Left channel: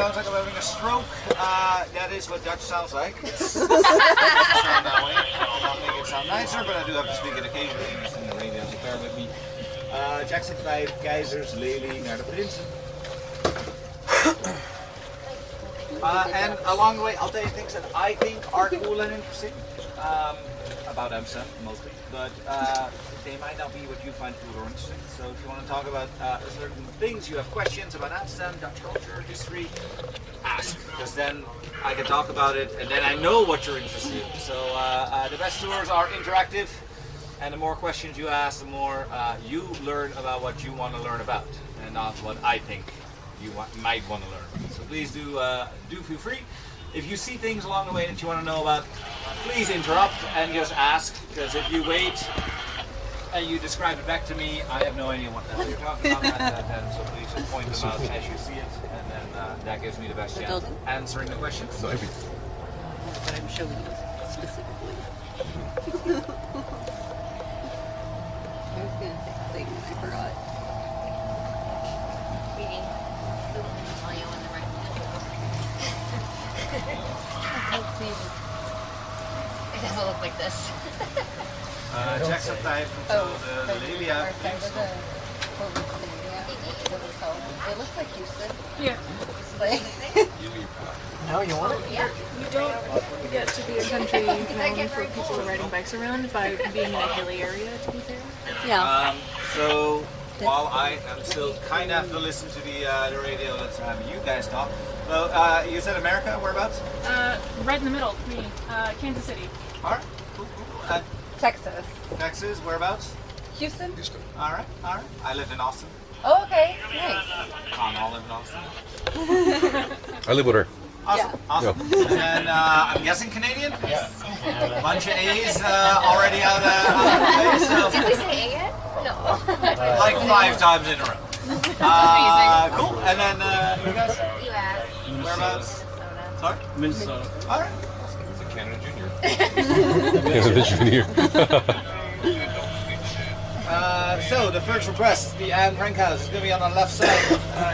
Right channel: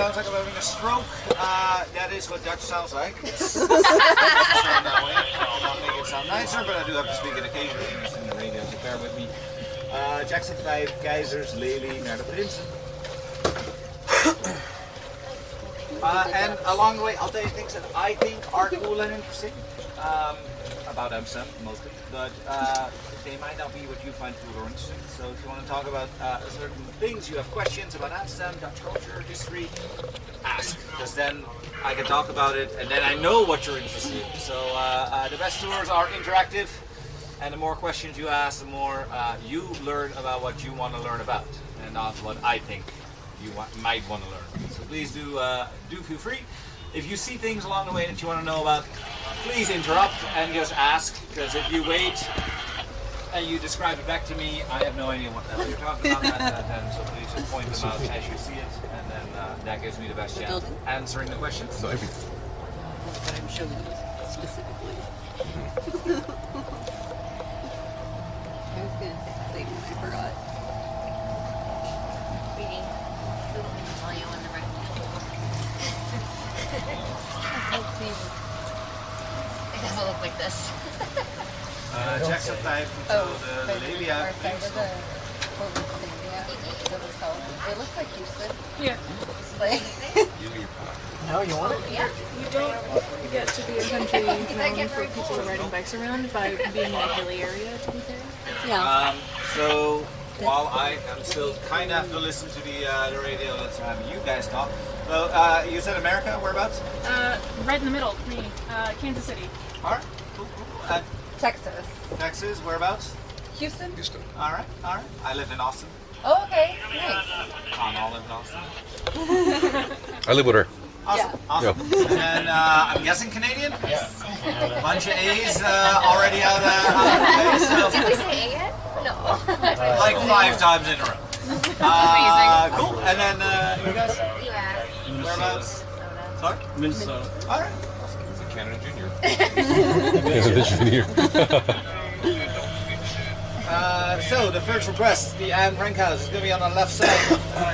Sounds like I'm having a stroke. That is what Dutch sounds like. It's sound that way. I'll not make it sound nicer, but I do have to speak it occasionally in the radio, so bear with me. Jackson 5, Keizers, Lely, naar de Prinsen. And along the way, I'll tell you things that I think are cool and interesting. About Amsterdam, mostly. But they might not be what you find cool or interesting. So if you want to talk about certain things, you have questions about Amsterdam, Dutch culture, history, ask. Because then I can talk about it, and then I know what you're interested in. So the best tours are interactive, and the more questions you ask, the more you learn about what you want to learn about, and not what I think you might want to learn about. So please do feel free. If you see things along the way that you want to know about, please interrupt and just ask, because if you wait and you describe it back to me, I have no idea what the hell you're talking about then, so please just point them out as you see it, and then that gives me the best chance of answering the questions. So everything. But I'm showing you specifically. I was going to say something and I forgot. Reading. Tell you when the right. It doesn't look like this. Jackson 5 until the Nilandia. It looks like Houston. Yeah. No, you want it? Yeah. You don't get to be a country known for people riding bikes around by being in a hilly area, to be fair. Yeah. So while I am still kind of have to listen to the radio, let's have you guys talk. So you said America, whereabouts? Right in the middle, me, Kansas City. All right, cool. Texas. Texas, whereabouts? Houston? All right. I live in Austin. Oh, okay. Nice. I live in Austin. I live with her. Awesome. And then I'm guessing Canadian? Yes. A bunch of A's already out of the place. So Did we say A yet? No. like 5 times in a row. Amazing. Cool. And then you guys? U.S. Whereabouts? Sorry? Minnesota. All right. Canada Junior. Canada Junior. So the first request, the Anne Frank house, is going to be on the left side.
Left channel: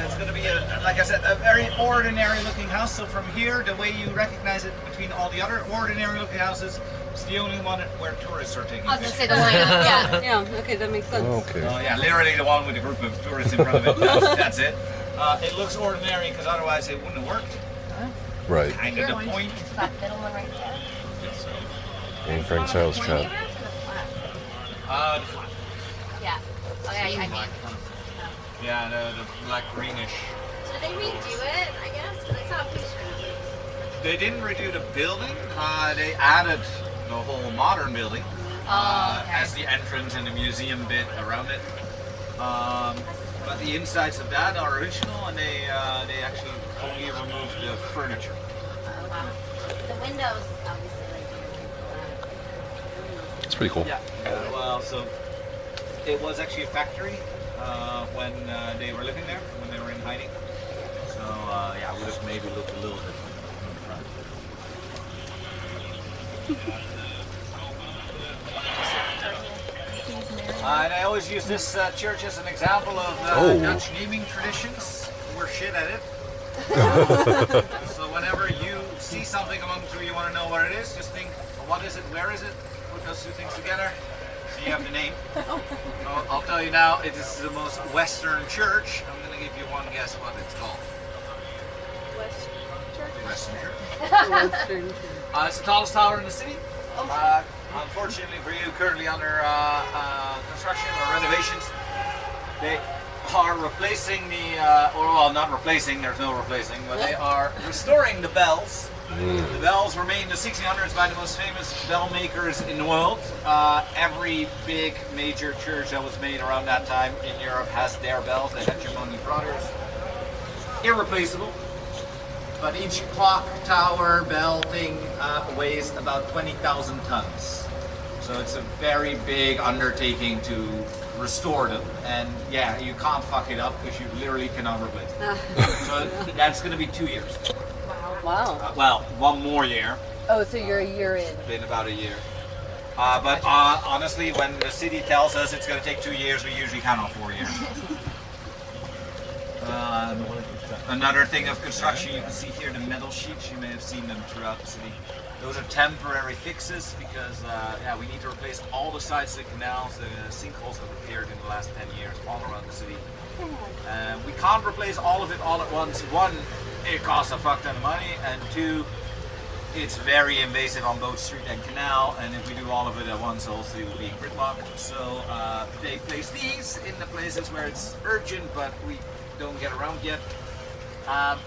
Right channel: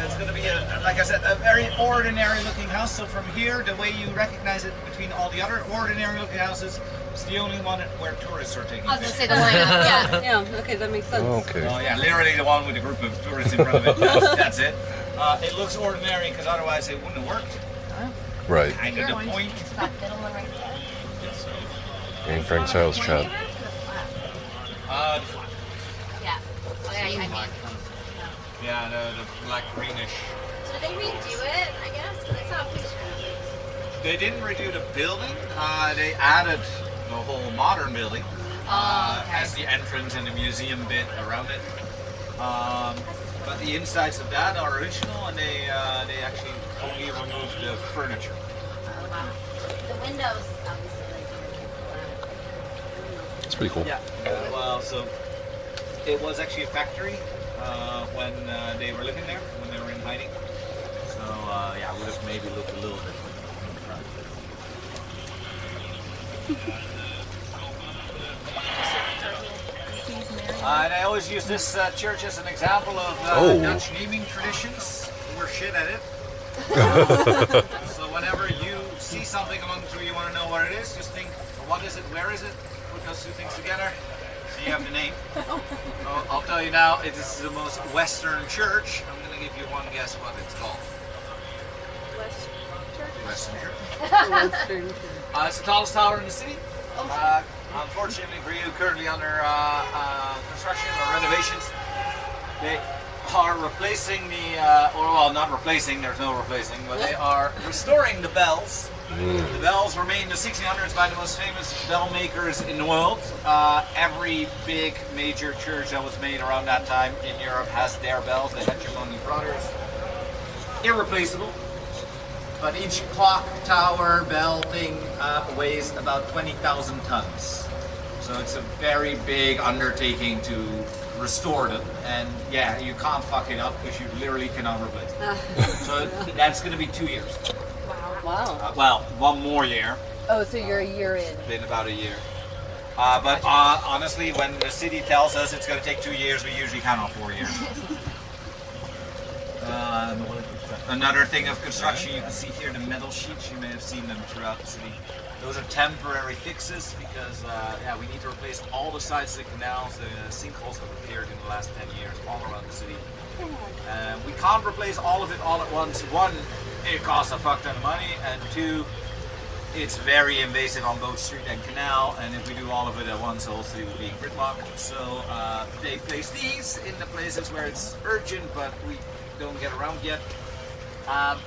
It's going to be, like I said, a very ordinary looking house. So from here, the way you recognize it between all the other ordinary looking houses, it's the only one where tourists are taking I was going to pictures. say the lineup, yeah. Yeah, okay, that makes sense. Okay. Oh yeah, literally the one with a group of tourists in front of it. That's it. It looks ordinary because otherwise it wouldn't have worked. Right. Kind of the point. It's that middle one right there. Anne Frank's house, Chad. The flat. Yeah. Oh, yeah, I mean. Yeah, the black greenish. So did they redo it, I guess? Because I saw a picture of it. They didn't redo the building. They added the whole modern building as the entrance and the museum bit around it. But the insides of that are original, and they actually only removed the furniture. Oh, wow. The windows, obviously, like It's pretty cool. Yeah. Well, so it was actually a factory when they were living there, when they were in hiding. So yeah, it would have maybe looked a little different from the front. And I always use this church as an example of Dutch naming traditions. We're shit at it. So whenever you see something among the two, you want to know what it is, just think, what is it, where is it? Put those two things together, so you have the name. I'll tell you now, it is the most Western church. I'm going to give you one guess what it's called. Western Church. Western. It's the tallest tower in the city. Unfortunately for you, currently under construction or renovations. They are replacing not replacing, there's no replacing, but they are restoring the bells. The bells were made in the 1600s by the most famous bell makers in the world. Every big major church that was made around that time in Europe has their bells. The Hegemony Brothers. Irreplaceable. But each clock, tower, bell thing weighs about 20,000 tons. So it's a very big undertaking to restore them. And yeah, you can't fuck it up because you literally cannot replace them. So that's going to be 2 years. Wow. Well, 1 more year. Oh, so you're a year in. Been about a year. But honestly, when the city tells us it's going to take 2 years, we usually count on 4 years. Another thing of construction, you can see here the metal sheets. You may have seen them throughout the city. Those are temporary fixes because yeah, we need to replace all the sides of the canals. The sinkholes have appeared in the last 10 years all around the city. We can't replace all of it all at once. One, it costs a fuck ton of money, and two, it's very invasive on both street and canal, and if we do all of it at once, the whole city will be in gridlock. So they place these in the places where it's urgent, but we don't get around yet. I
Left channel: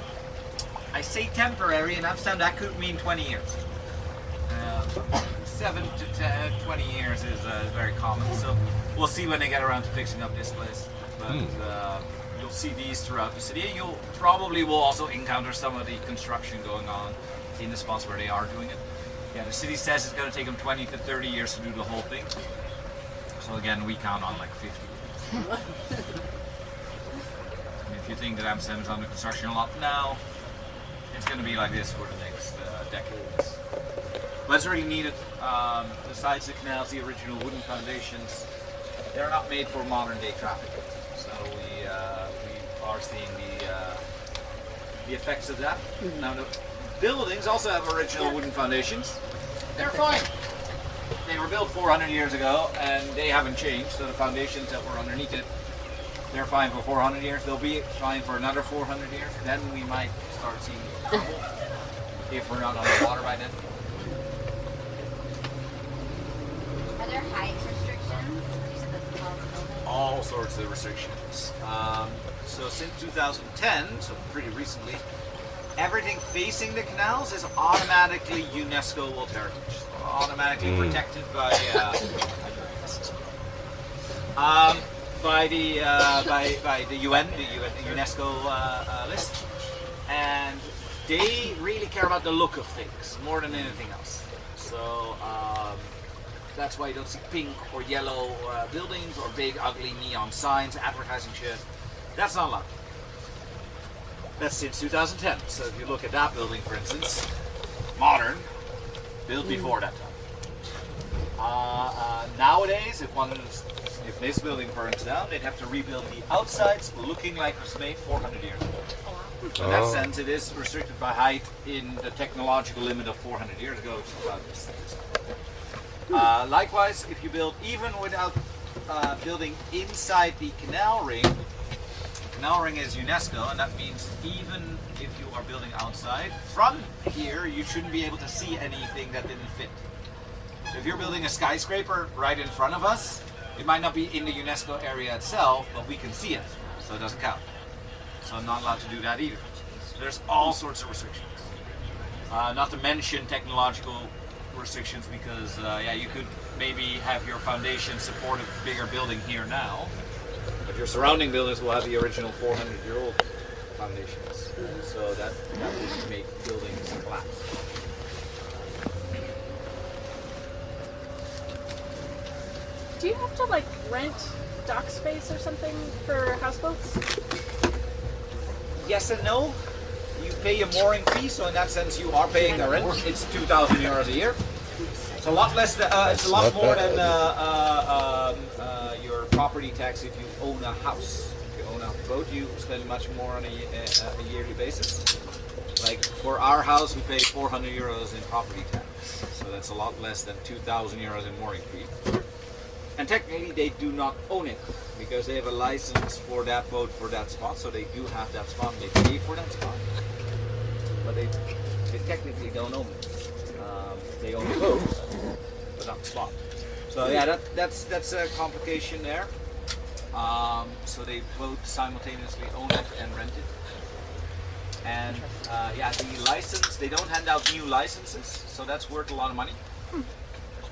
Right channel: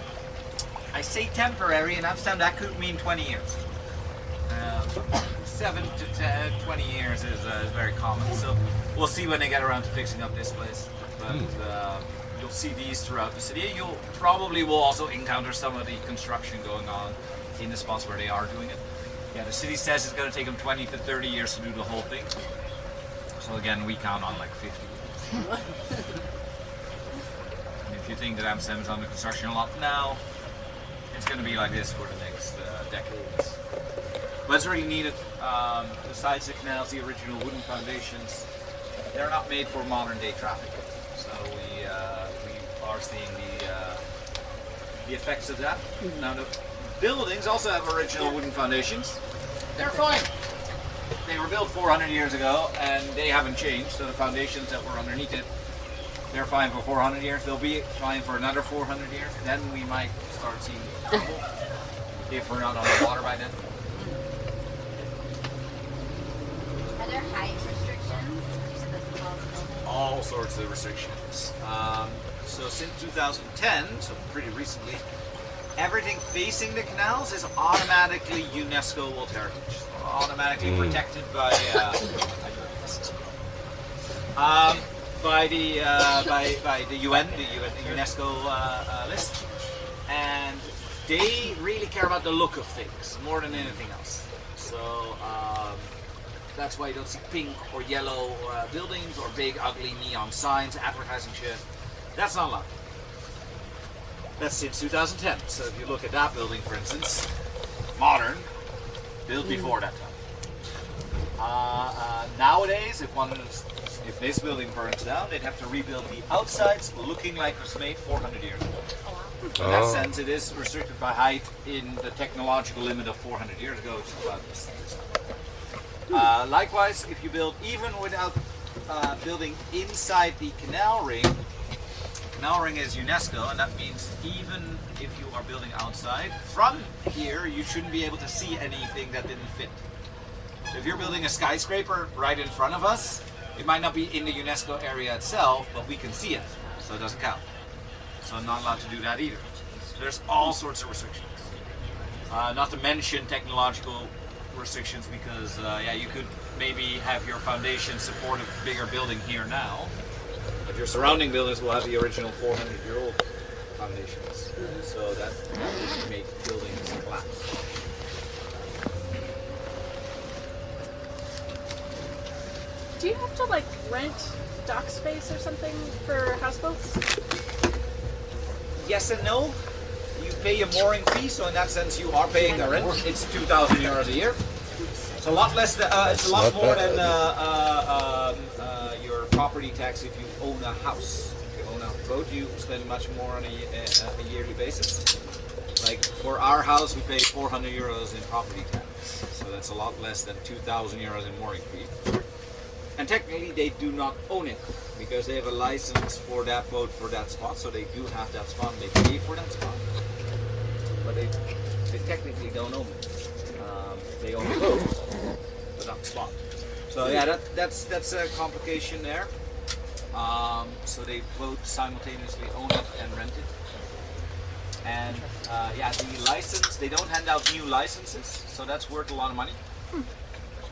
say temporary, in Amsterdam that could mean 20 years. 7 to 20 years is very common, so we'll see when they get around to fixing up this place. But you'll see these throughout the city. You'll probably will also encounter some of the construction going on in the spots where they are doing it. Yeah, the city says it's going to take them 20 to 30 years to do the whole thing. So again, we count on like 50 years. And if you think that Amsterdam is under construction a lot now, it's going to be like this for the next decades. But it's really needed. The sides of the canals, the original wooden foundations, they're not made for modern day traffic. So we are seeing the effects of that. Now the buildings also have original wooden foundations. They're fine. They were built 400 years ago and they haven't changed. So the foundations that were underneath it, they're fine for 400 years. They'll be fine for another 400 years. Then we might start seeing trouble if we're not on the water by then. Are there height restrictions? You said that's the tallest building. All sorts of restrictions. So since 2010, so pretty recently, everything facing the canals is automatically UNESCO World Heritage. Automatically protected by the UN, the UNESCO list, and they really care about the look of things more than anything else. So that's why you don't see pink or yellow buildings or big ugly neon signs advertising shit. That's not allowed. That's since 2010. So if you look at that building, for instance, modern, built before that time. Nowadays, if this building burns down, they'd have to rebuild the outsides looking like it was made 400 years ago. So in that sense, it is restricted by height in the technological limit of 400 years ago, which is about this. Likewise, if you build even without building inside the canal ring is UNESCO, and that means even if you are building outside, from here you shouldn't be able to see anything that didn't fit. So if you're building a skyscraper right in front of us, it might not be in the UNESCO area itself, but we can see it, so it doesn't count. So I'm not allowed to do that either. So there's all sorts of restrictions. Not to mention technological restrictions, because yeah, you could maybe have your foundation support a bigger building here now, but your surrounding buildings will have the original 400-year-old foundations. So that would make buildings collapse. Do you have to like rent dock space or something for houseboats? Yes and no. You pay a mooring fee, so in that sense you are paying the rent. It's 2,000 euros a year. It's a lot less. It's a lot more than your property tax if you own a house. If you own a boat, you spend much more on a yearly basis. Like for our house, we pay 400 euros in property tax, so that's a lot less than 2,000 euros in mooring fee. And technically, they do not own it because they have a license for that boat for that spot, so they do have that spot. They pay for that spot, but they technically don't own it. They own the boat, but not the spot. So yeah, that's a complication there. So they both simultaneously own it and rent it. And yeah, the license, they don't hand out new licenses, so that's worth a lot of money.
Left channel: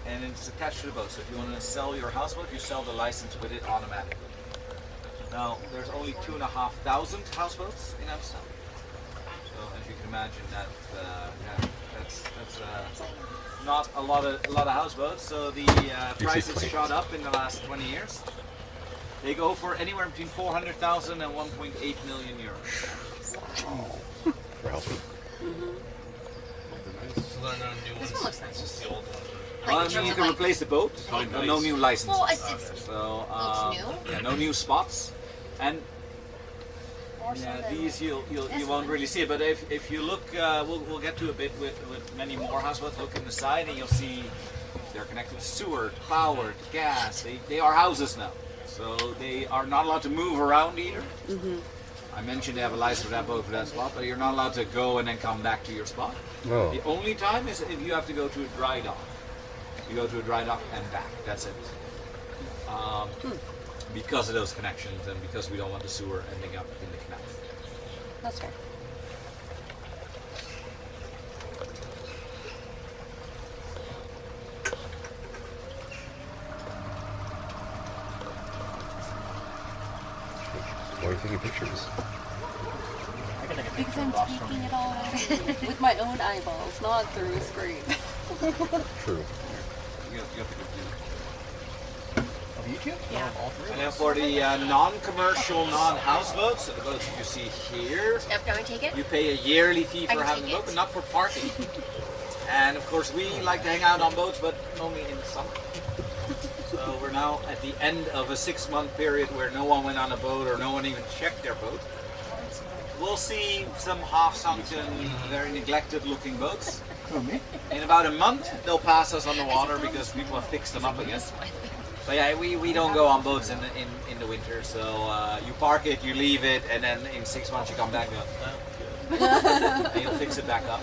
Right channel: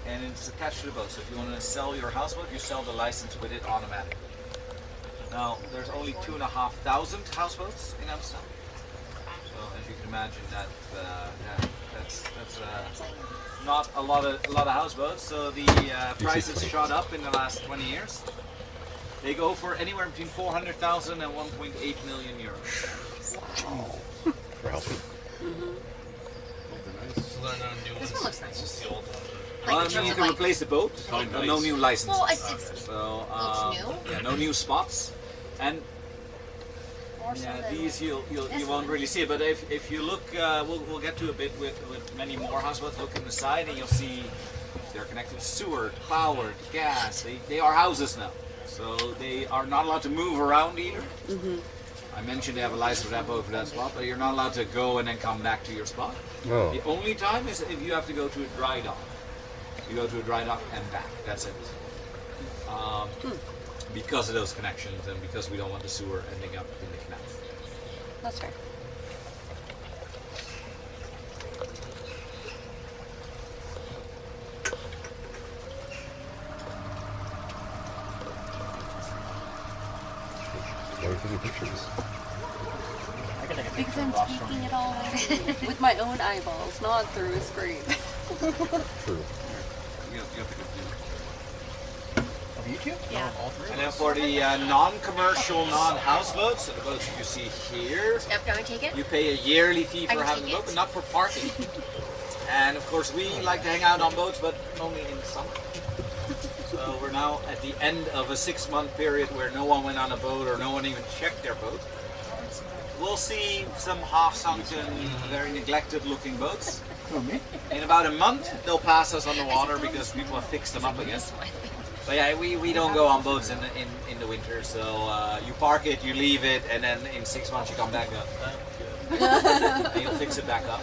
And it's attached to the boat. So if you want to sell your houseboat, you sell the license with it automatically. Now, there's only 2,500 houseboats in Amsterdam. So as you can imagine, that's not a lot of houseboats. So the prices shot up in the last 20 years. They go for anywhere between 400,000 and 1.8 million euros. Wow. For helping. This one looks nice. Like, Well, I mean, you can replace the boat, no new licenses. Well, it's so, looks new. yeah, no new spots. And more so Yeah, than these you this won't one. really see it, but if you look, we'll get to a bit with many more houseboats. Look in the side, and you'll see they're connected to sewer, power, gas. They are houses now, so they are not allowed to move around either. I mentioned they have a license depot for that spot, but you're not allowed to go and then come back to your spot. Oh. The only time is if you have to go to a dry dock. You go to a dry dock and back. That's it. Because of those connections and because we don't want the sewer ending up in the canal. That's fair. Why are you taking pictures? Because I'm taking it all in with my own eyeballs, not through a screen. True. You have to go Of YouTube? Yeah. All three? And then for the non-commercial, non-houseboats, so the boats you see here, Yep, can I take it? you pay a yearly fee I for can having take the boat, it. but not for parking. And of course, we like to hang out on boats, but only in the summer. So we're now at the end of a 6-month period where no one went on a boat or no one even checked their boat. We'll see some half-sunken, very neglected-looking boats. In about a month, they'll pass us on the water because people have fixed them up again. But yeah, we don't go on boats in the winter, so you park it, you leave it, and then in 6 months you come back and go, and you'll fix it back up.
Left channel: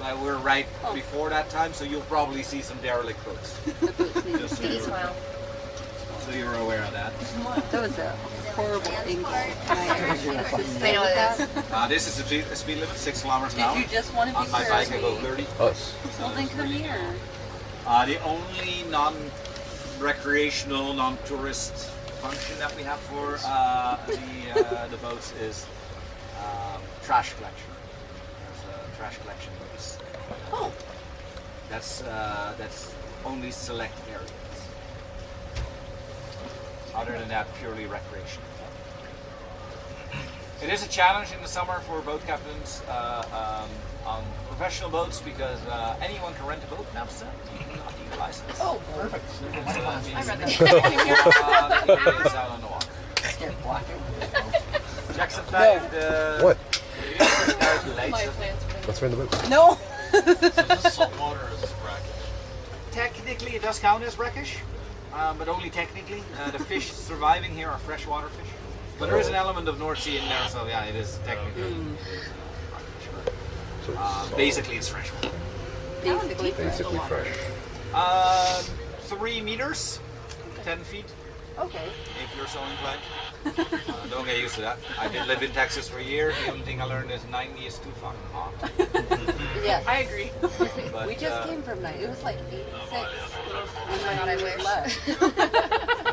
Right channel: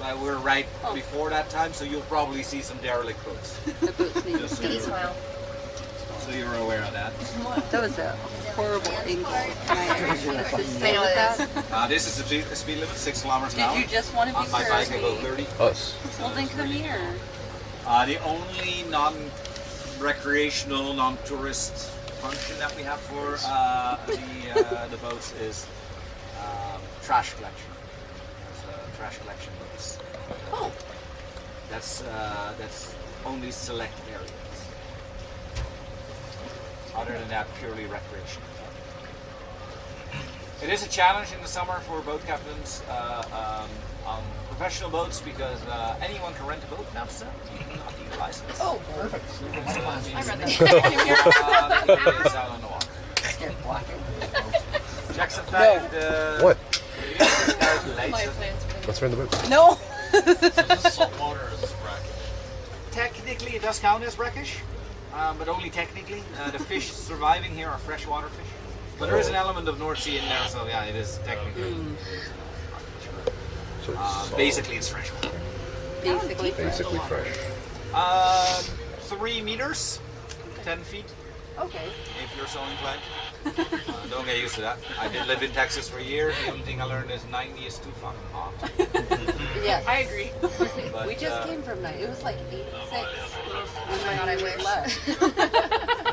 But we're right before that time, so you'll probably see some derelict boats. Just so Kitty you're, smile. so you're aware of that. That was a horrible angle. Can I actually assist I know with it that? is. This is the speed limit, 6 kilometers an hour. Did you just want to be On my bike, I go fair? 30. Us. Well, then come here. The only non-recreational, non-tourist function that we have for the boats is trash collection. There's trash collection boats. Oh. That's only select areas. Other than that, purely recreational. It is a challenge in the summer for boat captains on professional boats because anyone can rent a boat in Amsterdam. You do not need a license. Oh, Perfect. I read that. It is out on the water. Jackson fact. What? My Lights. plans for Let's run the boat. no. So is this salt water or is this brackish? Technically, it does count as brackish, but only technically. The fish surviving here are freshwater fish. But there is an element of North Sea in there, so yeah, it is technically. So Basically, it's freshwater. Basically. basically fresh. 3 meters, 10 feet, Okay. if you're so inclined. Don't get used to that. I did live in Texas for a year. The only thing I learned is 90 is too fucking hot. Yeah. I agree. But, We just came from night. It was like 86. Oh my god, I wish.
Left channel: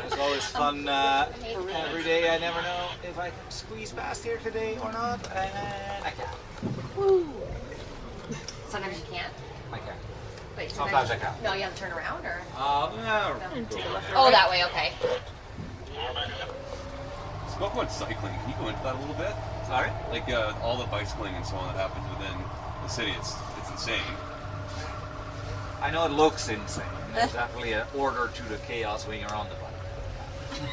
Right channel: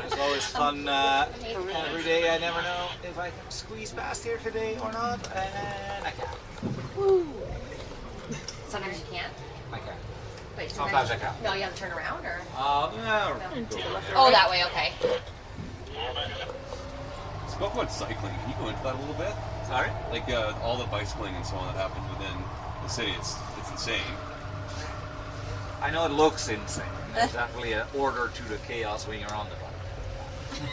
It's always fun. Every day, I never know if I can squeeze past here today or not, and I can. Sometimes you can't. I can. Wait, Sometimes I can. No, you have to turn around or? No. Oh, that way, okay. Spoke about cycling. Can you go into that a little bit? Sorry? Like all the bicycling and so on that happens within the city. It's insane. I know it looks insane. There's definitely an order to the chaos when you're on the bike.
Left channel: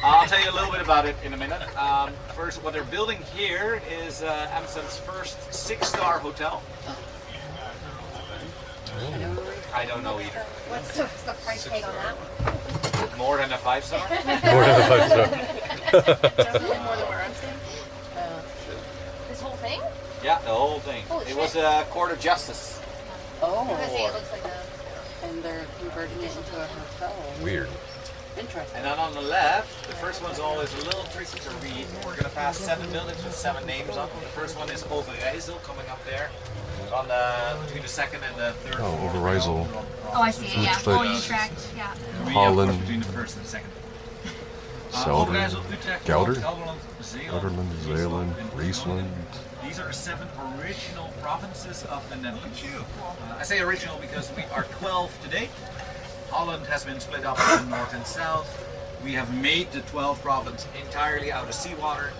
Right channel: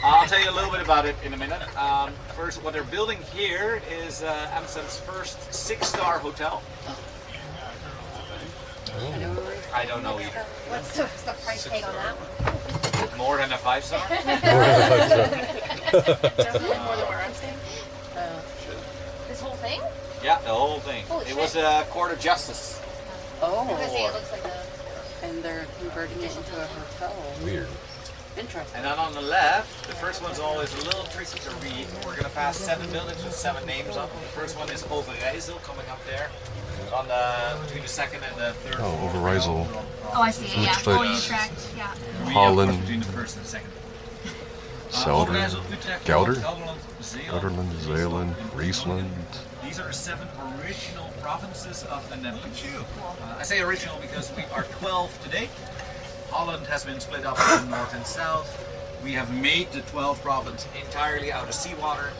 I'll tell you a little bit about it in a minute. First, what they're building here is Amsterdam's first 6-star hotel. I don't know either. What's the price tag on that one? More than a 5-star? More than a 5-star. Definitely more than where I'm staying. This whole thing? Yeah, the whole thing. Holy It shit. was a court of justice. I was gonna Oh. say it looks like a. And they're converting it into a hotel. Weird. Interesting. And then on the left, the first one's always a little tricky to read. We're going to pass 7 buildings with 7 names on them. The first one is Overijssel, coming up there. On between the second and the third Oh, floor. Overijssel. Oh, I see it. Yeah. Utrecht. Oh, Utrecht. Yeah. We, Holland. between the first and second. Zelder. Overijssel, Utrecht, Gelder. Gelderland, Zeeland, Nederland, Zeeland, Friesland. These are 7 original provinces of the Netherlands. I say original because we are 12 today. Holland has been split up into north and south. We have made the 12th province entirely out of seawater,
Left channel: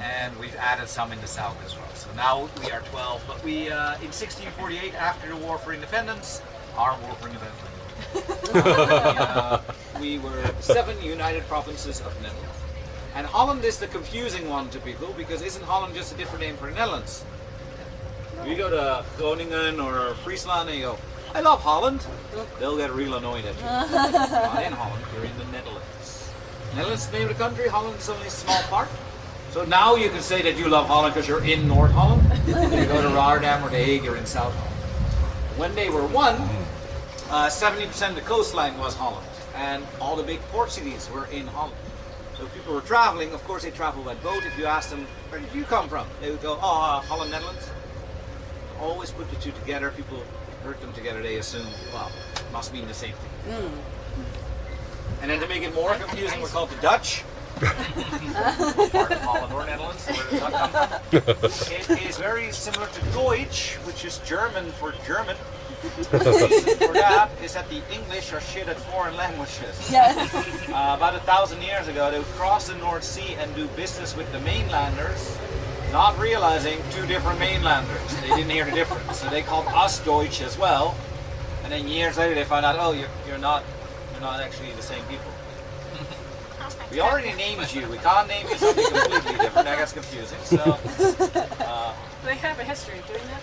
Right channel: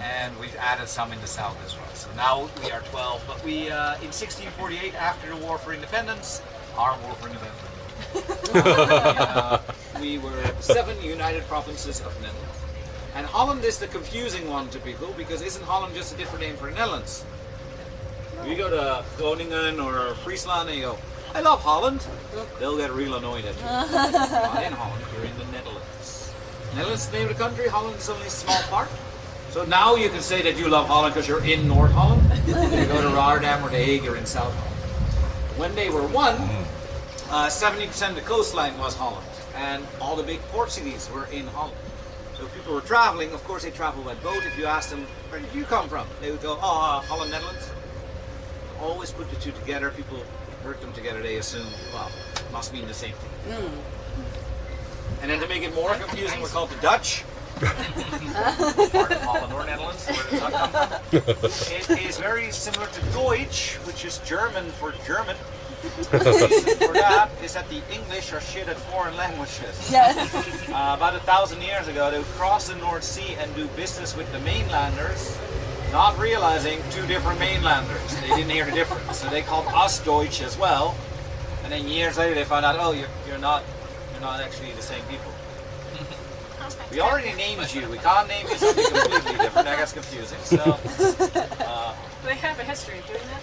and we've added some in the south as well. So now we are 12, but we, in 1648, after the War for Independence, our War for Independence, we were 7 united provinces of the Netherlands. And Holland is the confusing one to people because isn't Holland just a different name for the Netherlands? You go to Groningen or Friesland and you go, I love Holland. They'll get real annoyed at you. Not in Holland, you're in the Netherlands. Netherlands is the name of the country, Holland is only a small part. So now you can say that you love Holland because you're in North Holland. You go to Rotterdam or The Hague, you're in South Holland. When they were one, 70% of the coastline was Holland. And all the big port cities were in Holland. So if people were traveling, of course they traveled by boat. If you asked them, where did you come from? They would go, oh, Holland, Netherlands. Always put the two together. People heard them together, they assume, well, it must mean the same thing. And then to make it more confusing, we're called the Dutch. Part of Holland or Netherlands, where does that come from? It is very similar to Deutsch, which is German for German. The reason for that is that the English are shit at foreign languages. Yes. About 1,000 years ago, they would cross the North Sea and do business with the mainlanders, not realizing two different mainlanders. They didn't hear the difference, so they called us Deutsch as well. And then years later, they found out, oh, you're not actually the same people. We already named you. We can't name you something completely different. That gets confusing. So, They have a history of doing that.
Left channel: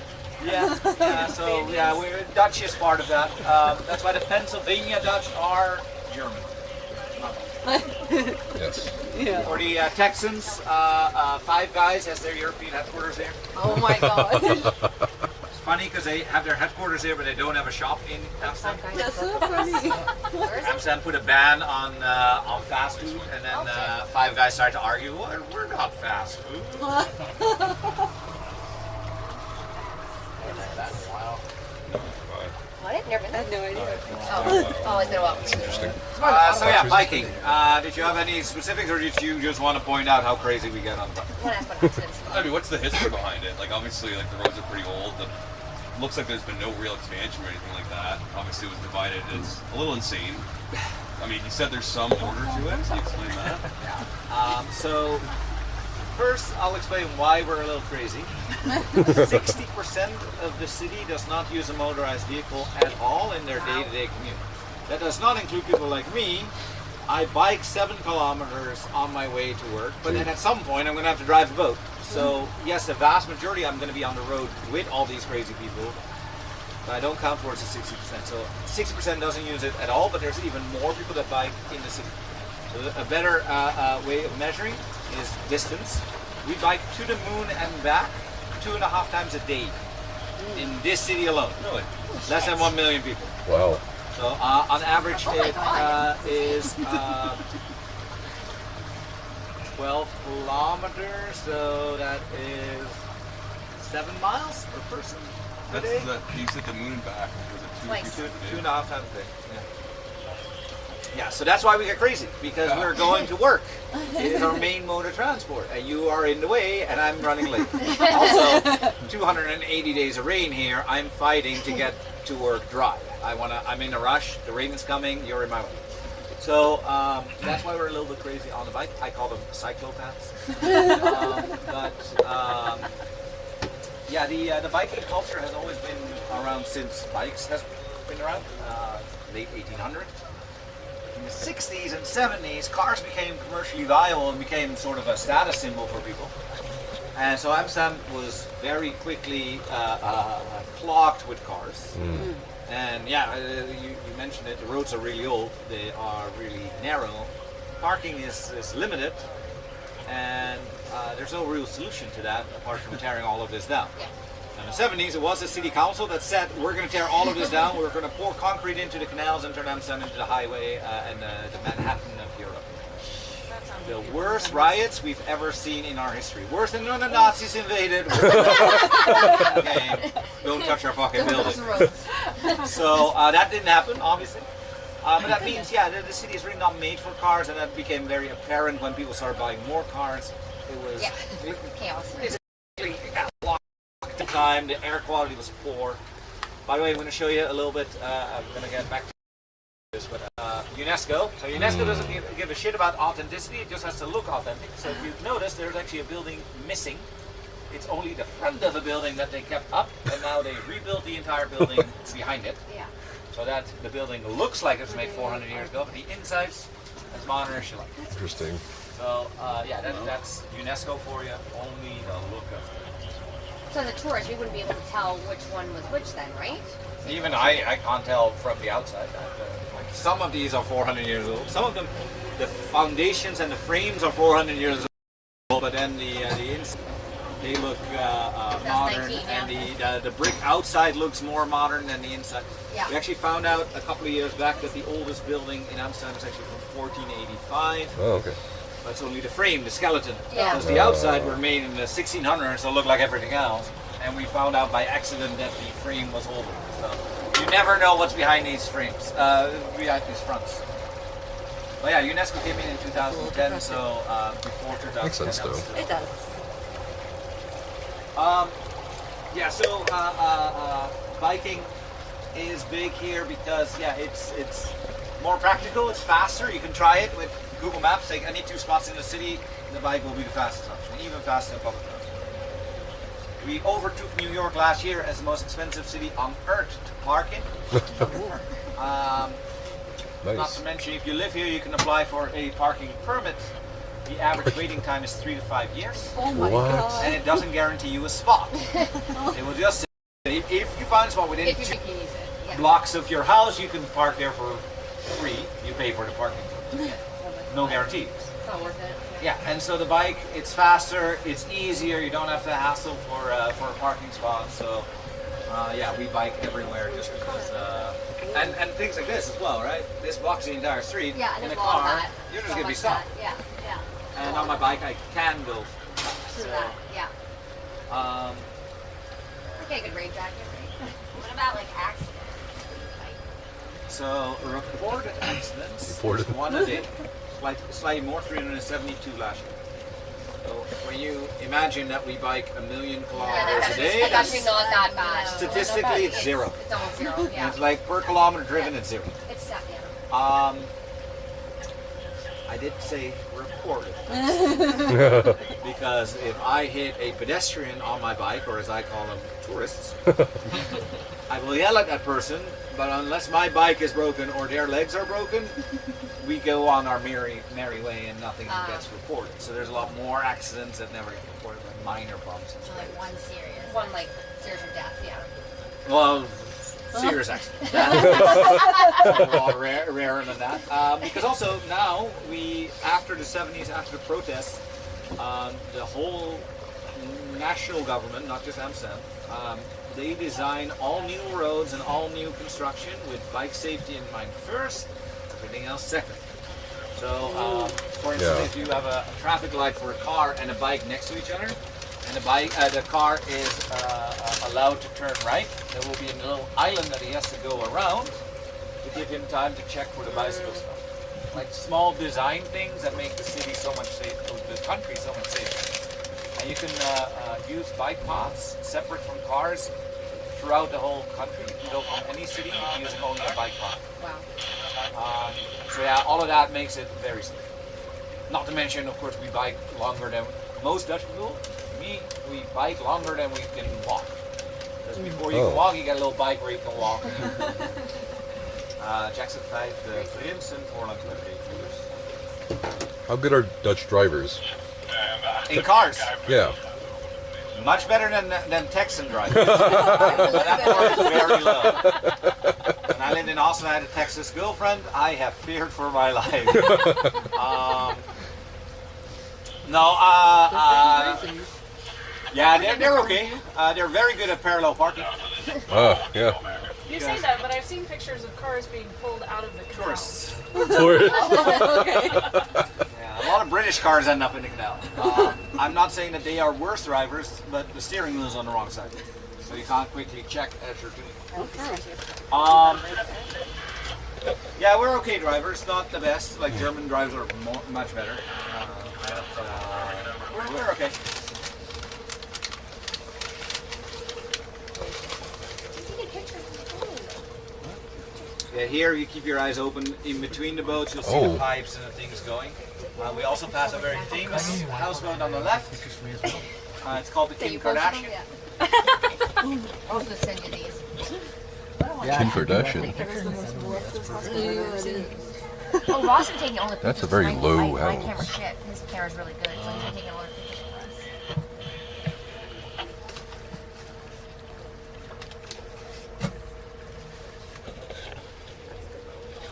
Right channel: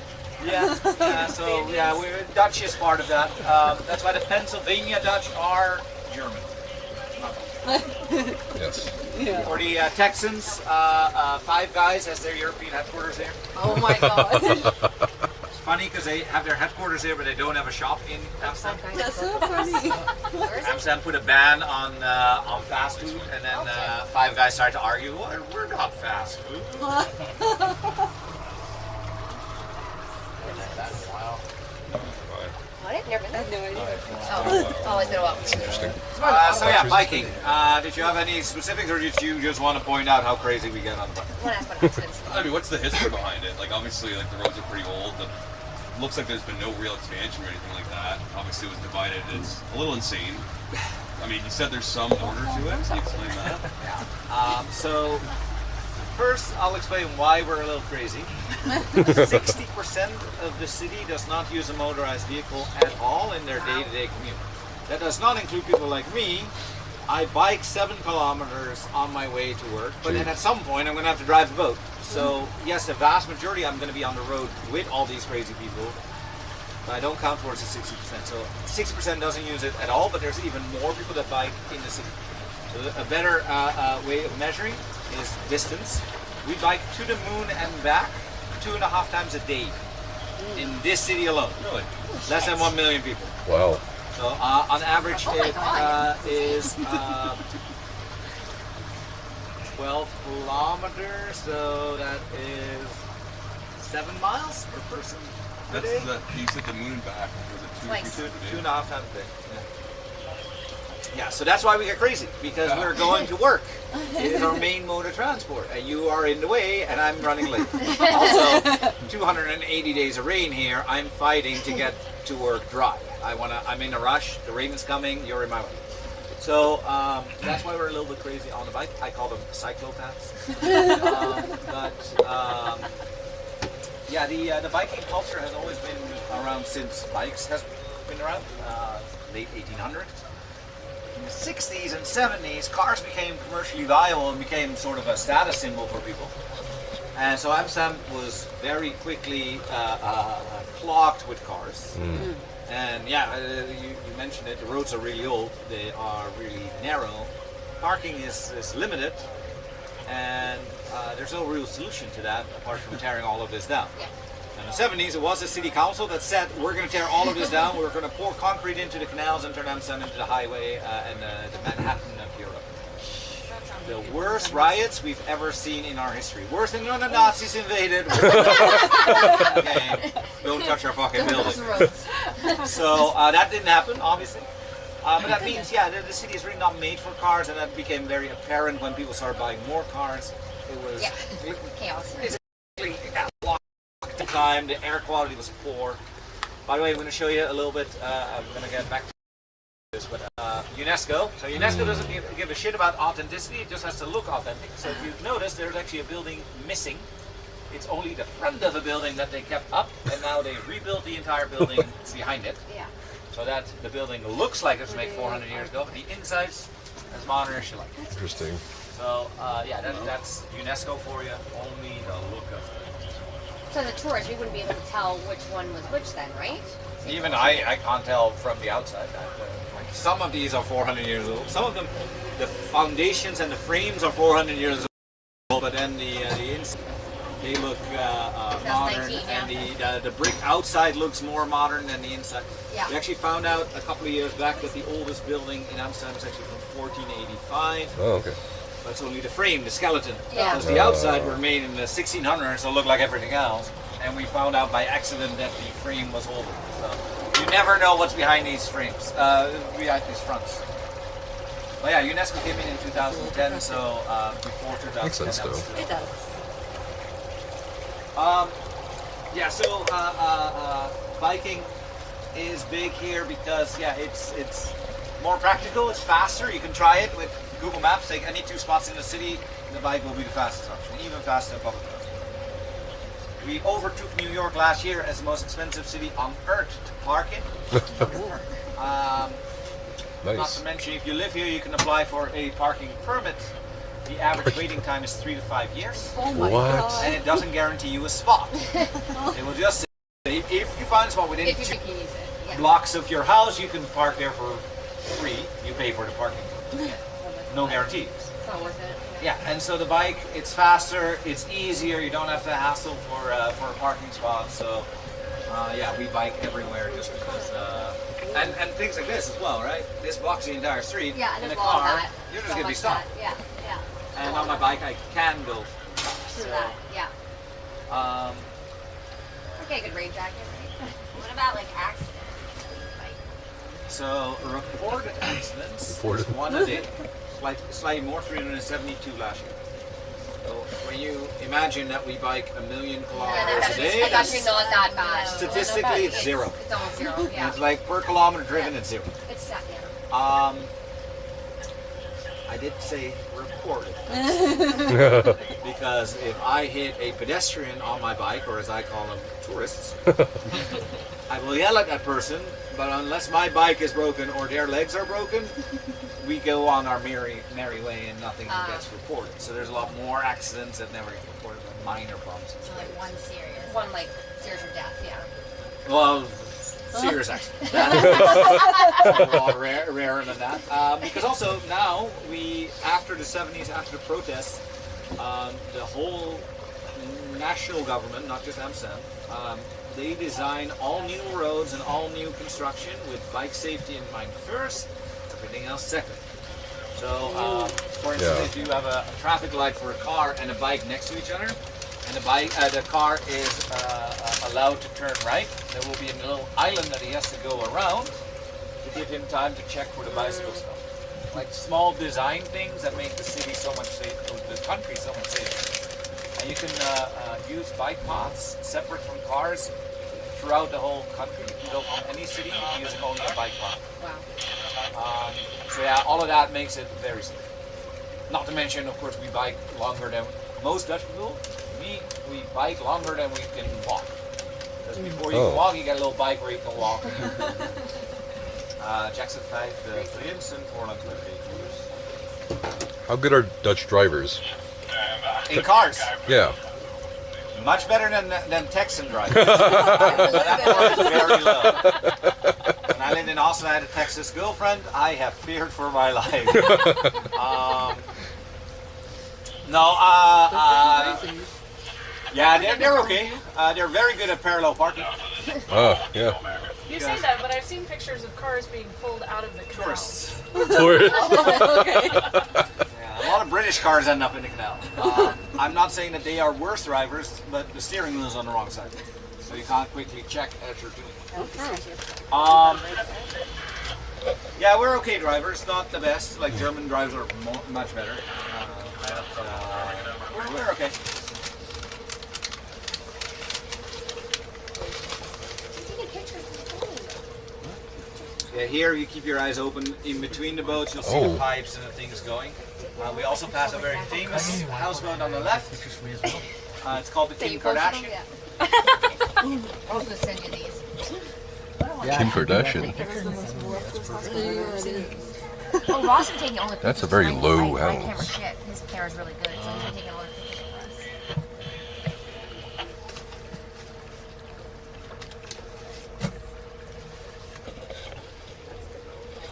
We're Dutch is part of that. That's why the Pennsylvania Dutch are German. Yes. Yeah. For the Texans, Five Guys has their European headquarters there. Oh my god. It's funny because they have their headquarters there, but they don't have a shop in Amsterdam. That's so funny. Amsterdam put a ban on fast food, and then Five Guys started to argue, well, we're not fast food. What? Never been I there? had no idea. Oh, it's been a while. Interesting. So yeah, biking. Did you have any specifics, or did you just want to point out how crazy we get on the bike? One ask what happens. I mean, what's the history behind it? Like, obviously, like the roads are pretty old. Looks like there's been no real expansion or anything like that. Obviously, it was divided. It's a little insane. I mean, you said there's some order to it. Can you explain that? So first, I'll explain why we're a little crazy. 60% of the city does not use a motorized vehicle at all in their day-to-day commute. That does not include people like me. I bike 7 kilometers on my way to work, but then at some point I'm going to have to drive a boat. So yes, the vast majority I'm going to be on the road with all these crazy people, but I don't count towards the 60%. So 60% doesn't use it at all, but there's even more people that bike in the city. So a better way of measuring is distance. We bike to the moon and back 2.5 times a day in this city alone. Really? Less than 1 million people. Wow. So on average it is 12 kilometers, so that is 7 miles per person a That's day. you said the moon and back. Was it Twice. 2.5 times a day. Yeah, so that's why we get crazy, because we're going to work. It is our main mode of transport, and you are in the way, and I'm running late. Also, 280 days of rain here, I'm fighting to get to work dry. I'm in a rush, the rain is coming, you're in my way. So that's why we're a little bit crazy on the bike. I call them cyclopaths. The biking culture has always been around since bikes has been around, late 1800s. In the 60s and 70s, cars became commercially viable and became sort of a status symbol for people. And so Amsterdam was very quickly clogged with cars. And yeah, you mentioned it, the roads are really old, they are really narrow. Parking is limited, and there's no real solution to that apart from tearing all of this down. In the 70s, it was the city council that said, we're going to tear all of this down, we're going to pour concrete into the canals and turn Amsterdam into the highway and the Manhattan of Europe. The worst riots we've ever seen in our history. Worse than when the Nazis invaded. Okay, don't touch our fucking building. So that didn't happen, obviously. But that means, yeah, the city is really not made for cars, and that became very apparent when people started buying more cars. It was Chaos. at the time, the air quality was poor. By the way, I'm going to show you a little bit. I'm going to get back to this, but UNESCO. So UNESCO doesn't give a shit about authenticity. It just has to look authentic. So if you notice, there's actually a building missing. It's only the front of the building that they kept up, and now they rebuilt the entire building behind it. Yeah. So that the building looks like it was made 400 years ago, but the inside's as modern as you like. Interesting. So yeah, that's UNESCO for you. Only to look at. So as a tourist, we wouldn't be able to tell which one was which then, right? Even I can't tell from the outside. Like some of these are 400 years old. Some of them, the foundations and the frames are 400 years old, but then the inside, they look modern, 19, yeah. and the brick outside looks more modern than the inside. Yeah. We actually found out a couple of years back that the oldest building in Amsterdam is actually from 1485. Oh, okay. But it's only the frame, the skeleton. Yeah. Because the outside were made in the 1600s, so it looked like everything else. And we found out by accident that the frame was older. So you never know what's behind these frames, behind these fronts. But yeah, UNESCO came in 2010, so before 2010. Makes sense, that was though. still- It does. Yeah, so biking is big here because it's more practical, it's faster. You can try it with Google Maps. Take any two spots in the city, the bike will be the fastest option, even faster than public transport. We overtook New York last year as the most expensive city on earth to park in. Not Nice. to mention, if you live here, you can apply for a parking permit. The average waiting time is 3 to 5 years. Oh my What? god. And it doesn't guarantee you a spot. It will just say, if you find a spot within If you think you use it. Yeah. blocks of your house, you can park there for free. You pay for the parking. No guarantees. It's not worth it. Yeah, and so the bike, it's faster, it's easier. You don't have to hassle for a parking spot. So yeah, we bike everywhere just because. And things like this as well, right? This blocks the entire street. Yeah, in a there's a lot of car, that. you're just So gonna be much stopped. that. Yeah. And on my bike, I can go. To So, that. Yeah. Okay, good rain jacket, right? What about like accidents? So reported accidents, Reported. one a day, slightly more, 372 last year. So when you imagine that we bike 1 million kilometers a day, It's actually that's, not that bad. statistically it's zero. It's almost zero. Yeah. It's like per kilometer driven, it's zero. It's sad. Yeah. I did say reported. Because if I hit a pedestrian on my bike, or as I call them, tourists, I will yell at that person, but unless my bike is broken or their legs are broken, we go on our merry way and nothing gets reported. So there's a lot more accidents that never get reported, like minor bumps and So stuff. like one serious or death. Yeah. Well, serious accidents. That's a lot rarer than that. Because also now, after the 70s, after the protests, the whole national government, not just Amsterdam, they design all new roads and all new construction with bike safety in mind first, everything else second. So, for instance, Yeah. if you have a traffic light for a car and a bike next to each other, and the car is allowed to turn right, there will be a little island that he has to go around to give him time to check for the bicycle stuff. Like small design things that make the city so much safer, the country so much safer. And you can use bike paths separate from cars throughout the whole country. You can go from any city using only a bike path. Wow. So yeah, all of that makes it very safe. Not to mention, of course, we bike longer than most Dutch people. We bike longer than we can walk. Because before you can walk, you got a little bike where you can walk. Jackson 5, de Vrienden voor lang How good are Dutch drivers? in cars. Yeah. Much better than Texan drivers. That part is very low. When I lived in Austin, I had a Texas girlfriend. I have feared for my life. Yeah, they're okay. They're very good at parallel parking. Oh, yeah. You say that, but I've seen pictures of cars being pulled out of the canal. Tourists. Tourist. Okay. Yeah, a lot of British cars end up in the canal. I'm not saying that they are worse drivers, but the steering wheel is on the wrong side. So you can't quickly check as you're doing it. Yeah, we're okay drivers, not the best. Like German drivers are much better. We're okay. Yeah, here you keep your eyes open. In between the boats, you'll see the pipes and the things going. We also pass a very famous houseboat on the left. It's called the Kim Kardashian. I was gonna send you these. Kim Kardashian. Oh, Ross is taking all the pictures. That's a very low my house. camera shit. His camera's really good, so he's been taking all the pictures for us.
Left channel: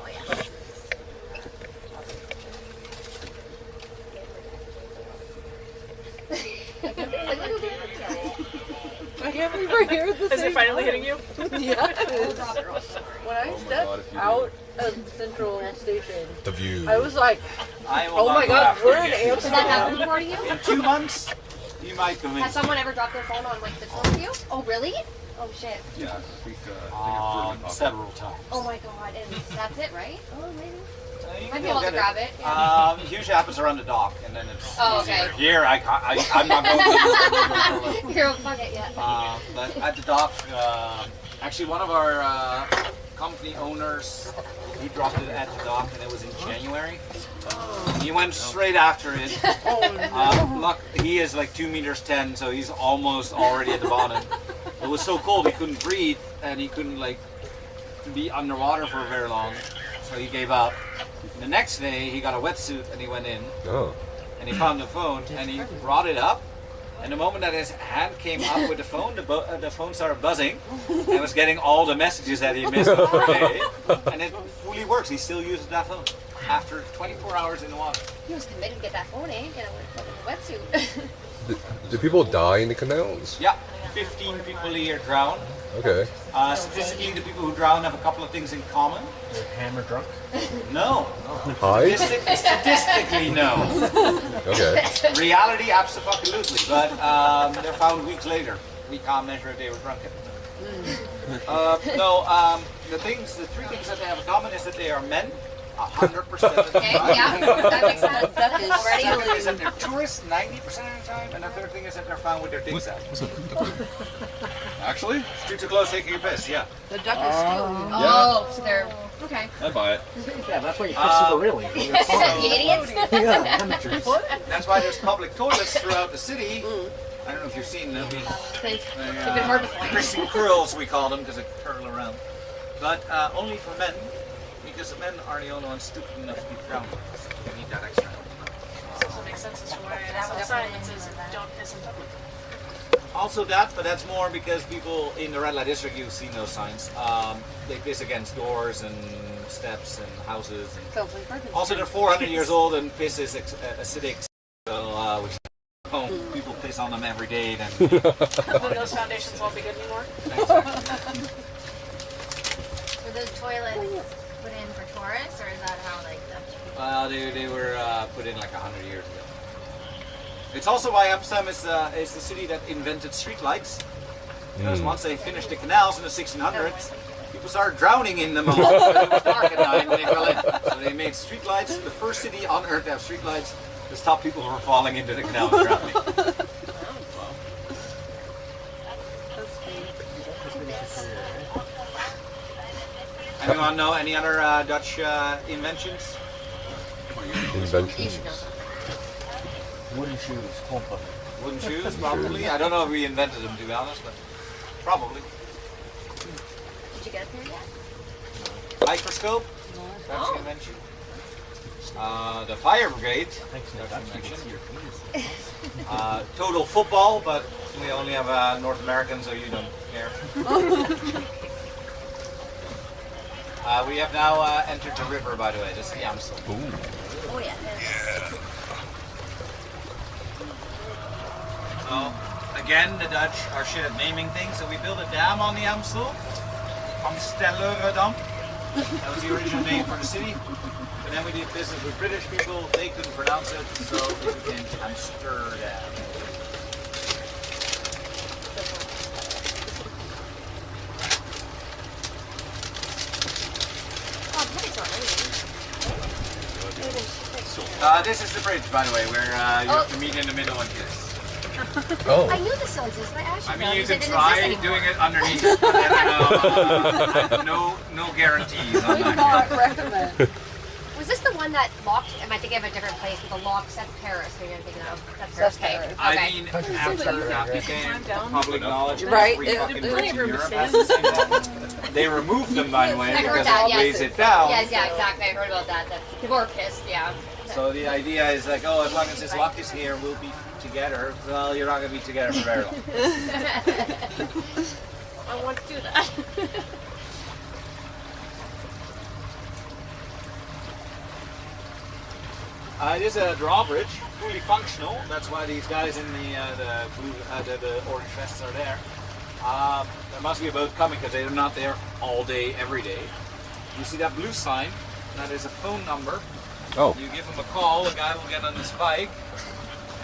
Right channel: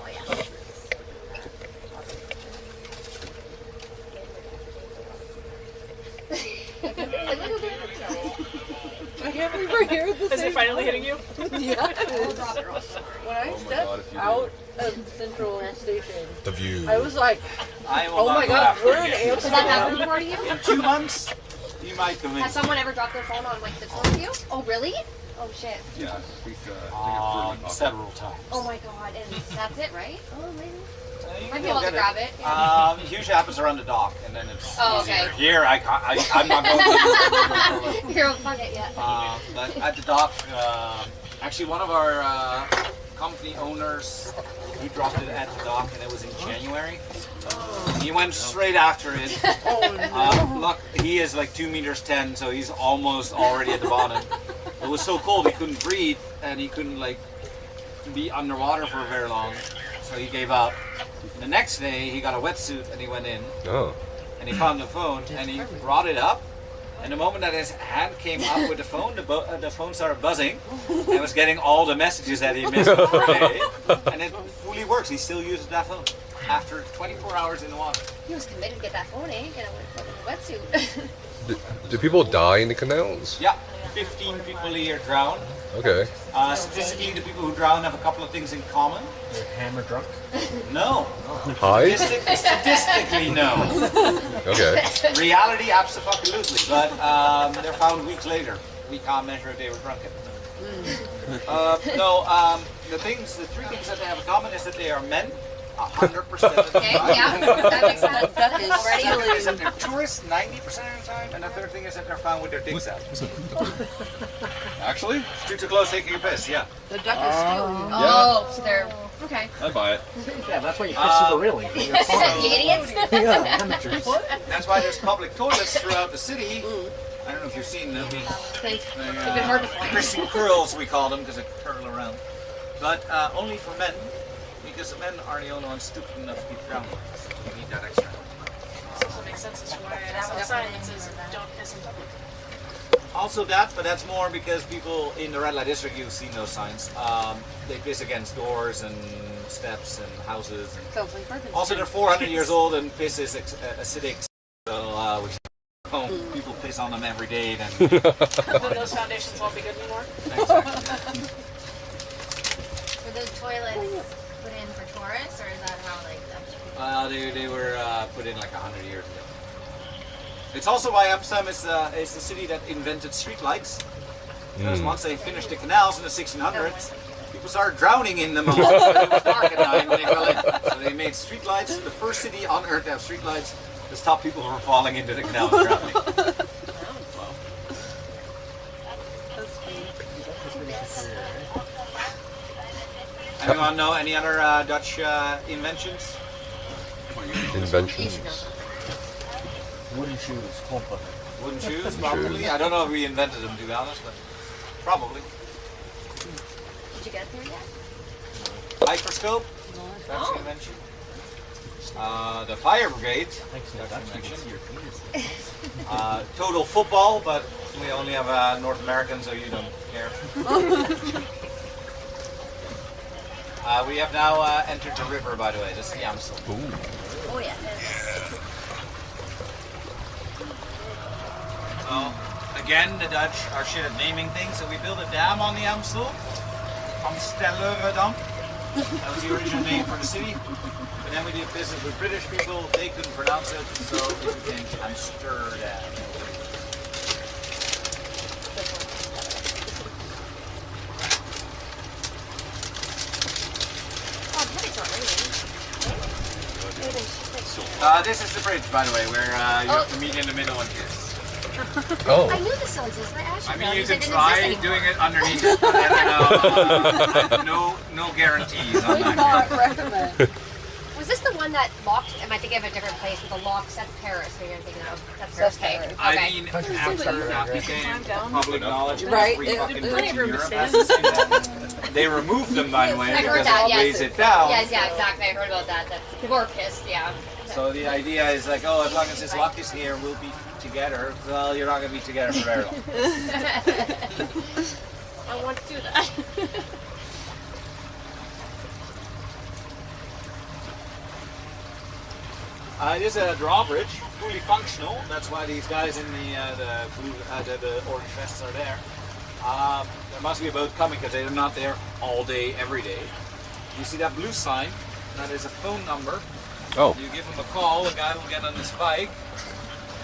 Oh yeah. I can't believe we're here at the Is it finally hitting you? Yeah. When I Oh my stepped God, if you out of Central Station, The view. I was like, I will oh not my go god, after we're in again. Has that happened Amsterdam. before to you? In 2 months, you might Has convince me. someone ever dropped their phone on like the tour of you? Oh really? Oh shit. Yeah, I think it flew in my pocket. Several times. Oh my god, and that's it, right? Oh maybe. You Might can be go able to get grab it. Yeah. It usually happens around the dock, and then it's Oh, easier. okay. Here, I can't, I'm not going to. Here, fuck it, yeah. But at the dock, actually one of our company owners, he dropped it at the dock, and it was in January. He went straight after it. Look, he is like 2 meters 10, so he's almost already at the bottom. It was so cold he couldn't breathe, and he couldn't like be underwater for very long, so he gave up. The next day he got a wetsuit and he went in Oh. and he found the phone and he brought it up, and the moment that his hand came up with the phone, the phone started buzzing and was getting all the messages that he missed per day, and it fully works. He still uses that phone after 24 hours in the water. He was committed to get that phone, eh? Get a fucking wetsuit. Do people die in the canals? Yeah, 15 people a year drown. Okay. Statistically, the people who drown have a couple of things in common. They're hammer drunk. No. Hi? Statistically, no. Okay. Reality, absolutely. But they're found weeks later. We can't measure if they were drunk at the time. The three things that they have in common is that they are men, 100% of the Okay, time. yeah, that makes sense. That is Already? Second is that they're tourists 90% of the time, and the third thing is that they're found with their dicks out. Actually, Streets are closed taking a piss, yeah. The duck is stealing. Oh, so they're okay. I'd buy it. Yeah, that's why you piss super really. You're fine. You idiots. Yeah, amateurs. That's why there's public toilets throughout the city. I don't know if you've seen them. They've been hard to find. Christian curls, we call them, because they curl around. But only for men, because the men are the only ones stupid enough to be drowned. You need that extra help. This also makes sense as to why I saw a sign that says don't piss in public. Also that, but that's more because people in the red light district, you've seen those signs. They piss against doors and steps and houses. And Sounds like Parkinson's. also, they're 400 years old and piss is acidic. So people piss on them every day. Then Then those foundations won't be good anymore. exactly. Were those toilets put in for tourists, or is that how like that? They were put in like 100 years ago. It's also why Amsterdam is the city that invented streetlights. Because once they finished the canals in the 1600s, people started drowning in them. It was dark at night when they fell in. So they made streetlights, the first city on earth to have streetlights, to stop people from falling into the canal and drowning. Anyone know any other Dutch inventions? Inventions. Wooden shoes, pompa. Wooden shoes, probably. I don't know if we invented them, to be honest, but probably. Did you get there yet? Microscope, Dutch invention. The fire brigade, Thanks, Dutch Nefas. You can invention. see your penis. Total football, but we only have North Americans, so you don't care. We have now entered the river, by the way. This is the Amstel. Oh yeah. So, again, the Dutch are shit at naming things, so we built a dam on the Amstel. Amsterdam. That was the original name for the city. But then we did business with British people, they couldn't pronounce it, so it became Amsterdam. Oh, the headache's not raining. This is the bridge, by the way, where you have to meet in the middle and kiss. Oh. I knew this still existed. I actually I mean, know. you said can it didn't try exist doing anymore. it underneath it, but then no guarantees on Would that. not recommend. Was this the one that locked? Am I thinking of a different place with a lock? That's Paris. Maybe I'm thinking of. That's Paris. That's Okay. Paris. I Okay. mean, Country Amsterdam club, not right? became Climb down. public knowledge. Right, Every it- fucking it- bridge in room to Europe stand. has the same one. They remove them, by the way, I heard because that, it yes. weighs it down. Yes, yeah, exactly. I heard about that. That people are pissed, yeah. So the idea is like, oh, as long as this lock is here, we'll be together. Well, you're not going to be together for very long. I want to do that. It is a drawbridge, fully functional. That's why these guys in the blue, the orange vests are there. There must be a boat coming because they're not there all day, every day. You see that blue sign? That is a phone number. Oh. You give him a call, the guy will get on his bike,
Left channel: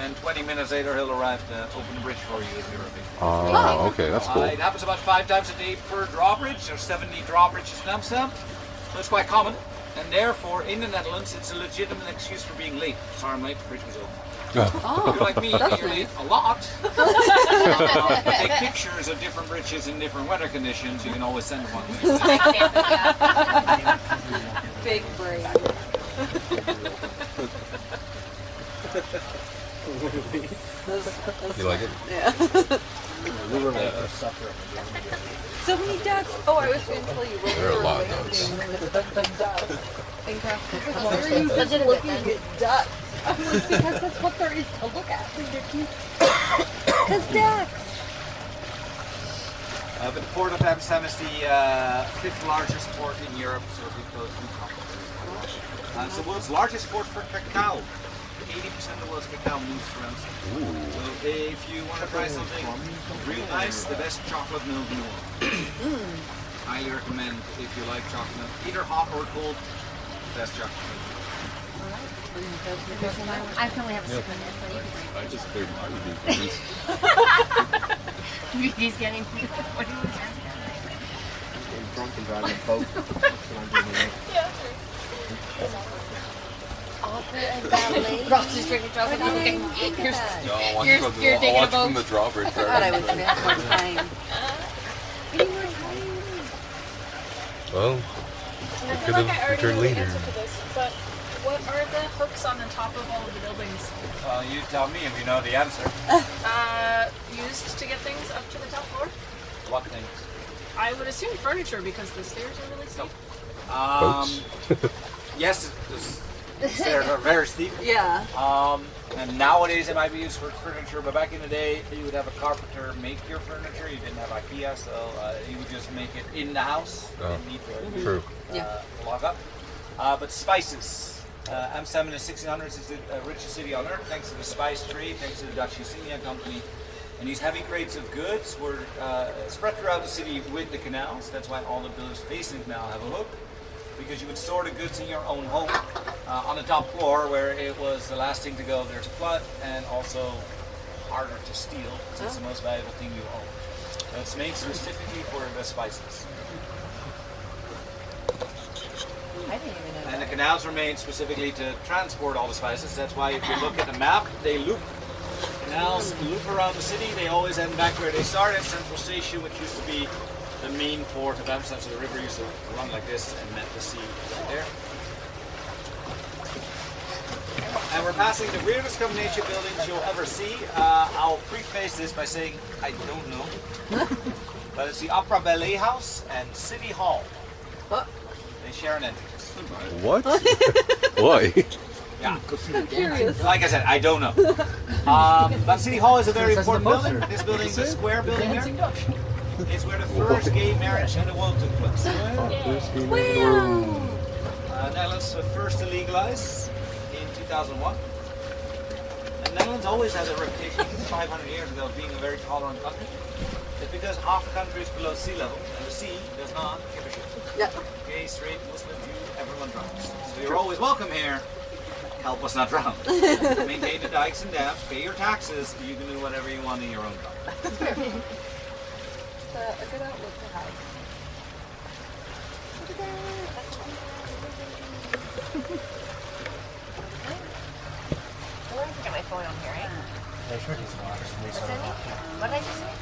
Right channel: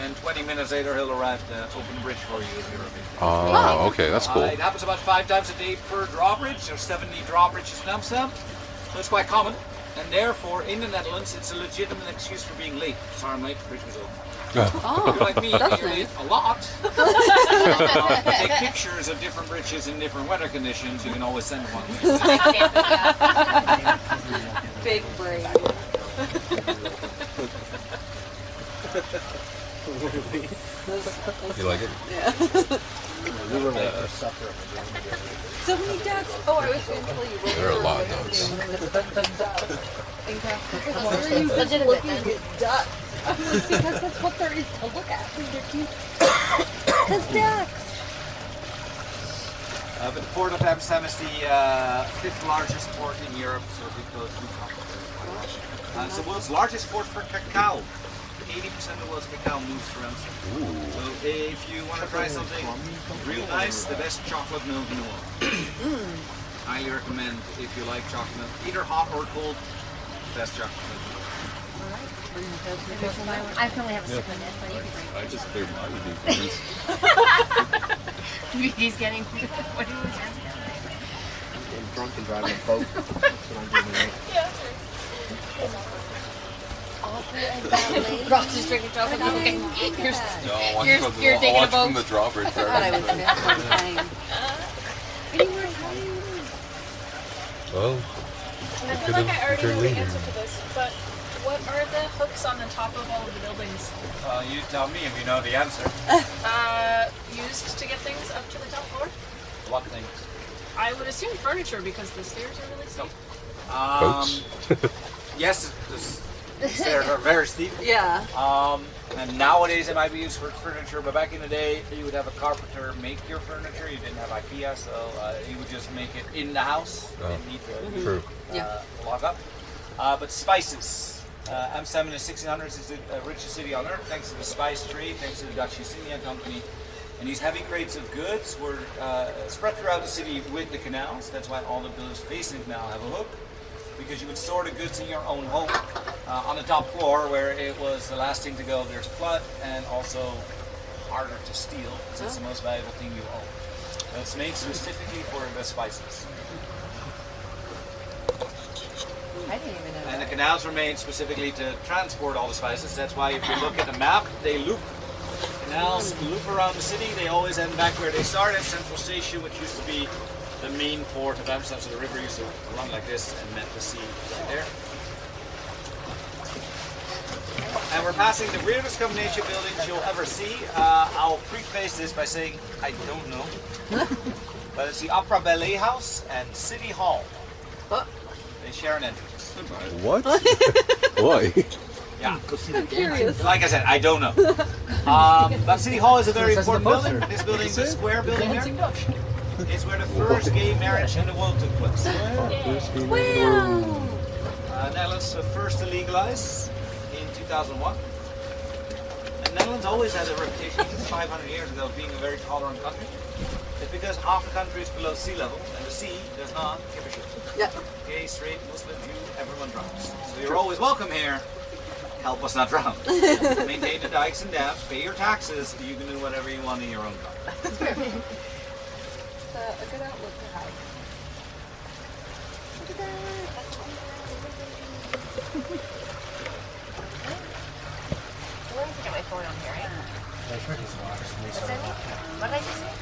and 20 minutes later he'll arrive to open the bridge for you if you're a big. Oh, okay, that's cool. It happens about 5 times a day per drawbridge. There's 70 drawbridges in Amsterdam, so it's quite common. And therefore, in the Netherlands, it's a legitimate excuse for being late. Sorry, I'm late. The bridge was open. If you're like me, you're late a lot. Take pictures of different bridges in different weather conditions. You can always send one. Big brain. You like it? Yeah. We were late for supper. So many ducks. Oh, I was going to tell you. There are a lot of ducks. Legitimate looking at ducks. I'm like, because that's what there is to look at. They're cute. Because ducks. But the port of Amsterdam is the 5th largest port in Europe, so we close to it's the world's largest port for cacao. 80% of the world's cacao moves through Amsterdam. So if you want to try something real nice, the best chocolate milk in the world. Highly recommend if you like chocolate milk, either hot or cold. Best chocolate milk. I probably have a sip in it, but you can I just cleared my review. drink. He's getting. What do you want? I'm drunk and driving a boat. That's what I'm doing today. Ross is drinking chocolate. Okay. No, I watched You're taking a from boat. the drawbridge. I thought I was going to have more time. Well, And I feel like I already know the answer to this, but what are the hooks on the top of all of the buildings? You tell me if you know the answer. Used to get things up to the top floor? What things? I would assume furniture because the stairs are really steep. boats. Yes, the stairs are very steep. Yeah. And nowadays it might be used for furniture, but back in the day you would have a carpenter make your furniture. You didn't have IKEA, so you would just make it in the house. You didn't need to True. lock up. But spices. Amsterdam in the 1600s is the richest city on earth, thanks to the spice trade, thanks to the Dutch East India Company. And these heavy crates of goods were spread throughout the city with the canals. That's why all the buildings facing the canal have a hook, because you would store the goods in your own home on the top floor, where it was the last thing to go if there's a flood, and also harder to steal, because it's the most valuable thing you own. So it's made specifically for the spices. I didn't even know And the canals were made specifically to transport all the spices. That's why if you look at the map, they loop. Canals loop around the city. They always end back where they started, Central Station, which used to be the main port of Amsterdam. So the river used to run like this and met the sea right there. And we're passing the weirdest combination of buildings you'll ever see. I'll preface this by saying I don't know. But it's the Opera Ballet House and City Hall. They share an entrance. What? Why? Yeah. I'm curious. Like I said, I don't know. But City Hall is a very important building. This building is a square building here. It's where the first gay marriage in the world took place. Netherlands was first to legalize in 2001. And Netherlands always had a reputation, 500 years ago, of being a very tolerant country. It's because half the country is below sea level, and the sea does not give a shit. Yeah. Gay, straight, Muslim, Jew, everyone drowns. So you're always welcome here. Help us not drown. Maintain the dikes and dams, pay your taxes, you can do whatever you want in your own time. A good outlook to have. Let me get my phone on here, right? There's Ricky's water. What's that mean? What did I just say?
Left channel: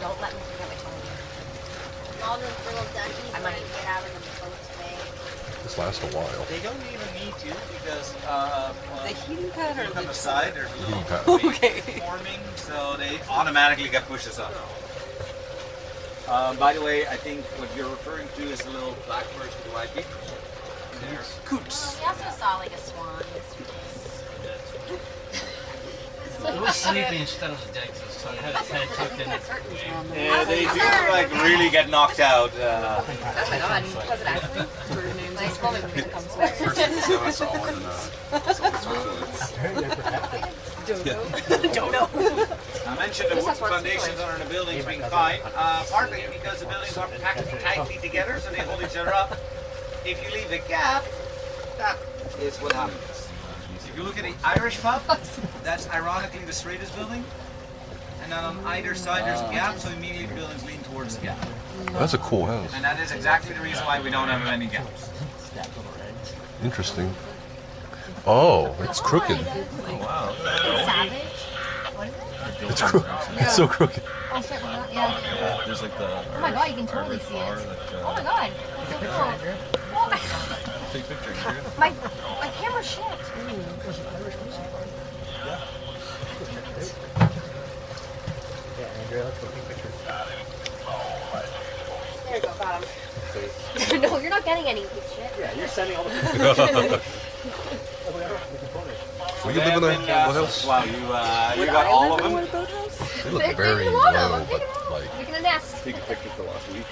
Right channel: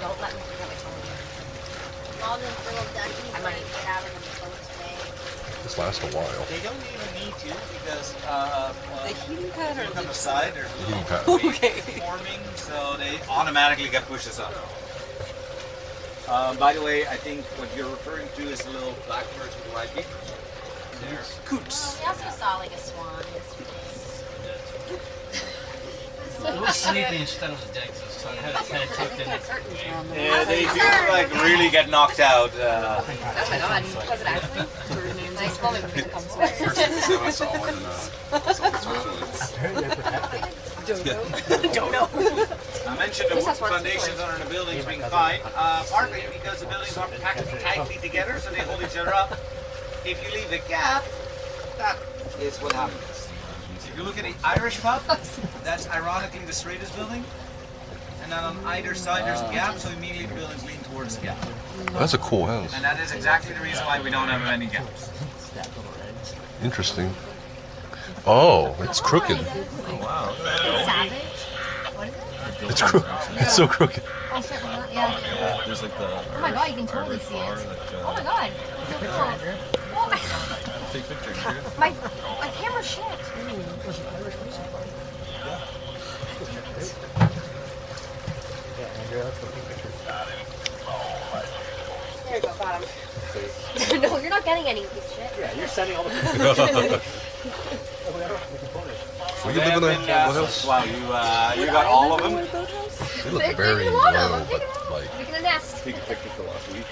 Don't let me forget my phone. All the little duckies I might get out of the boat today. This lasts a while. They don't even need to because The heating pad or look on the the side, there's a Heating little pad. wave Okay. forming, so they automatically get pushed aside. By the way, I think what you're referring to is the little black birds with the white beak. They're coots. We also saw like a swan. It was sleeping instead of dead, so I had its head tucked in. Yeah, they do like really get knocked out. Oh my god, was it actually? Nice moment for the comes Don't know. I mentioned the wood foundations under the buildings being fine, partly because the buildings are packed tightly together, so they hold each other up. If you leave a gap, that is what happens. If you look at the Irish pub, that's ironically the straightest building. And then on either side there's a gap, so immediately the buildings lean towards the gap. That's a cool house. And that is exactly the reason why we don't have any gaps. Interesting. Oh, it's crooked. Savage? What is it? It's crooked. It's so crooked. Oh, shit, we're not, yeah. There's like the. Oh my god, you can totally see it. Oh my god. That's so cool. Oh my god. Take pictures. My camera's shit. Yeah, Andrea, let's go take pictures. There you go, got him. No, you're not getting any of this shit. Yeah, you're sending all the pictures. Will you live in a house? Wow, you got all of them? They look very low, but like. Making a nest. Taking pictures for last week.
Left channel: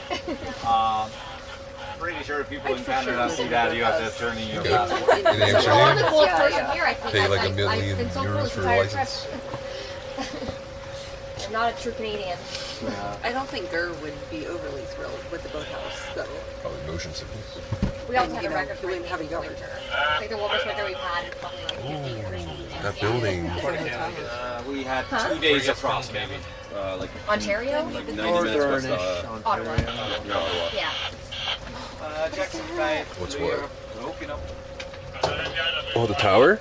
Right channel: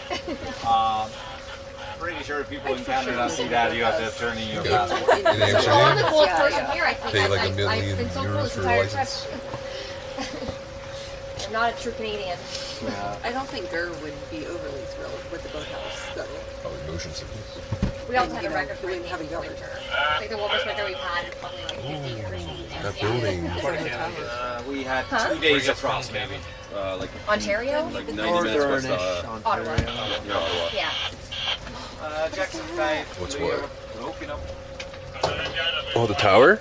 Pretty sure people in Canada see that you have to turn in your passport. In I'm the Amsterdam, coolest person here, I think. pay like I've $1 million been so cool euros this for a entire trip. license. I'm not a true Canadian. I don't think Ger would be overly thrilled with the boathouse, though. Probably motion sickness. We also And, had you a know, record for doing heavy winter. yard. I think the warmest winter we've had in probably like 50 years. That building. We had 2 days of frost, maybe. Like Ontario? like 90 minutes west Ottawa. no, Ottawa. Yeah. Jackson 5. What's what? Broken up. Oh, the tower?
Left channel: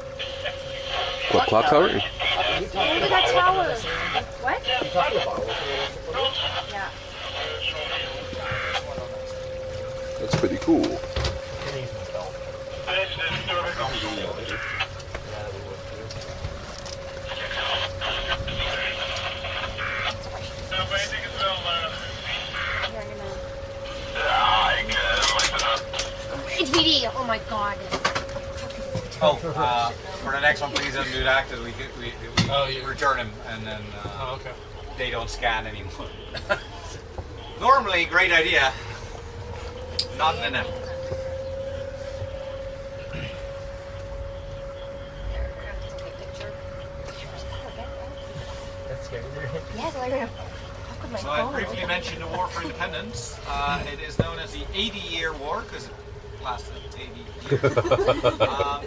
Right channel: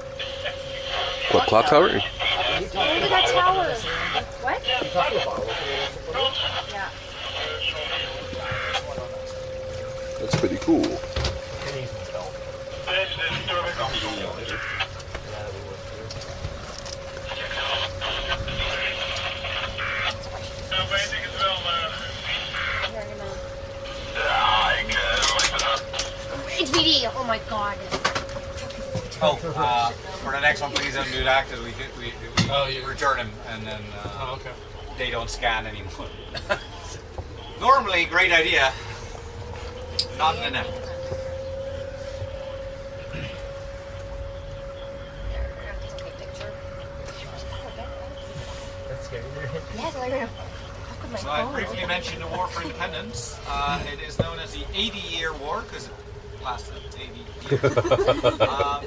What, clock tower? Look at that tower. What? Yeah. That's pretty cool. It's VD. Oh my god. Oh, for the next one, please don't do that because we return them and then they don't scan anymore. Normally, great idea. Not in an That's scary. Yes, I'm gonna fuck with my So phone. I briefly mentioned the War for Independence. It is known as the 80-year war because it lasted 80 years.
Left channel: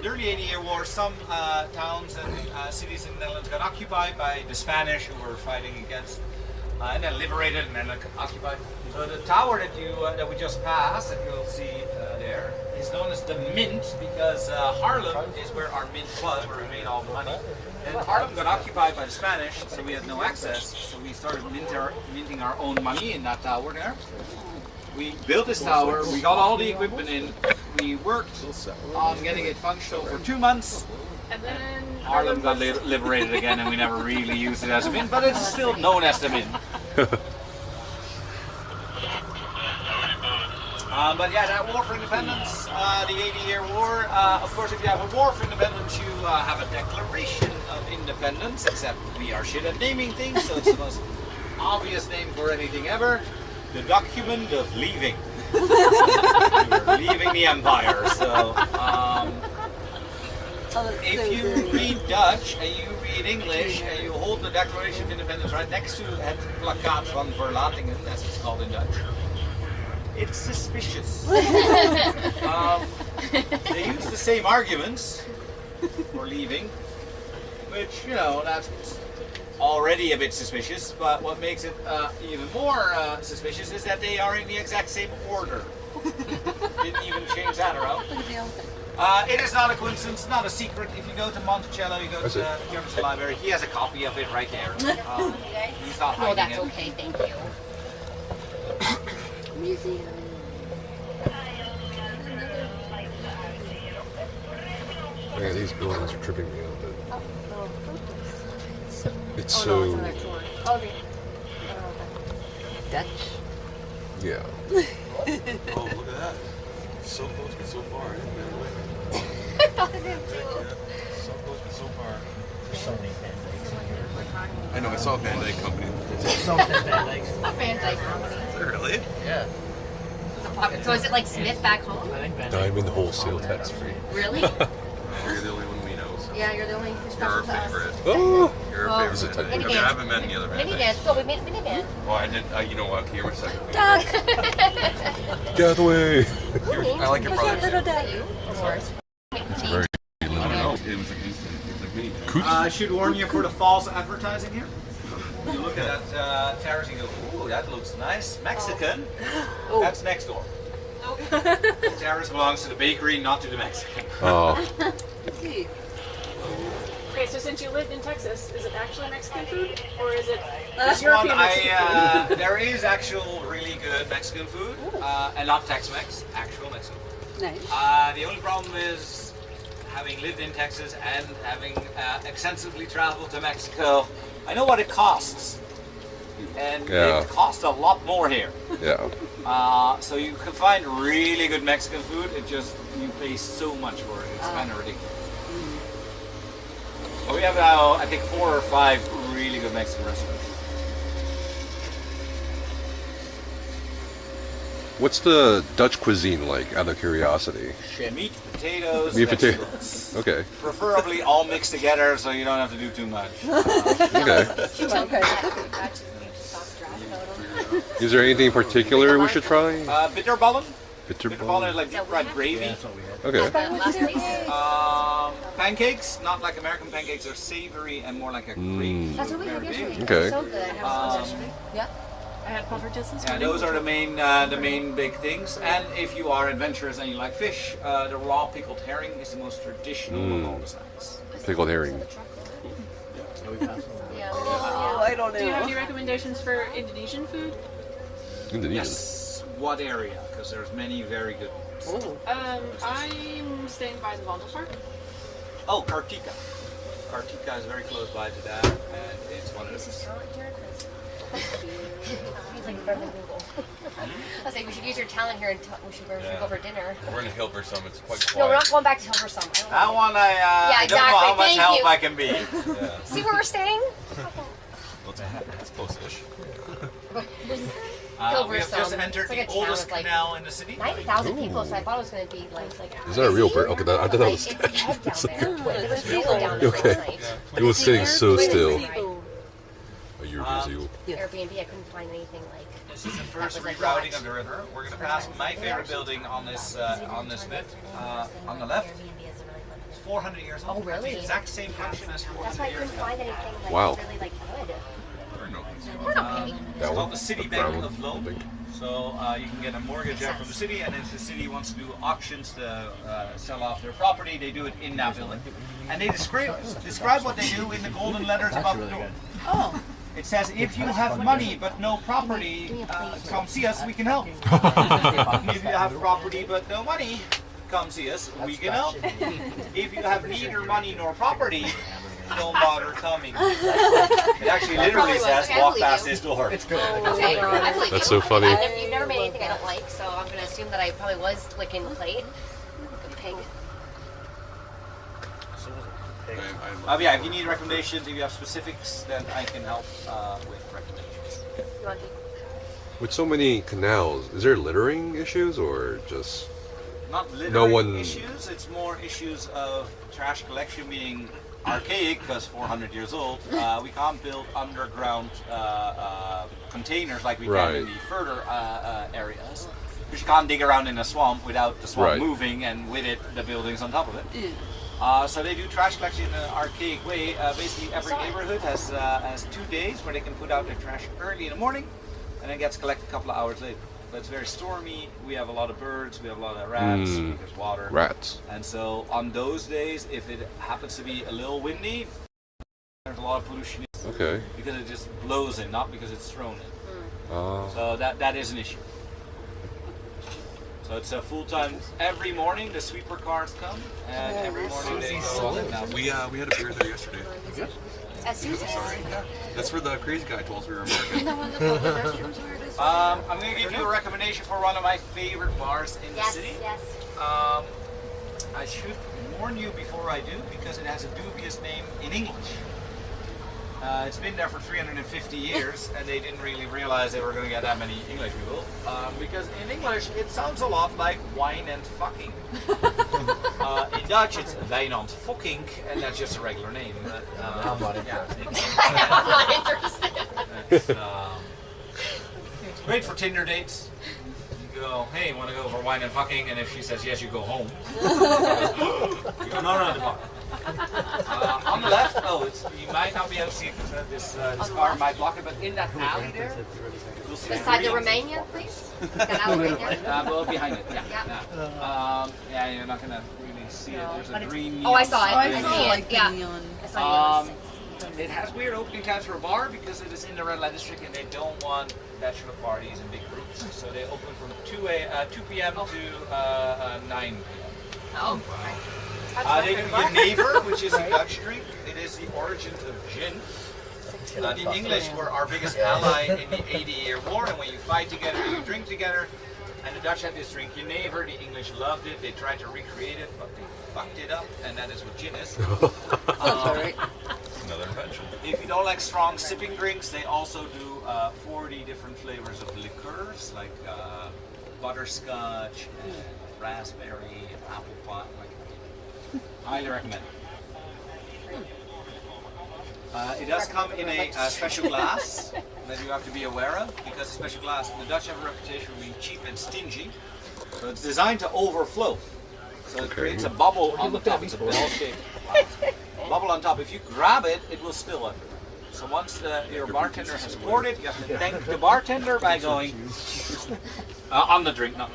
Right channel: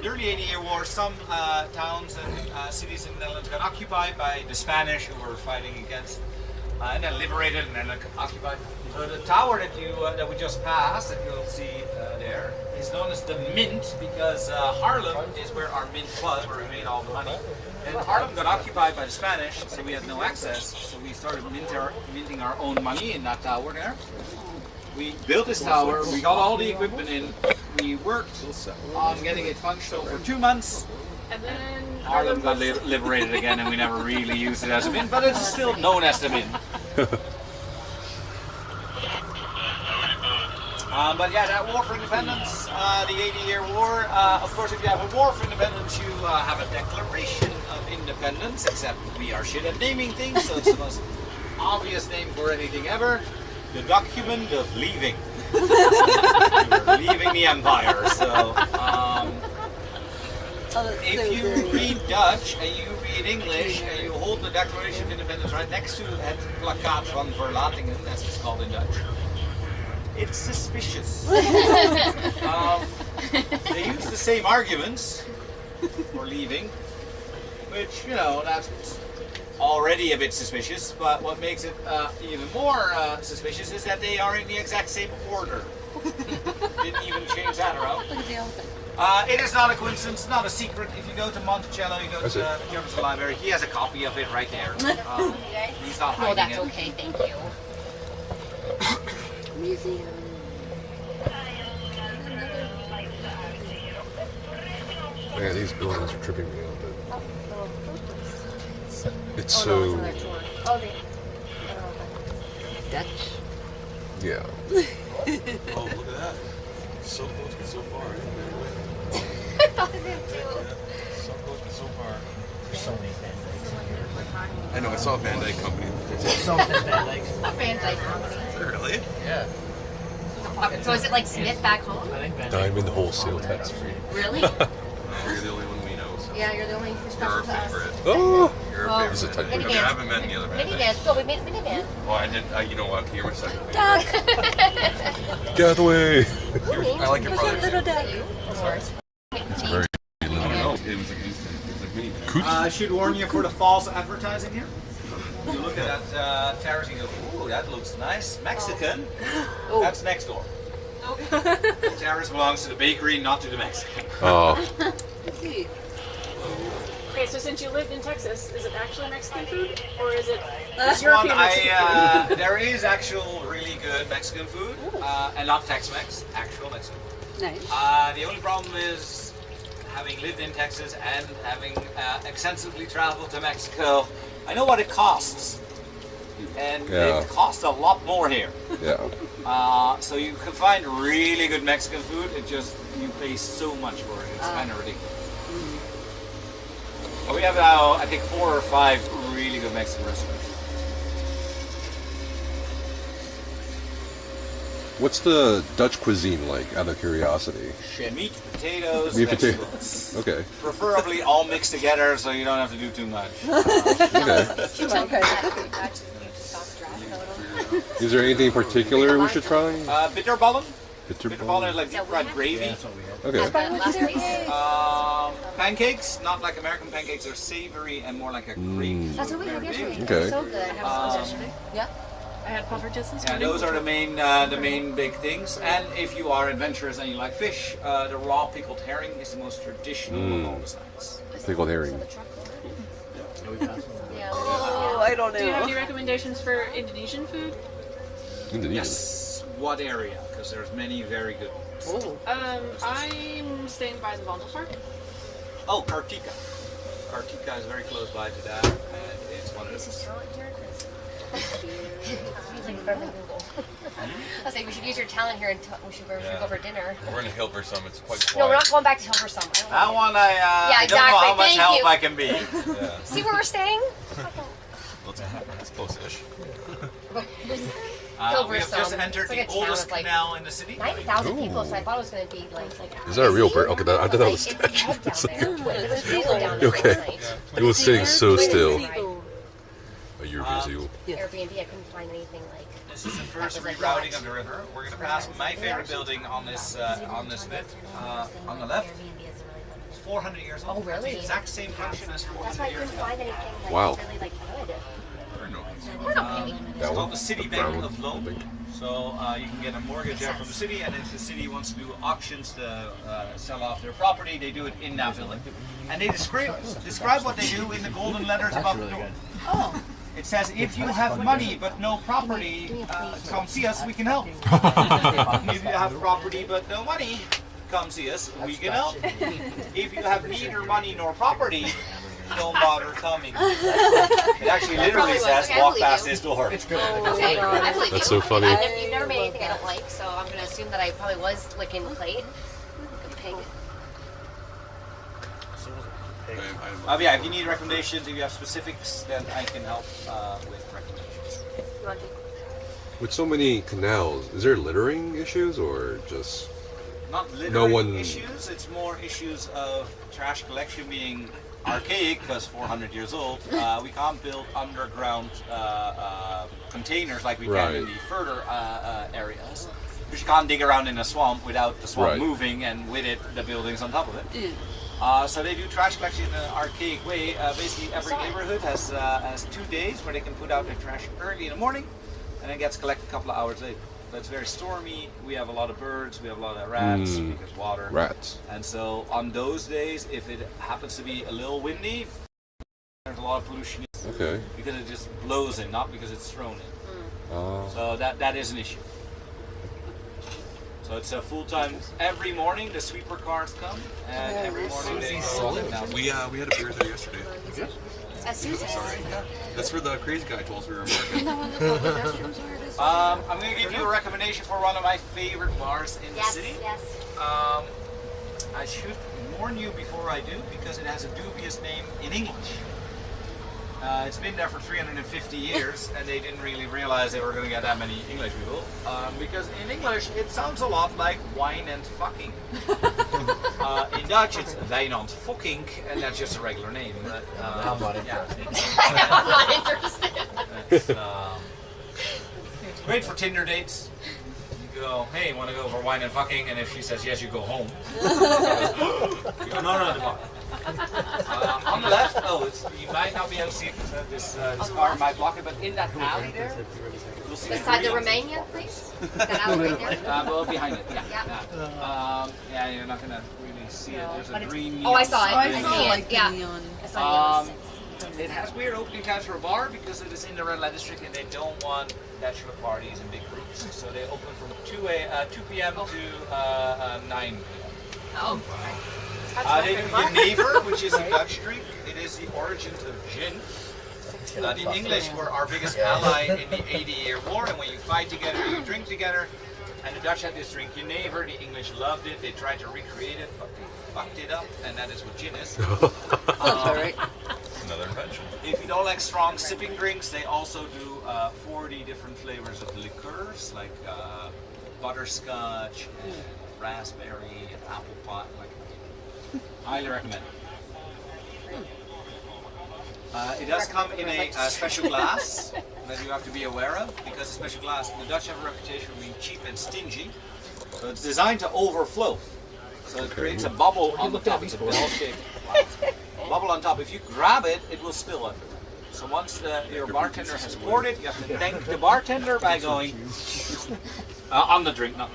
During the 80-year war, some towns and cities in the Netherlands got occupied by the Spanish who were fighting against, and then liberated and then occupied. So the tower that we just passed, that you'll see there, is known as the Mint because Haarlem is where our mint was, where we made all the money. And Haarlem got occupied by the Spanish, so we had no access. So we started minting our own money in that tower there. We built this tower, we got all the equipment in, we worked on getting it functional for 2 months. And then Haarlem got liberated again and we never really used it as a mint, but it's still known as the mint. But yeah, that War for Independence, the 80-year war, of course if you have a War for Independence, you have a Declaration of Independence, except we are shit at naming things, so it's the most obvious name for anything ever. The document of leaving. You're leaving the empire, so if you read Dutch and you read English and you hold the Declaration of Independence right next to het plakkaat van verlatingen, as it's called in Dutch, it's suspicious. They use the same arguments for leaving, which, you know, that's already a bit suspicious, but what makes it even more suspicious is that they are in the exact same order. Didn't even change that around. It is not a coincidence, not a secret. If you go to Monticello, you go to the German library, he has a copy of it right there. He's not hiding Oh, that's it. okay, thank you. Museum. Man, these buildings are tripping me out. It's Oh, no, it's so. another tour. Okay. Dutch. Yeah. Oh, look at that. So close but so far. I thought of him too. Yeah, so close but so far. There's so many Van Dykes in here. I know, I saw a Van Dyke company. So many Van Dykes. A Van Dyke company. Really? Yeah. So is it like Smith back home? I think Van Dyke. Diamond wholesale tax free. Really? You're the only one we know. So. Yeah, you're the only You're special our to us. favorite. Oh! You're Well, our Is it favorite. type I mean, I haven't met any other Van Minivan. Dykes. Go with minivan. Oh, I did. You know what? You're my second favorite. Get out of the way! I like your brother. Little dad. You? Of course. It's very I don't know. It was like instant. It was like me. I should warn you for the false advertising here. You look at that terrace and you go, ooh, that looks nice. Mexican. That's next door. The terrace belongs to the bakery, not to the Mexican. Oh. Okay, so since you lived in Texas, is it actually Mexican food or is it This European one, Mexican? there is actual really good Mexican food, and not Tex-Mex, actual Mexican food. Nice. The only problem is, having lived in Texas and having extensively traveled to Mexico, I know what it costs. And Yeah. it costs a lot more here. Yeah. So you can find really good Mexican food, it just, you pay so much for it, it's kind of ridiculous. But we have now, I think, 4 or 5 really good Mexican restaurants. What's the Dutch cuisine like, out of curiosity? Meat, potatoes, Meat, vegetables. Okay. Preferably all mixed together so you don't have to do too much. Okay. Okay. Is there anything in particular we should try? Bitterballen. Bitter Bitterballen is like deep fried gravy. Okay. Pancakes, not like American pancakes, they're savory and more like a gravy. That's what we had yesterday. Okay. So good. Yeah. I had puffertjes this Yeah, morning. those are the main big things. And if you are adventurous and you like fish, the raw pickled herring is the most traditional of all the snacks. Pickled herring. Yeah. Oh, I don't know. Do you have any recommendations for Indonesian food? Indonesian. Yes. What area? Because there's many very good ones. I'm staying by the Vondelpark. Oh, Kartika. Kartika is very close by to that, and it's one of This is the. talent here, Chris. He's like better than Google. I was like, we should use your talent here and we should go for dinner. We're in Hilversum. It's quite quiet. No, we're not going back to Hilversum. That one Yeah, I don't know exactly. how much Thank help you. I can be. Yeah. See where we're staying? That's close-ish. We have just entered It's like a the town oldest with, like, canal in the city. 90,000 people, so I thought it was going to be like. Is that a real bird? Okay, I thought that was It's dead down there. There was people down there Okay. last night. It was sitting so still. Seagull. A European seagull. Airbnb, I couldn't find anything like. This is the first That was like rerouting what? of the river. We're going to pass my favorite building on this bit. On the left, it's 400 years old. Oh, really? It's the exact same function as That's 400 why I years couldn't ago. find anything like Wow. really like good. It's called the City Bank of Loan. So you can get a mortgage out from the city, and if the city wants to do auctions to sell off their property, they do it in that building. And they describe what they do in the golden letters above the door. Oh. It says, if you have money but no property, come see us, we can help. If you have property but no money, come see us, we can help. If you have neither money nor property, don't bother coming. It actually literally says, walk past this door. Okay, I believe That's you. so funny. You've never made anything I don't like, so I'm going to assume that I probably was licking the plate. The pig. Yeah, if you need recommendations, if you have specifics, then I can help with recommendations. You want to? With so many canals, is there littering issues or just Not littering No one- issues, it's more issues of trash collection being archaic, because 400 years old. We can't build underground containers like we can in the further areas. Because you can't dig around in a swamp without the swamp moving, and with it, the buildings on top of it. So they do trash collection in an archaic way. Basically, every neighborhood has 2 days where they can put out their trash early in the morning, and then gets collected a couple of hours later. But it's very stormy. We have a lot of birds. We have a lot of rats because water. Rats. And so on those days, if it happens to be a little windy, there's a lot of pollution. Okay. Because it just blows in, not because it's thrown in. So that is an issue. So it's a full-time. Every morning the sweeper cars come, and every morning they go. We had a beer there yesterday. As Susan. That's where the crazy guy told us we were American. I'm going to give you a recommendation. recommendation for one of my favorite bars in the city. Yes. I should warn you before I do, because it has a dubious name in English. It's been there for 350 years, and they didn't really realize they were going to get that many English people. Because in English, it sounds a lot like wine and fucking. In Dutch, it's wijn and fucking, and that's just a regular name. But, I'm not interested. I'm not interested. It's great for Tinder dates. You go, hey, want to go for wine and fucking? And if she says yes, you go home. You go, no, the bar. On the left, you might not be able to see it because this car might block it, but in that alley there, you'll see beside the Romanian place? That alley right there? well, behind it, yeah, you're not going to really see it. There's a green neon I saw it. sign. I see it. Yeah. I saw it. It has weird opening times for a bar because it is in the red light district and they don't want bachelor parties in big groups. So they open from 2 p.m. to 9 p.m. Oh, They do Jenever, which is a Dutch drink. It is the origin of gin. The English were our biggest ally in the 80-year war, and when you fight together, you drink together. And the Dutch had this drink Jenever. The English loved it. They tried to recreate it, but they fucked it up, and that is what gin is. Another invention. If you don't like strong sipping drinks, they also do 40 different flavors of liqueurs, like butterscotch and raspberry and apple pie. Highly recommend. It does come in a special glass that you have to be aware of, because a special glass, the Dutch have a reputation for being cheap and stingy, so it's designed to overflow. So it creates a bubble on the top. It's a bell-shaped bubble on top. If you grab it, it will spill everywhere. So once your bartender has poured it, you have to thank the bartender by going on the drink, not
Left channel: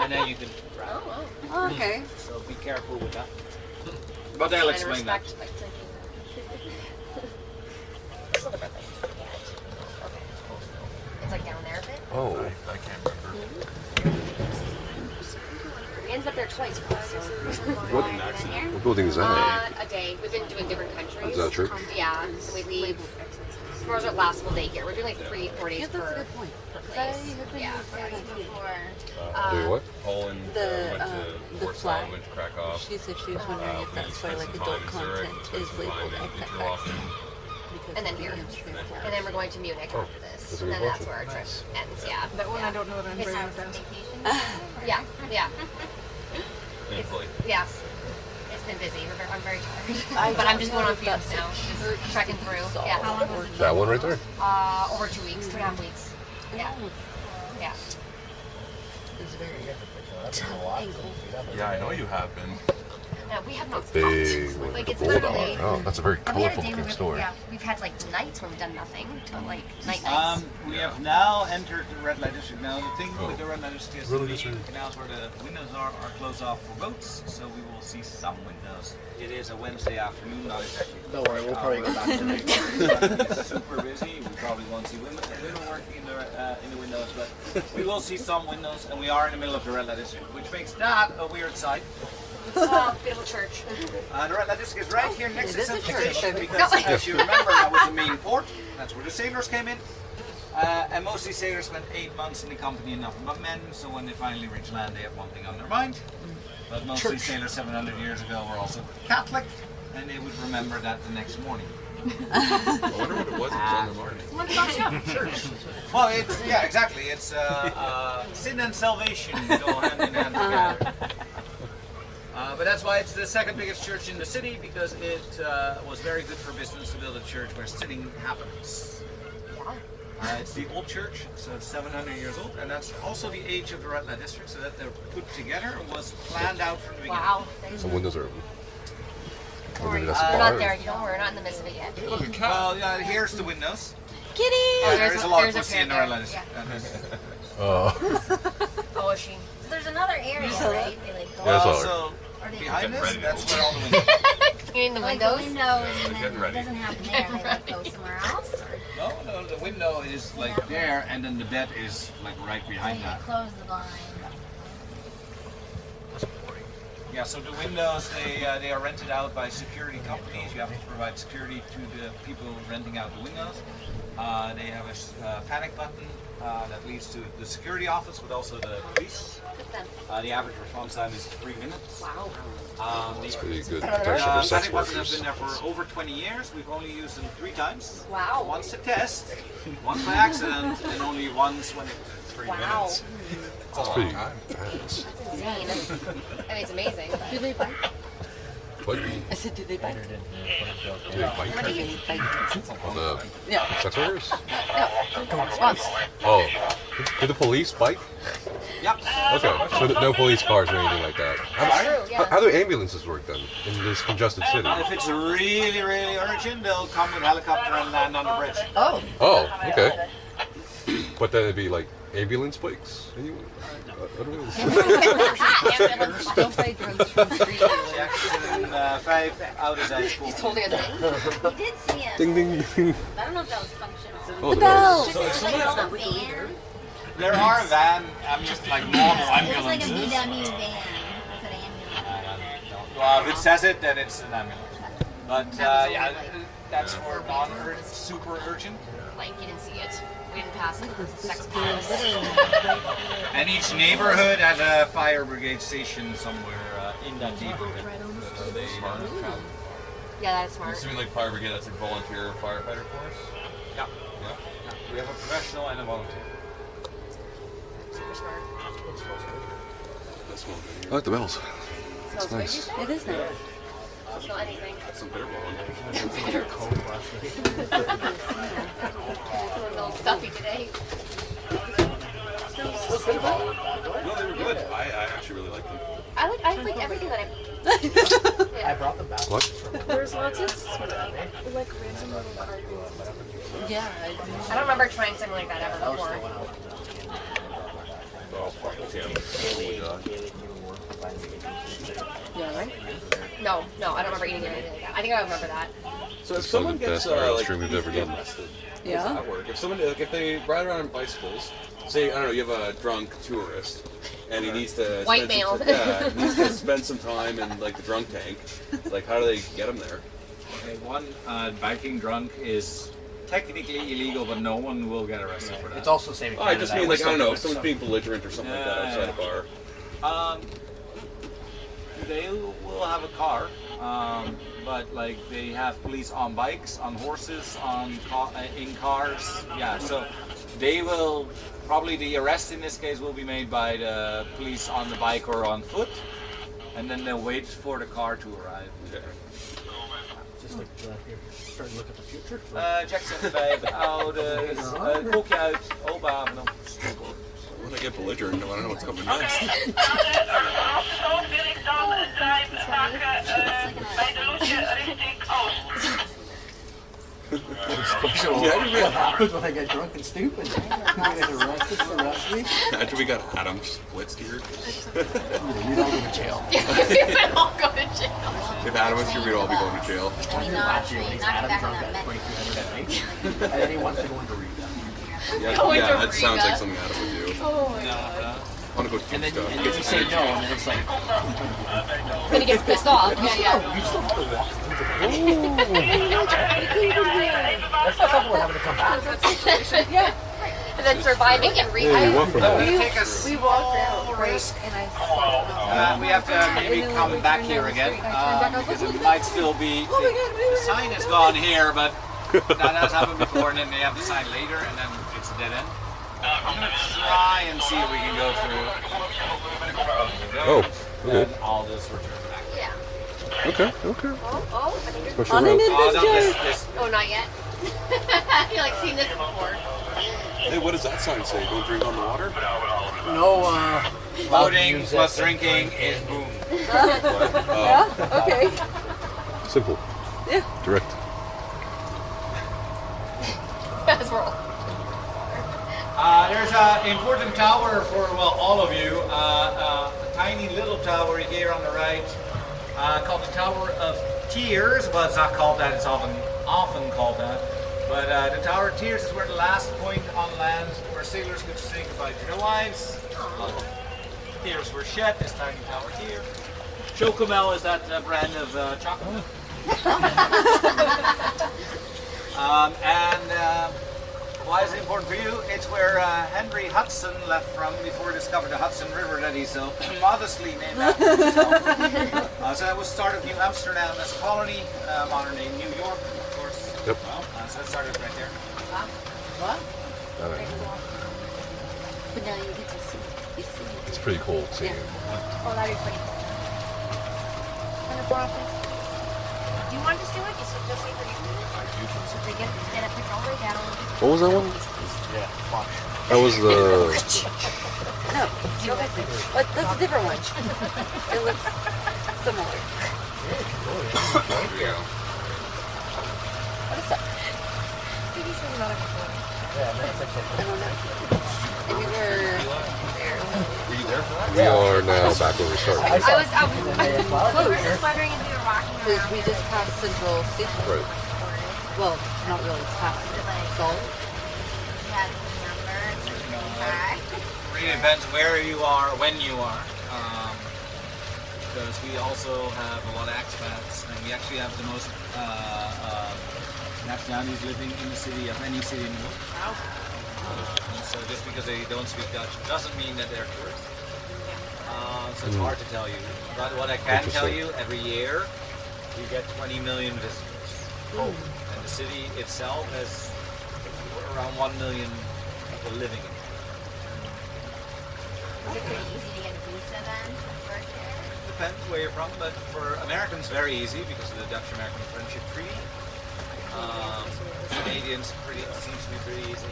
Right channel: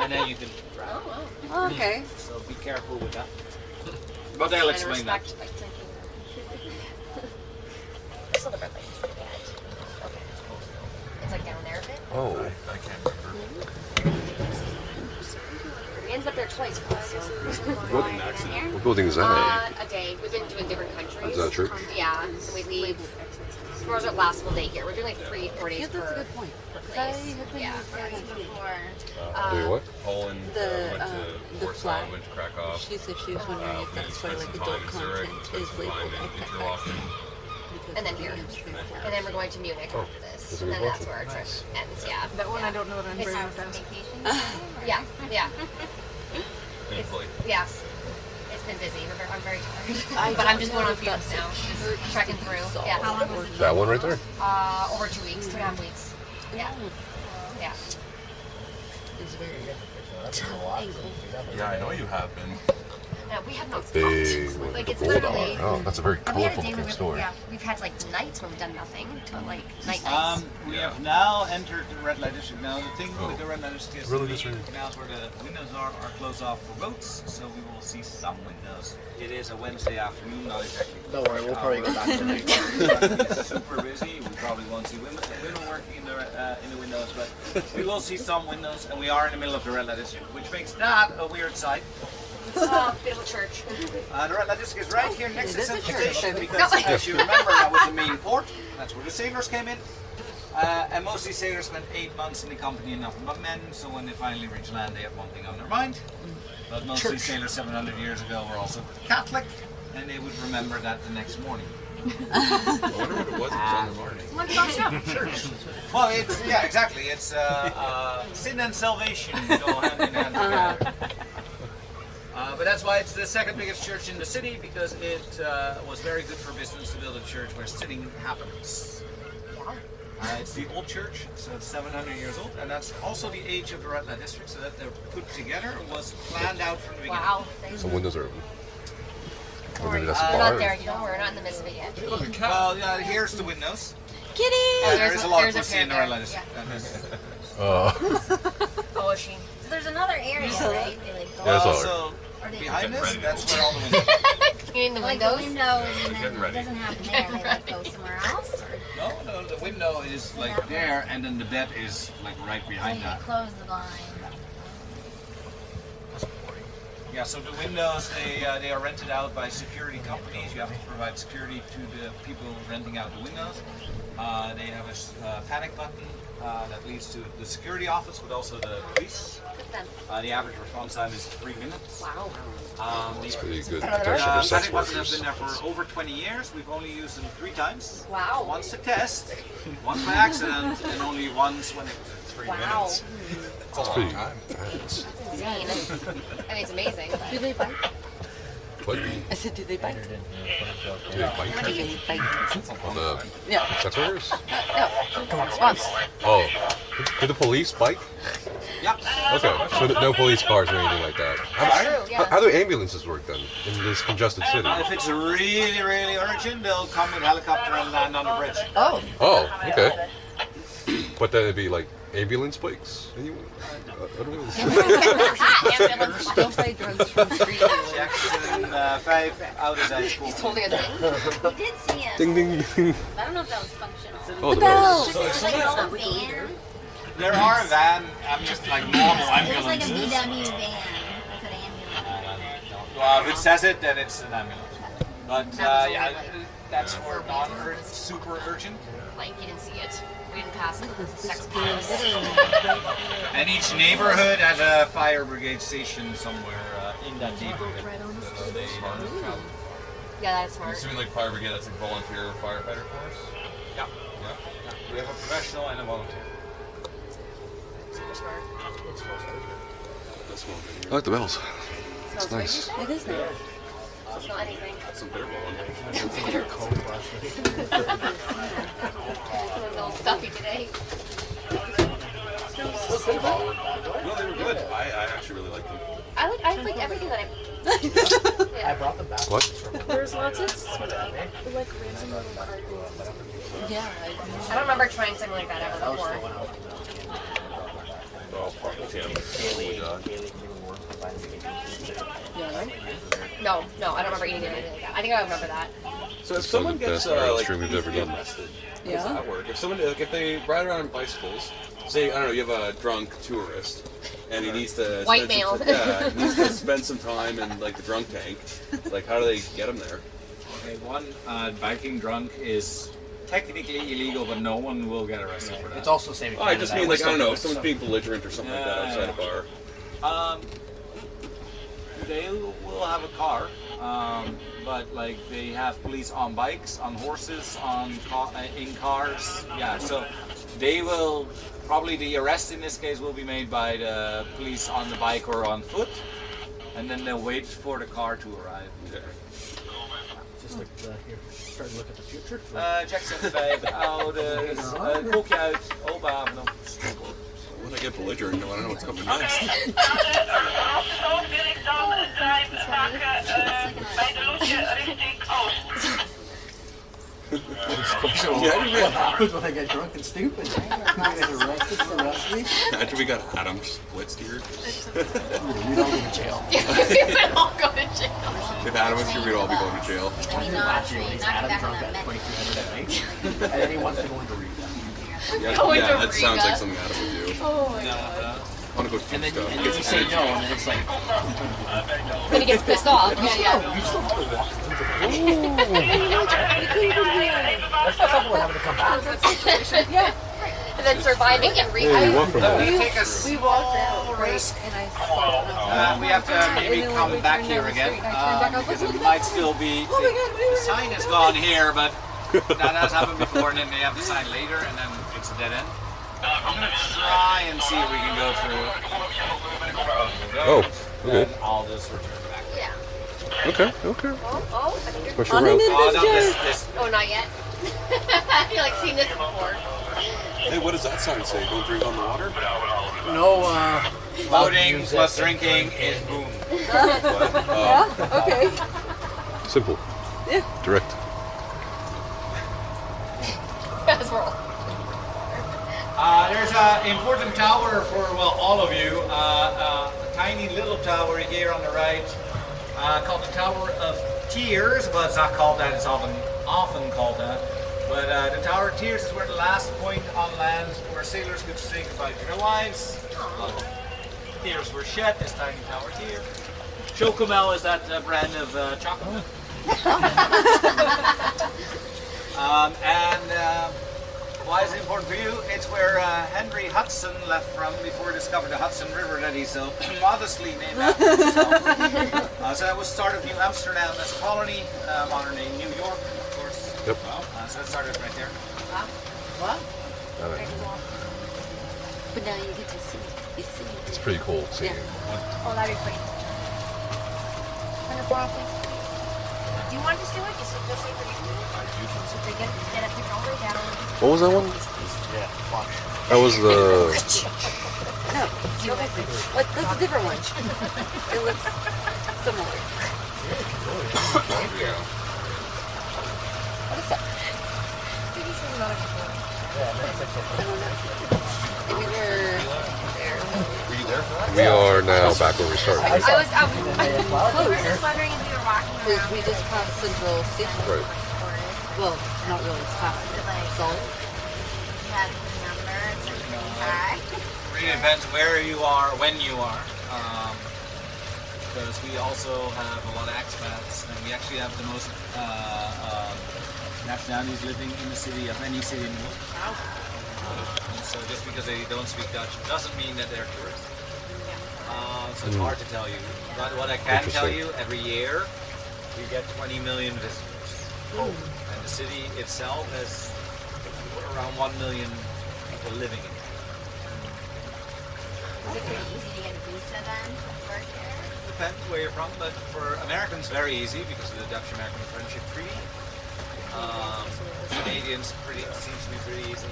and then you can grab it. Okay. So be careful with that. But they'll explain that. It's still the red light district. Yeah. Okay. It's like down there a bit. Oh. I can't remember. We ended up there twice. So. What building is that? A day. We've been doing different countries. Is that a church? Yeah. So we leave. Tomorrow's our last full day here. We're doing like 3-4 days per place. Yeah. Doing what? Poland, went to Warsaw, flag. went to Krakow. She said she was wondering if that's why like adult content is labeled FX. And then here. And then we're going to Munich after this. And then that's where our trip ends. Yeah. That one I don't know what I'm bringing with Yeah. Yeah. Thankfully. Yes. It's been busy. I'm very tired. But I'm just going on fumes now. Just trekking through. Yeah. How long was it? That one right there? Over 2 weeks, 2.5 weeks. Yeah. Yeah. It's very Yeah, I know you have been. No, we have not Big stopped. Like it's bulldog. literally. Oh, that's a very And we had a colorful day looking where store. Yeah, we've had like nights where we've done nothing to like nights. We have now entered the red light district. Now the thing with the red light district is Really the just canals where the windows are closed off for boats, so we will see some windows. It is a Wednesday afternoon, not exactly. Don't worry, we'll probably go back tonight. It's super busy. We probably won't see women working in the windows, but we will see some windows, and we are in the middle of the red light district, which makes that a weird sight. Beautiful church. The red light district is right here next to It is a the church. station because, as you remember, that was the main port. That's where the sailors came in. And most of these sailors spent 8 months in the company and nothing but men, so when they finally reach land, they have one thing on their mind. But most of these sailors 700 years ago were also Catholic, and they would remember that the next morning. I wonder what it was on the morning. Church. Well, yeah, exactly. It's sin and salvation go hand in hand together. But that's why it's the second biggest church in the city, because it was very good for business to build a church where sitting happens. It's the old church, so it's 700 years old, and that's also the age of the red light district, so that they're put together was planned out from the beginning. Wow. Some windows are open. Or maybe that's a We're bar. not there. You know, we're not in the midst of it yet. Well, yeah, here's the windows. Kitty! There is a lot of there's a pussy in the parrot red light there. district. Oh, is she? So there's another area, right? They like go Yeah, that's all So Or they behind Getting us, ready to that's open. where all the windows. You mean the like windows? the windows, Yeah, and getting then it ready. doesn't happen there. They like go somewhere else, or No, the window is like there, and then the bed is like right behind they that. close the blind. Yeah, so the windows, they are rented out by security companies. You have to provide security to the people renting out the windows. They have a panic button that leads to the security office, but also the police. The average response time is 3 minutes. Wow. That's pretty good protection for sex Panic buttons have workers. been there for over 20 years. We've only used them 3 times. Wow. Once to test, once by accident, and only once when it was 3 minutes. That's pretty fast. Insane. I mean, it's amazing. But... Do they bite? What? I said, do they bite? Do they bite? Do they bite? On the Yeah. sex workers? No. Response. Oh. Do the police bite? Yep. Okay. So no police cars or anything like that. True, yeah. How do ambulances work then in this congested city? If it's really, really urgent, they'll come with a helicopter and land on the bridge. Oh. Oh, okay. But then it'd be like ambulance bikes? Anyway? I don't know. Don't say drugs from street. Jackson 5 out of that school. Totally a thing. We did see it. Ding, ding, ding. I don't know if that was functional. Oh, the bells. It was like a van. There are a van, just like normal It was like a ambulances. VW van. It's an ambulance. Well, if it says it, then it's an ambulance. But yeah, that's for non-urgent, super urgent. Like, you didn't see it. We didn't pass the sex palace. And each neighborhood has a fire brigade station somewhere in that neighborhood. So they travel. Yeah, that's I'm smart. assuming like fire brigade, that's like volunteer firefighter force. Yeah. Yeah. We have a professional and a volunteer. Super smart. That's one I like the bells. It's Smells nice. good, It is nice. Don't smell anything. some bitter ball. A little stuffy today. No, they were good. I actually really liked them. I like everything that I brought them back. What? There's lots of like random little cardboard. Yeah. I don't remember trying something like that ever before. Yeah, right? No, I don't remember eating anything like that. I think I remember that. So if It's someone the gets best viral like, stream we've ever done. arrested, Yeah. how does that work? If someone, like, if they ride around on bicycles, say I don't know, you have a drunk tourist, and he needs to White spend male. some, yeah, he needs to spend some time in like the drunk tank. Like, how do they get him there? Okay, one, biking drunk is technically illegal, but no one will get arrested for that. It's also saving. Oh, I just mean like I don't know, if someone's being belligerent or something like that outside a bar. They will have a car, but like they have police on bikes, on horses, in cars. Yeah, so they will probably the arrest in this case will be made by the police on the bike or on foot, and then they'll wait for the car to arrive. Okay. Just like here, starting to look at the future. Jackson 5 ouders, kook je uit, open haven dan. When I get belligerent, I don't know what's coming next. What happens when I get drunk and stupid? You get arrested me? After we got Adam blitzed here. We'd all go to jail. We would all go to jail. If Adam was here, we'd all be going to jail. I mean, Last year, at least not Adam back on drunk that at method. 2300 at night. And then he wants to go into Riga. Yeah, Going yeah, to that sounds Riga. like something Adam would do. Oh my god. I want to go do And then stuff. you say no, and then it's like, Then he gets pissed off. Yeah. you still have to walk through the That's not something we're having to come back. Yeah. And then surviving in Riga. Hey, you walk from We're there. gonna take a We walked out, small right? risk. And I saw. We have to maybe And then come we back turned here down the again street, and I turned back, I was because like, it look might at still be. Oh my God, The sign is gone here, but that has happened before, and then they have the sign later, and then it's a dead end. I'm gonna try and see if we can go through. Oh, okay. Then I'll just return back. Yeah. Okay. Oh, I think you're... Special On rope. an Oh, no, adventure. this. Oh, not yet. I feel like seen this before. Hey, what does that sign say? Don't drink on the water? No, Loading plus drinking is boom. Yeah, okay. Simple. Yeah. Direct. As we're all... There's an important tower for, well, all of you. A tiny little tower here on the right called the Tower of Tears. Well, it's not called that, it's often called that. But the Tower of Tears is where the last point on land where sailors could say goodbye to their wives. Tears were shed, this tiny tower here. Chocomel is that brand of chocolate. Why is it important for you? It's where Henry Hudson left from before he discovered the Hudson River that he so modestly named after himself. So that was the start of New Amsterdam as a colony, modern day New York, of course. Yep. So that started right there. What? But now you get to see. You see. It's pretty cool seeing. Oh, that'd be pretty cool. Turn the floor off, please. Do you want to just do it? Just say for you. So they get a picture all the way down. What was that one? Yeah, fuck. That was the. No, that's a different one. It looks similar. Yeah. What is that? Yeah, that's actually. I don't know. We were there. Were you there for that? We are now back where we started. We were just wondering if we were walking Because around. we just passed Central Station. Right. Well, not really. It's past Salt. That number, it's like really high. Really depends where you are, when you are. Because we also have a lot of expats, and we actually have the most nationalities living in the city of any city in the world. So just because they don't speak Dutch doesn't mean that they're tourists. So it's hard to tell you. But what I can tell you, every year we get 20 million visitors. And the city itself has around 1 million people living in it. Is it pretty easy to get a visa then to work here? Depends where you're from, but for Americans, very easy because of the Dutch-American Friendship Treaty. Canadians seems to be pretty easy.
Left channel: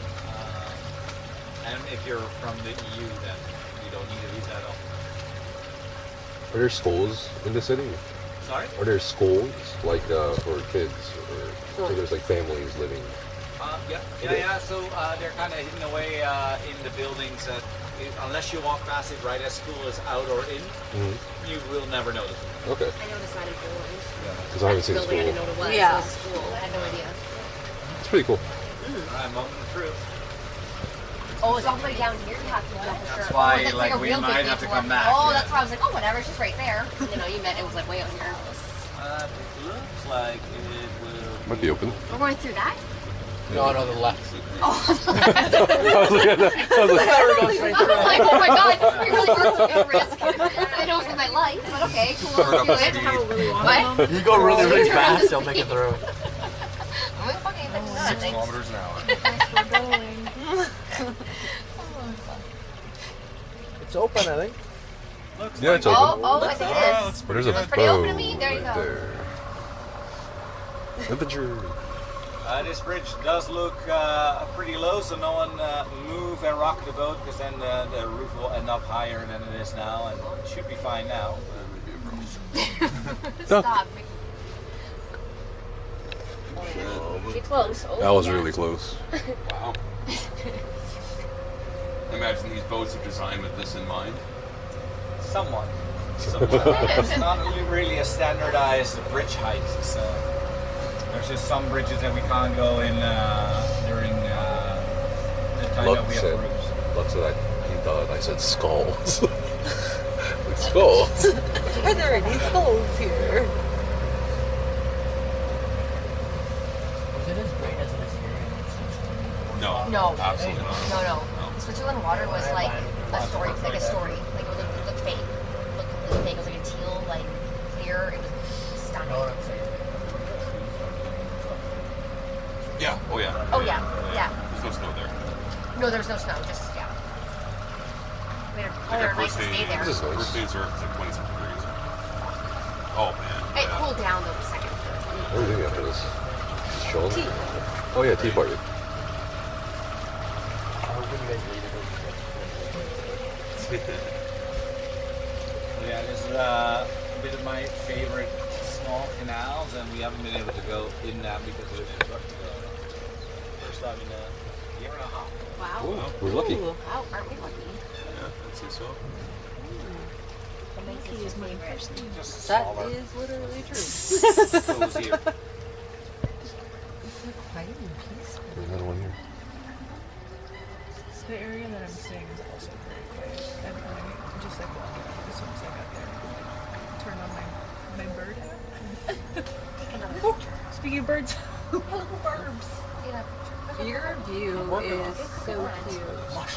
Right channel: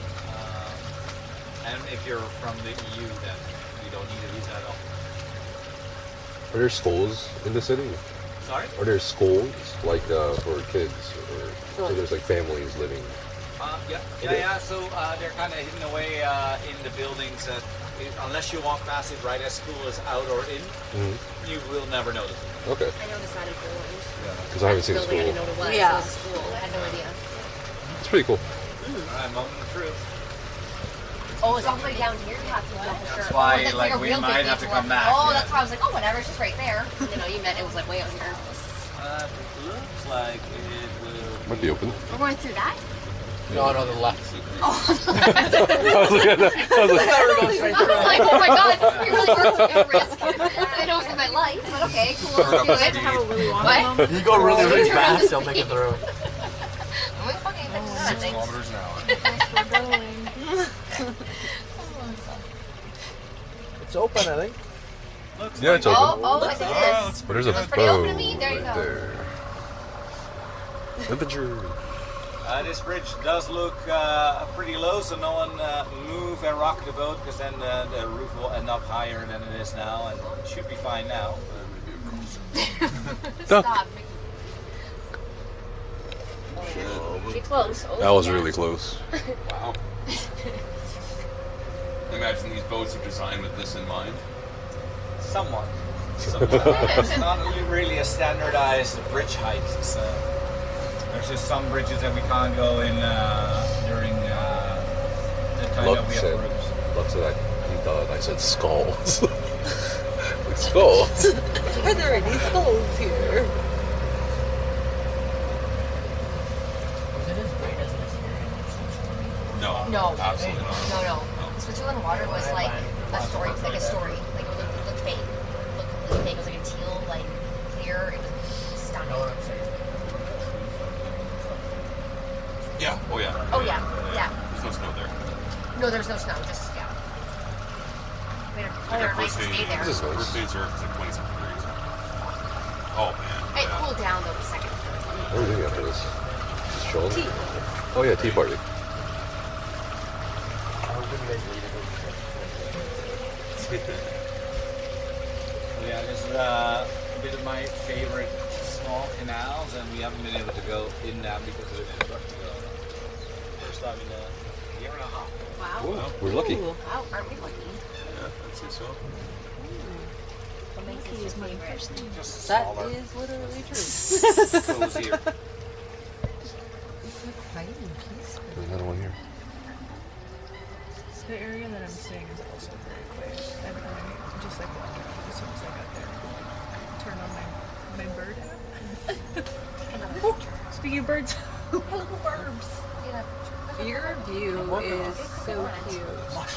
And if you're from the EU, then you don't need a visa at all. Are there schools in the city? Sorry? Are there schools like for kids, or so there's like families living? Yeah. So they're kind of hidden away in the buildings that, unless you walk past it right as school is out or in, you will never notice it. Okay. I noticed that in Poland. Because I haven't seen Building, I school. didn't know what it was. Yeah. It was a school. I had no idea. It's pretty cool. Alright, moment of truth. Oh, it's all the way down here. You have to know for sure. That's why, that's like, a we real big might have to detour. come back. Oh, Yeah. that's why I was like, oh, whatever, it's just right there. You know, you meant it was like way out here. It looks like it will. Might be open. We're going through that? No, the left. Oh, I was looking at that. I was like, We're going straight I through. was like, oh my god, we really were taking a risk. I know it's in my life, but okay, cool. Let's do it. Have a really long What? one. You go really, really fast, they'll make it through. We fucking did 6 nothing. kilometers an hour. We're going. It's open, I think. Looks yeah, like it's open. Oh, I think it is. But there's a It's pretty boat open to me. There you right go. there. Adventure. This bridge does look pretty low, so no one move and rock the boat, because then the roof will end up higher than it is now, and it should be fine now. Stop. Get close. Oh, That was yeah. really close. Wow. Imagine these boats are designed with this in mind. Somewhat. It's not really a standardized bridge height. So there's just some bridges that we can't go in during the time that we have rooms. Lux said he thought I said skulls. Like skulls. Are there any skulls here? Was it as great as it is here? No. No. Absolutely not. No. Switzerland water was like a story. Like it looked fake. It looked completely fake. It was like a teal, like clear. It was stunning. Know what I'm saying? Yeah. Oh yeah. Oh yeah. There's no snow there. No, there was no snow. Just yeah. We had a nice to stay there. This is nice. First day in Zurich is like 27 degrees. Oh man. It cooled down though the second. What are we doing after this? Just chilling? Tea. Oh yeah, tea party. Yeah, this is a bit of my favorite small canals, and we haven't been able to go in them because of the construction. First time in a year and a half. Wow. Ooh, we're lucky. Wow, aren't we lucky? Yeah, I'd say so. What makes this your favorite? Just That smaller. is literally true. Cozier. There's another one here. The area that I'm staying is also very quiet. I'm just like walking around as soon as I got there. Turn on my bird app. Speaking of birds, hello birds. Yeah. Your view is so cute.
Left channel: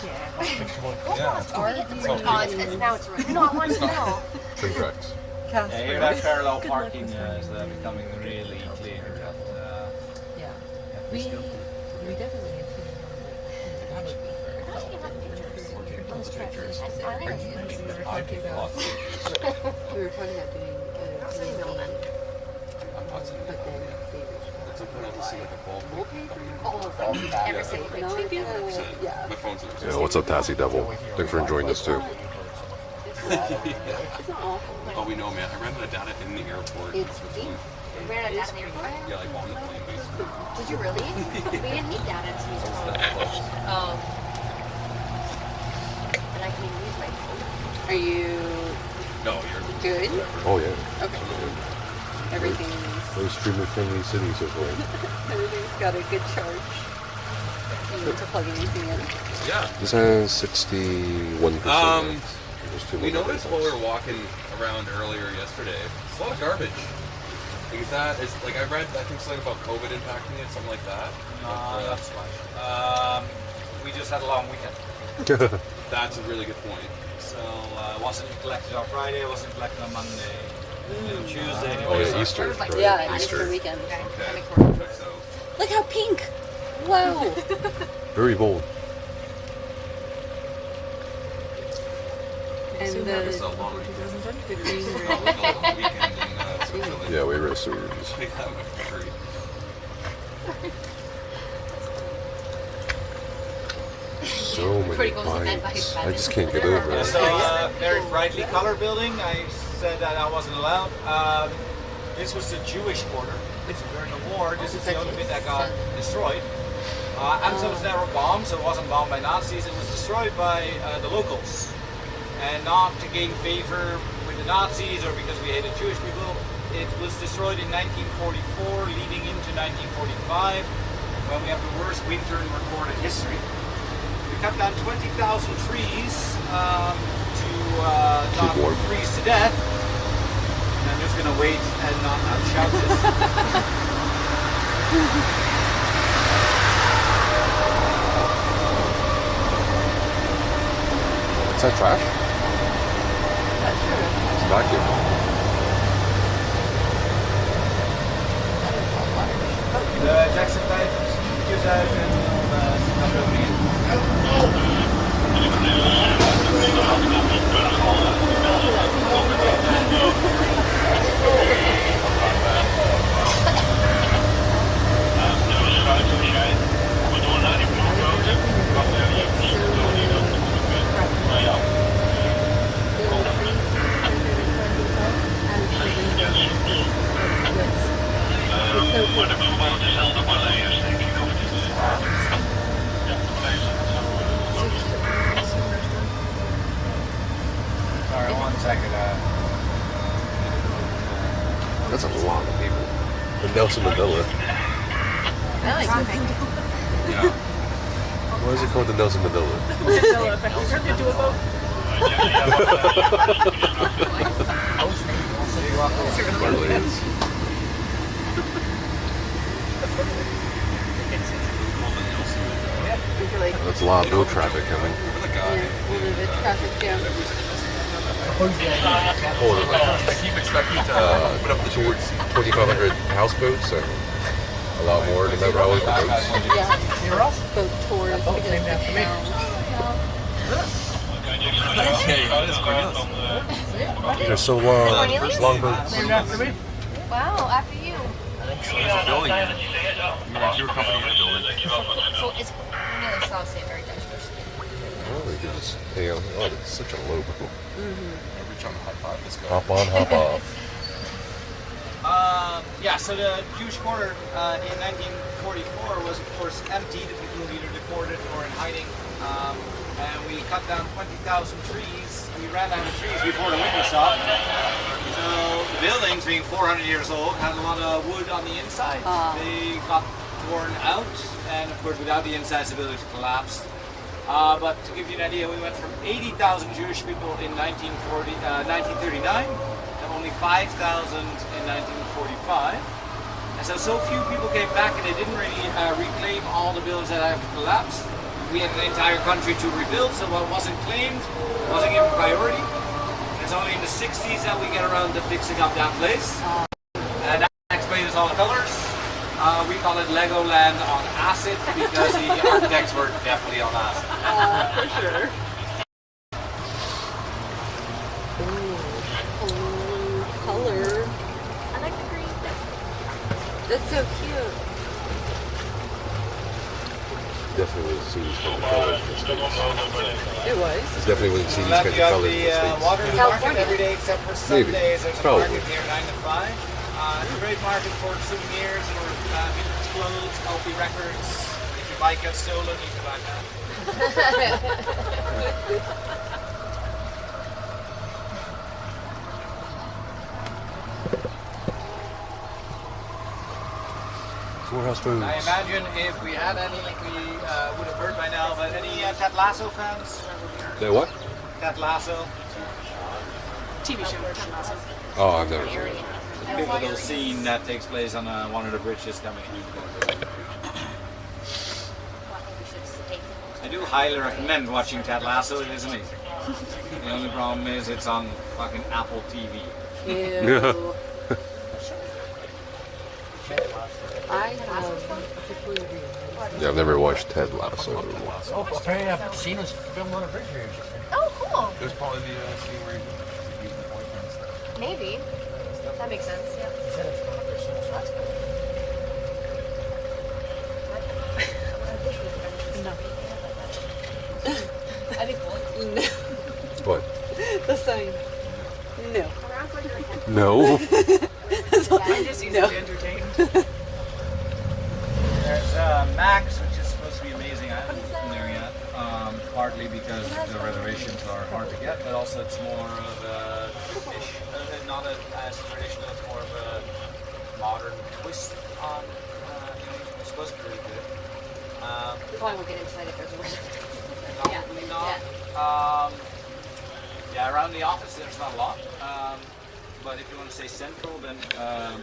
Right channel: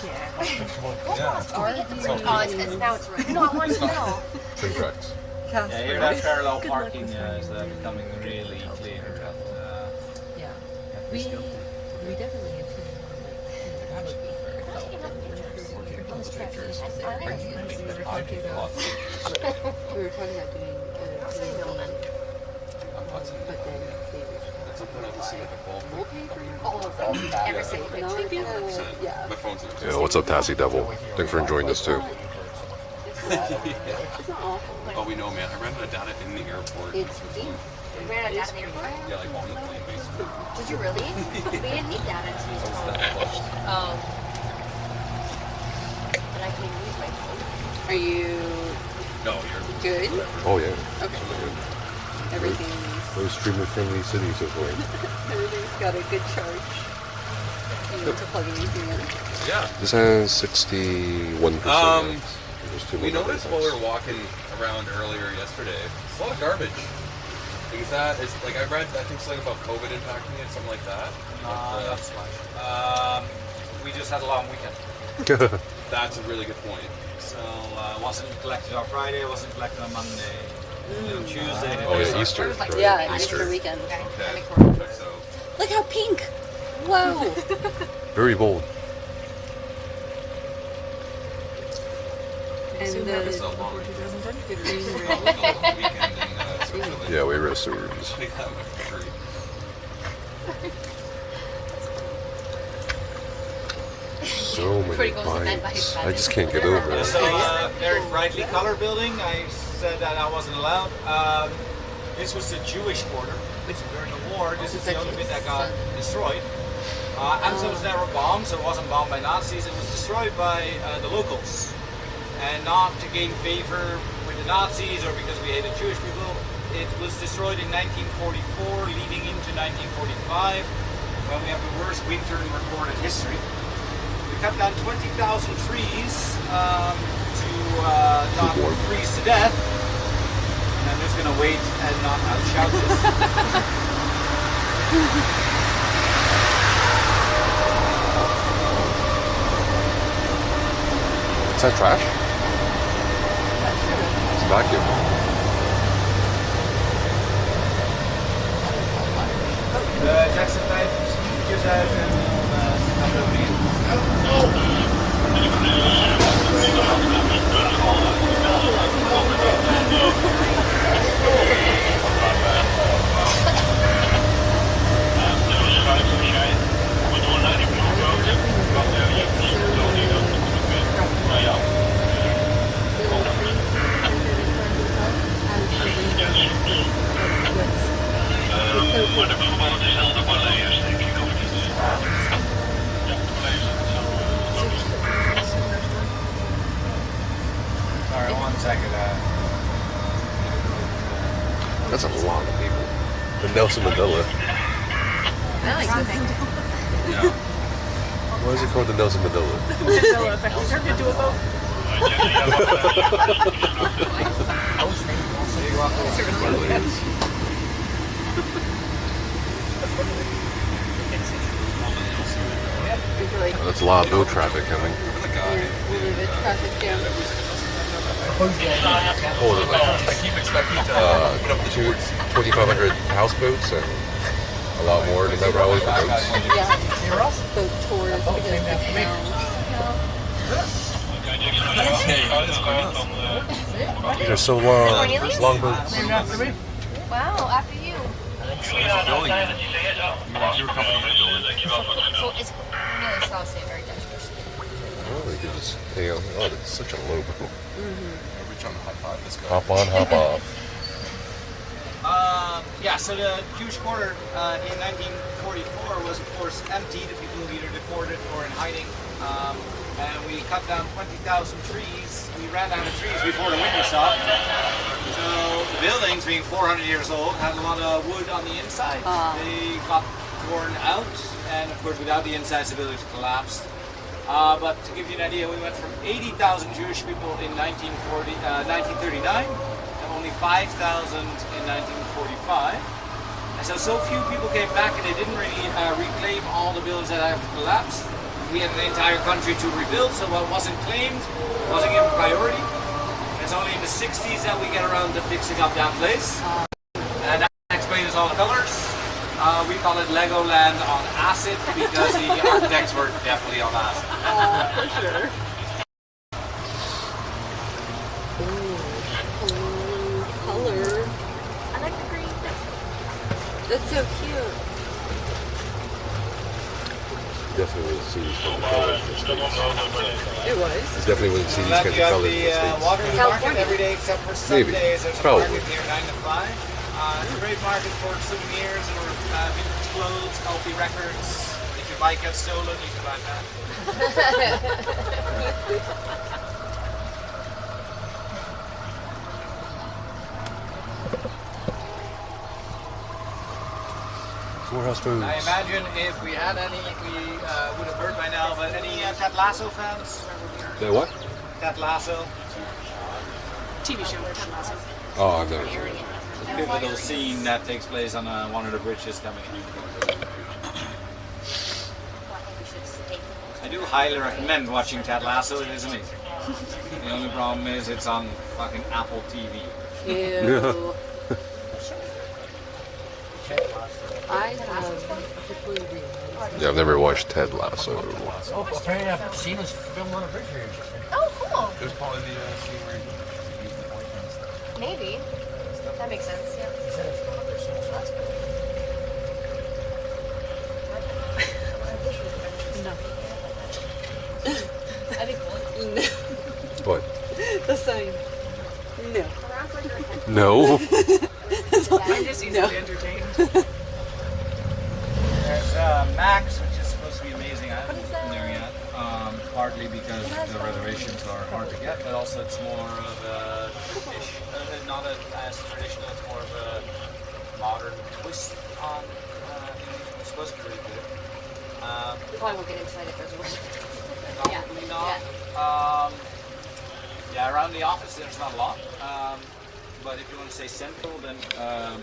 Yeah. Our view It's now it's right. No, I want to know. Trim tracks. Yeah, here that parallel parking is becoming really clear. Yeah. We definitely have seen that would be we were talking about doing building, but then At some point I'll just see like a ball. Every single picture. yeah. My phone's in Yeah, what's up, Tassie Devil? Thanks for enjoying this too. Oh, we know, man. I ran out of data in the airport. It's You ran out of data in the airport? Yeah, like on the plane, basically. Did you really? We didn't need data to use our phone. Oh. But I can use my phone. Are you No, you're good? Oh yeah. Okay. Everything's Those extremely friendly cities are going. everything's got a good charge. You need to plug anything in. Yeah. This has 61%. We noticed while we were walking around earlier yesterday, it's a lot of garbage. Is that, like I read, I think something about COVID impacting it, something like that. Not so much. We just had a long weekend. That's a really good point. So it wasn't collected on Friday, it wasn't collected on Monday. Tuesday. Oh yeah, Easter. Like, Right. Yeah, Easter. Easter weekend. Okay. So, Look how pink! Whoa! Very bold. And it's a the long green weekend in Switzerland. Yeah, we read stories. Take that one for free. So many bikes. I just can't get over it. So very brightly colored building. I said that I wasn't allowed. This was the Jewish quarter. During the war, this is the only bit that got destroyed. Amsterdam was never bombed, so it wasn't bombed by Nazis. It was destroyed by the locals. And not to gain favor with the Nazis or because we hated Jewish people. It was destroyed in 1944, leading into 1945, when we have the worst winter in recorded history. We cut down 20,000 trees to not freeze to death. And I'm just going to wait and not outshout this. Is that trash? It's a vacuum. The JessicaRae use that and Sorry, 1 second. That's a lot of people. The Nelson Mandela. I like something. Yeah. Why is it called the Nelson Mandela? Mandela effect. We turned into a boat. Hardly is. That's a lot of boat traffic coming. traffic jam. I keep expecting to put up the 2,500 houseboats and a lot more to remember always for boats. Yeah. Boat tours because the canals. They're so long. There's long boats. Wow, after you. There's a building in it. Your company is building. So it's really South State, very dangerous. Oh, you can just hang out. Oh, it's such a low boat. Every time I high five this guy. Hop on, hop off. Yeah, so the Jewish quarter in 1944 was, of course, empty. The people were either deported or in hiding. And we cut down 20,000 trees. We ran out of trees before the winter stopped. So the buildings, being 400 years old, had a lot of wood on the inside. They got torn out, and of course, without the insides, the buildings collapsed. But to give you an idea, we went from 80,000 Jewish people in 1939 to only 5,000 in 1945. And so few people came back and they didn't really reclaim all the buildings that have collapsed. We had an entire country to rebuild, so what wasn't claimed wasn't given priority. And it's only in the 60s that we get around to fixing up that place. And that explains all the colors. We call it Legoland on acid because the architects were definitely on acid. For sure. Ooh, color. I like the green. That's so cute. Definitely wasn't seen these kind of colors in the States. It was. Definitely wasn't seen these Left, kinds you of have colors in the the States. water market every day except for Maybe. Sundays. There's a Probably. market here 9 to 5. It's a great market for souvenirs or vintage clothes, healthy records. If your bike gets stolen, you can buy that. Warehouse foods. I imagine if we had any, we would have heard by now, but any Ted Lasso fans? That what? Ted Lasso? TV show Ted Lasso. Oh, I've never seen it. Pivotal scene that takes place on one of the bridges coming in. I do highly recommend watching Ted Lasso, it is amazing. The only problem is it's on fucking Apple TV. Ew. I have particularly realized. Yeah, I've never watched Ted Lasso. Oh, apparently I've seen us film on a bridge here. Oh, cool. There's probably the scene where you use the boyfriend and stuff. Maybe. That makes sense, yeah. He said it's not there, so that's cool. I think cool. No. What? The sign. No. No. I'm just easily entertained. There's Max, which is supposed to be amazing. I haven't been there yet. Partly because the reservations are hard to get, but also it's more of a not as traditional. It's more of a modern twist on. It's supposed to be really good. We probably won't get inside if there's a reservation. Probably not. Yeah, around the office there's not a lot. But if you want to stay central, then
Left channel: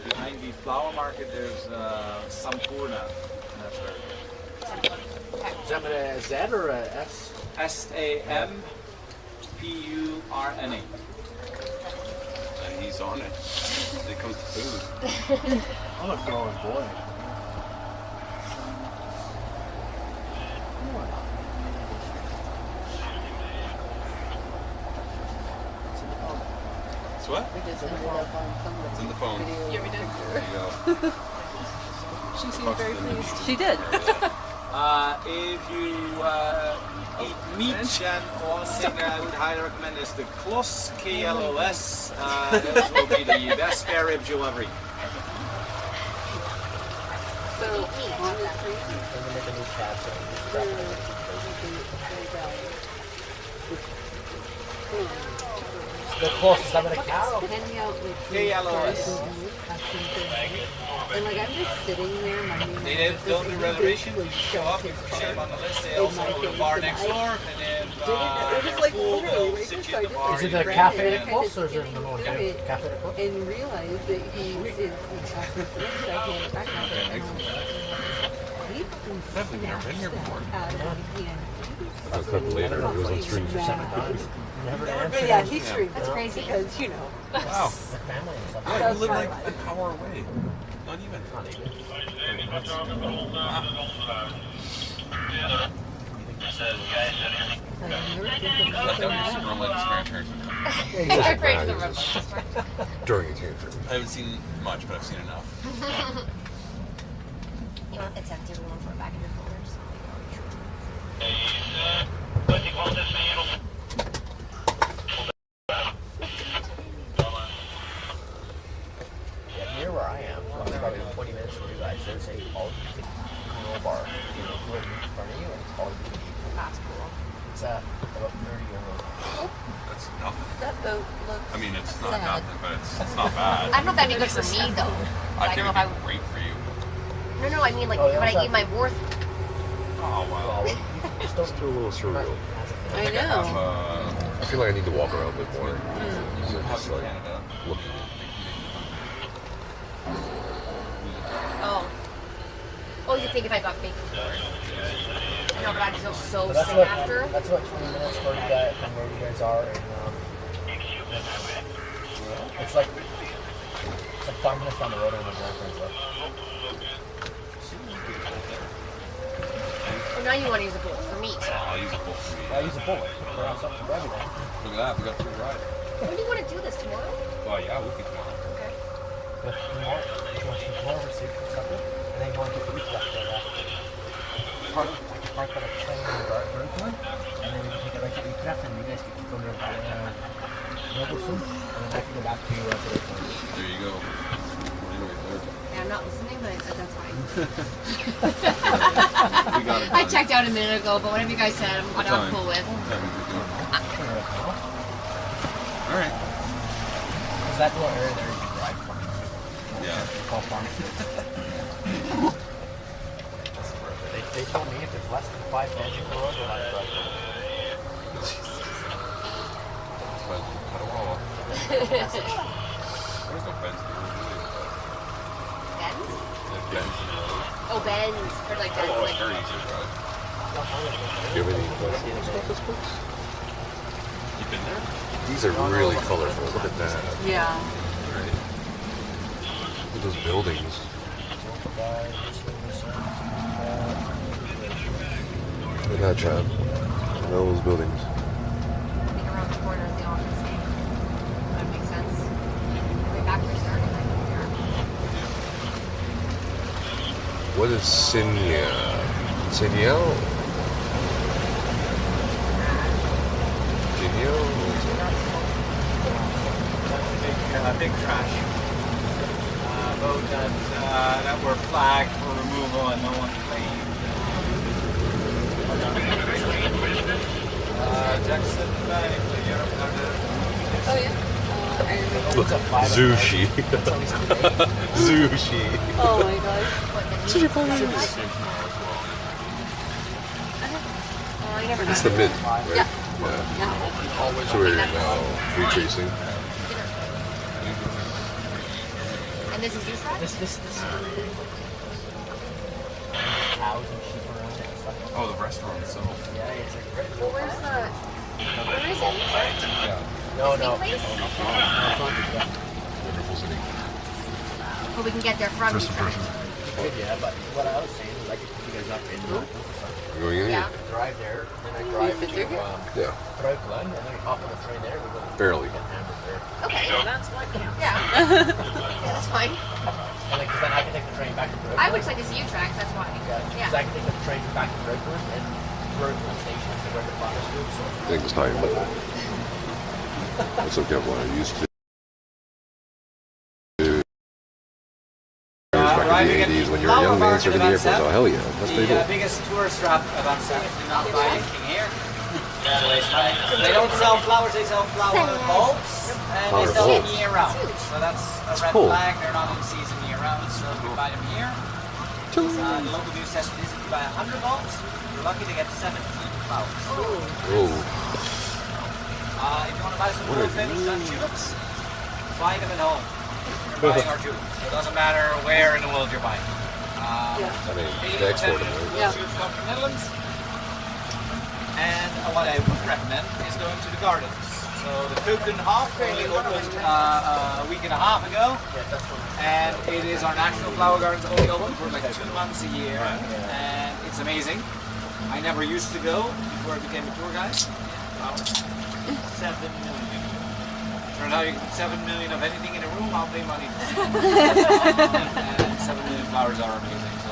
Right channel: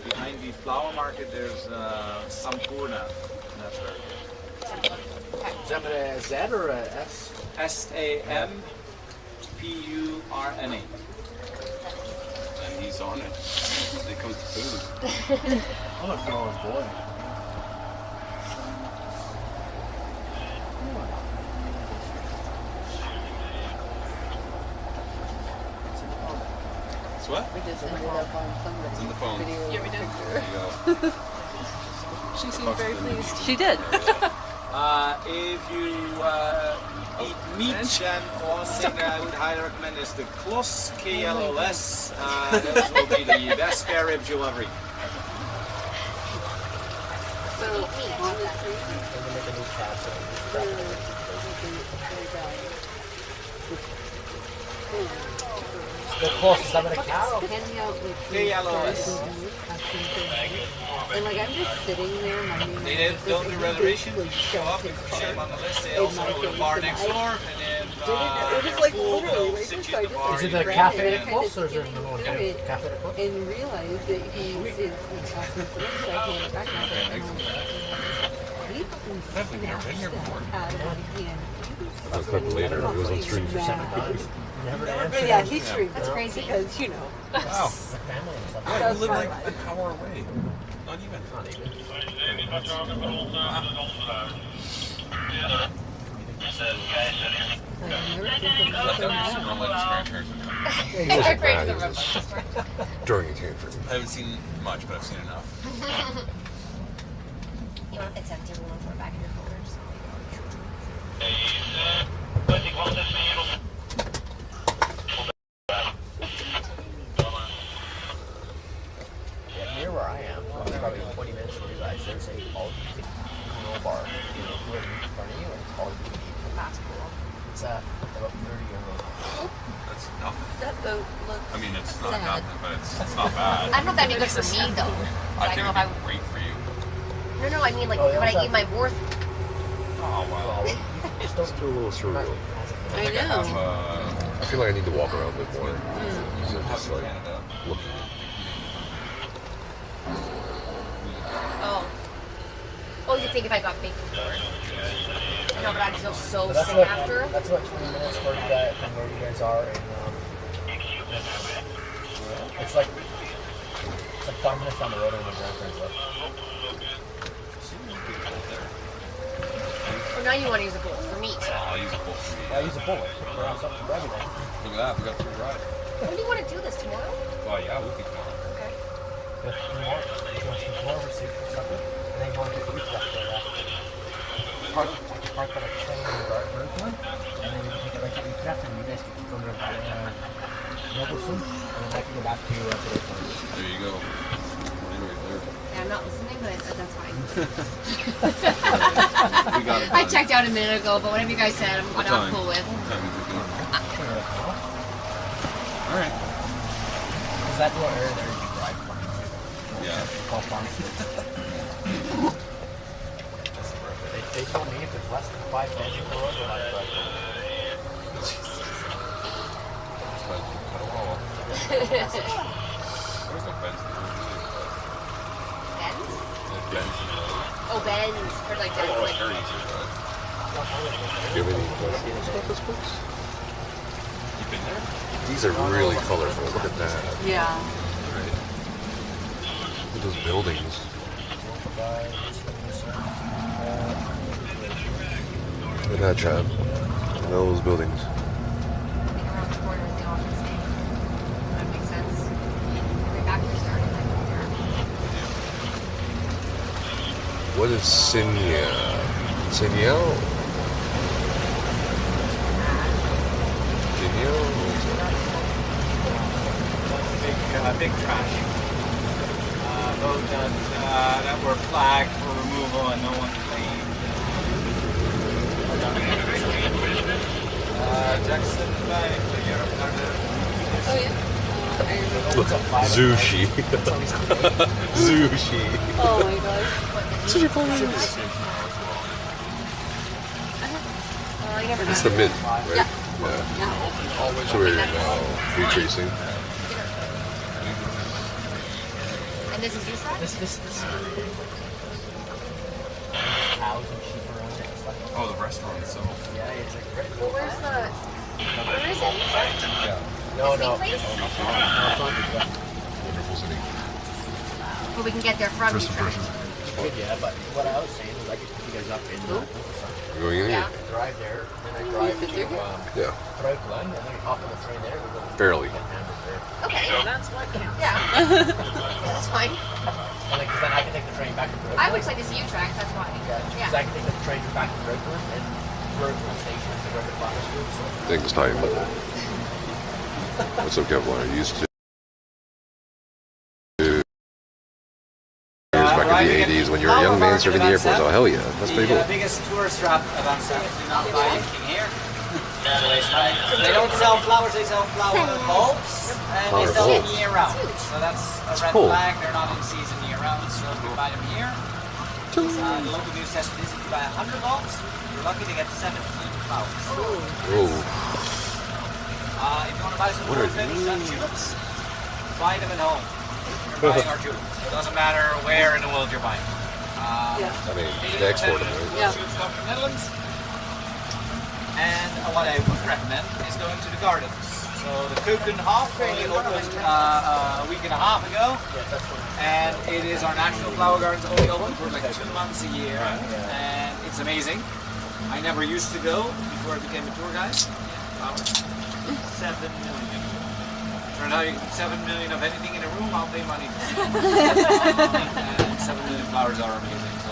behind the flower market there's Sampurna. And that's very good. Is that a Z or a S? Sampurna. And he's on it. It comes to food. I'm a growing boy. It's what? We just ended up on some It's in the phone. video. Yeah, we did. There you go. She seemed very pleased. She did. If you eat meat, then one thing that I would highly recommend is the Klos, K-L-O-S. Those will be the best spare ribs you'll ever eat. So, honestly, The closest I'm gonna cow. hanging out with K-L-O-S. and like I'm just sitting there minding They don't do reservations. You show up, you put your name on the list. They also have a bar next door, and then just like fool literally will right sit just you in the like bar. Is it and the you cafe drink. at close or is there another one? it Cafe at close? and realize that he's asking for it, so I hand it back and I was like, he fucking I've never been here before. out of my hand. I'll clip it later. It was on stream. Never Yeah, he streamed. That's crazy. Because, you know. Wow. The family and stuff. Yeah, That's you live like fine. an hour away. Not even. Not even. Wasn't Great bad, for it the was robot. during a tantrum. I haven't seen much, but I've seen enough. You know, it's empty. We won't throw it back in your folders. Yeah, near where I am, so it's probably 20 minutes from you guys. There's a all grill bar. You know, who in front of you, and it's all you can eat. That's cool. It's about 30 euros. That's nothing. That boat looks I mean, it's not sad. nothing, but it's not bad. I don't know if that'd be good for me though. I I think don't know it'd if I be great for you. No, I mean like Oh, yeah, when I what's eat my worth. Oh, wow. Well, you just don't Still a little surreal. I I have, know. I feel like I need to walk around a bit more. have Just like Canada. looking. Oh, you think if I got bacon before? I know, but I'd feel so But sick after. That's about 20 minutes from where you guys are in, it's like 5 minutes down the road in the grandparents live. Oh, now you want to use a bullet for meat. I'll use a bullet for meat. I use a bullet. We're on something for everything. Look at that, we got a free ride. When do you want to do this, tomorrow? Oh yeah, we'll be tomorrow. Okay. If you want to go over to supper, and then you want to get Utrecht right after. I can park at a train in the Brooklyn, and then we can take it right to Utrecht, and you guys can go to Noblesome, and then I can go back to the airport. There you go. Right there. Yeah, I'm not listening, but that's fine. We got it. I checked out a minute ago, but whatever you guys said, I'm cool with. Alright. Is that what area there you can drive from? Yeah. Call farm. They told me if it's less than 5 minutes from the road, then I drive. Cut a wall. There's no bends in the road. Bends? There's bends in the road. Oh, bends. For like bends. Oh, it's very easy to drive. Do you have any questions about this place? You've been there? These are really colorful. Look at that. Yeah. Right. Look at those buildings. Look at that, Chad. Look at those buildings. I think around the corner they all the same. That makes sense. Way back where started, I think there. What is Sinya? Sinyal? Big trash. Boat that were flagged for removal and no one claimed. Jackson Bay for Europe. Oh yeah. I remember. Look, Zushi. Zushi. Oh my gosh. Such a fun name. I never It's got the it. mint, right? Yeah. Yeah. So we're now decreasing. And this is your side? This cows and sheep around it and stuff. Oh, the restaurant itself. Yeah, it's like great. Well, where's where is it? Yeah. No. Place? Wonderful city. Well, we can get there from First you. impression. Good, yeah, but what I was saying is I could pick you guys up in We're going in Yeah. here? drive there, then I drive to Yeah. Breukelen, and then we hop on the train there, we go to Barely. Okay. So that's what counts. Yeah. Yeah, that's fine. And because then I can take the train back to Breukelen. I would like to see you tracks, that's why. Yeah, because I can take the train back to Breukelen, and Breukelen station is where the farmers do. So Things time, but that's okay. What I used to. Back in the 80s when you were a young man serving the airport. Oh, hell yeah. That's pretty cool. The biggest tourist trap of Amsterdam. Do not buy anything here. They don't sell flowers, they sell flower bulbs, and Flower they sell them bulbs. year round. So that's a red cool. flag. They're not in season year round, so if you buy them here. The local news says this: if you buy 100 bulbs, you're lucky to get 17 flowers. Oh. If you want to buy some What are orphans tulips, buy them at home. You're buying our tulips. It doesn't matter where in the world you're buying. Yeah. I mean, they export them, right? Yeah. Tulips come from the Netherlands. And what I would recommend is going to the gardens. So the Keukenhof only opened a week and a half ago. And it is our national flower gardens, only open for like 2 months a year. And it's amazing. I never used to go before I became a tour guide. Flowers. 7 million. Turns out you can put 7 million of anything in a room, I'll pay money. And 7 million flowers are amazing. So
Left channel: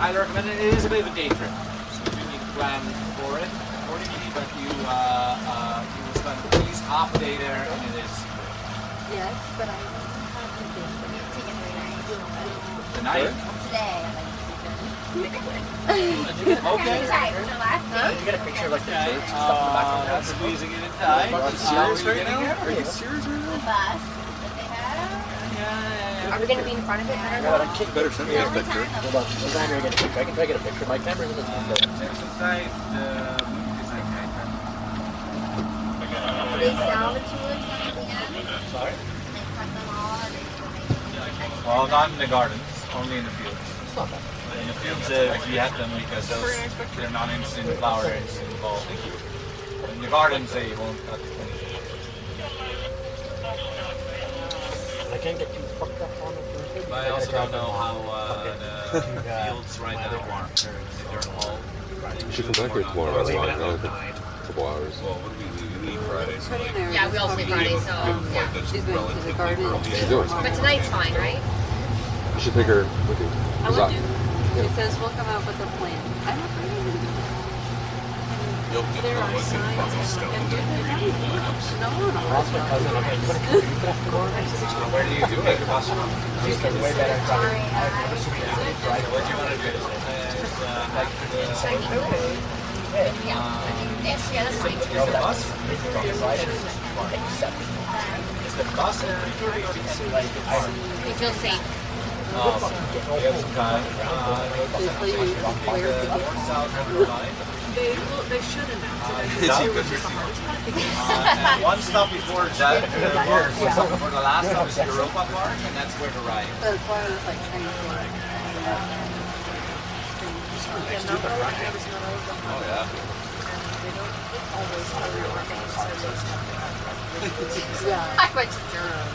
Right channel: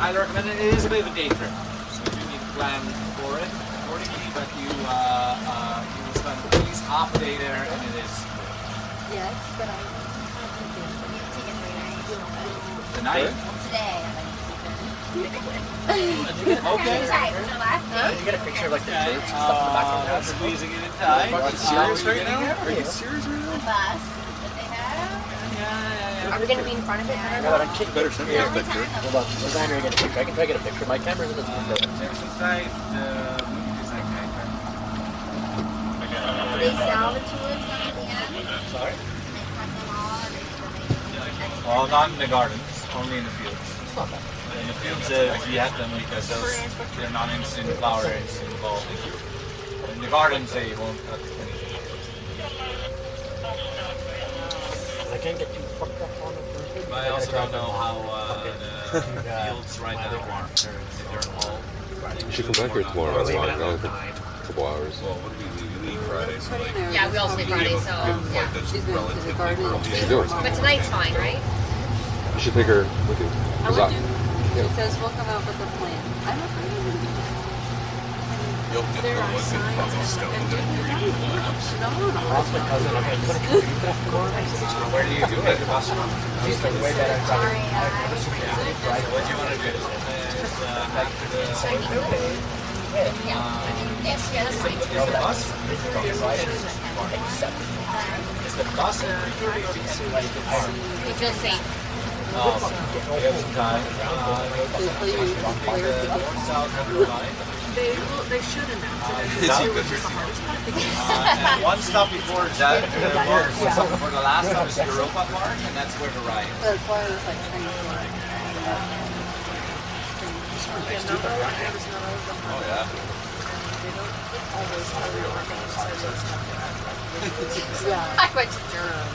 I recommend it. It is a bit of a day trip. So you do need to plan for it accordingly, but you will spend at least half a day there, and it is Yes, but I the night. Today. Okay. Did you get a picture of like the church and stuff in the background? Squeezing it in tight. Are you serious right now? Are you serious right The now? bus that they have. Are we going to be in front of it? Better send me a picture. Hold on, we're trying to get a picture. I can try to get a picture. My camera's in this window. Section 5, the design guide. Do they sell the tulips at the end? Sorry? They cut them all, or they still make them? Well, not in the gardens, only in the fields. It's not that bad. in the fields we have them because they're not instant flowers involved. In the gardens they won't cut anything. I can't get too fucked up on it. But I also don't know how the fields right now are. If they're all. You should come back here tomorrow. That's fine. I'll put a couple hours. Well, what do we leave Friday? So like, Yeah, we also leave Friday, so yeah. She's going to the garden. She's doing. But tonight's fine, right? You should take her with you. She says we'll come out with a plan. I'm afraid I'm going to do that. you'll get the wood from the stone. No. That's my cousin. Okay, you want to come to tomorrow? Where do you do it? She's the way better. What do you want to do? Like Yes, that's fine. is the bus? Is the bus? We feel safe. We have some time. They should announce it. And one stop before that, for the last stop is Europa Park, and that's where the ride is. That's why I was like trying to Oh yeah. yeah. I went to Durham.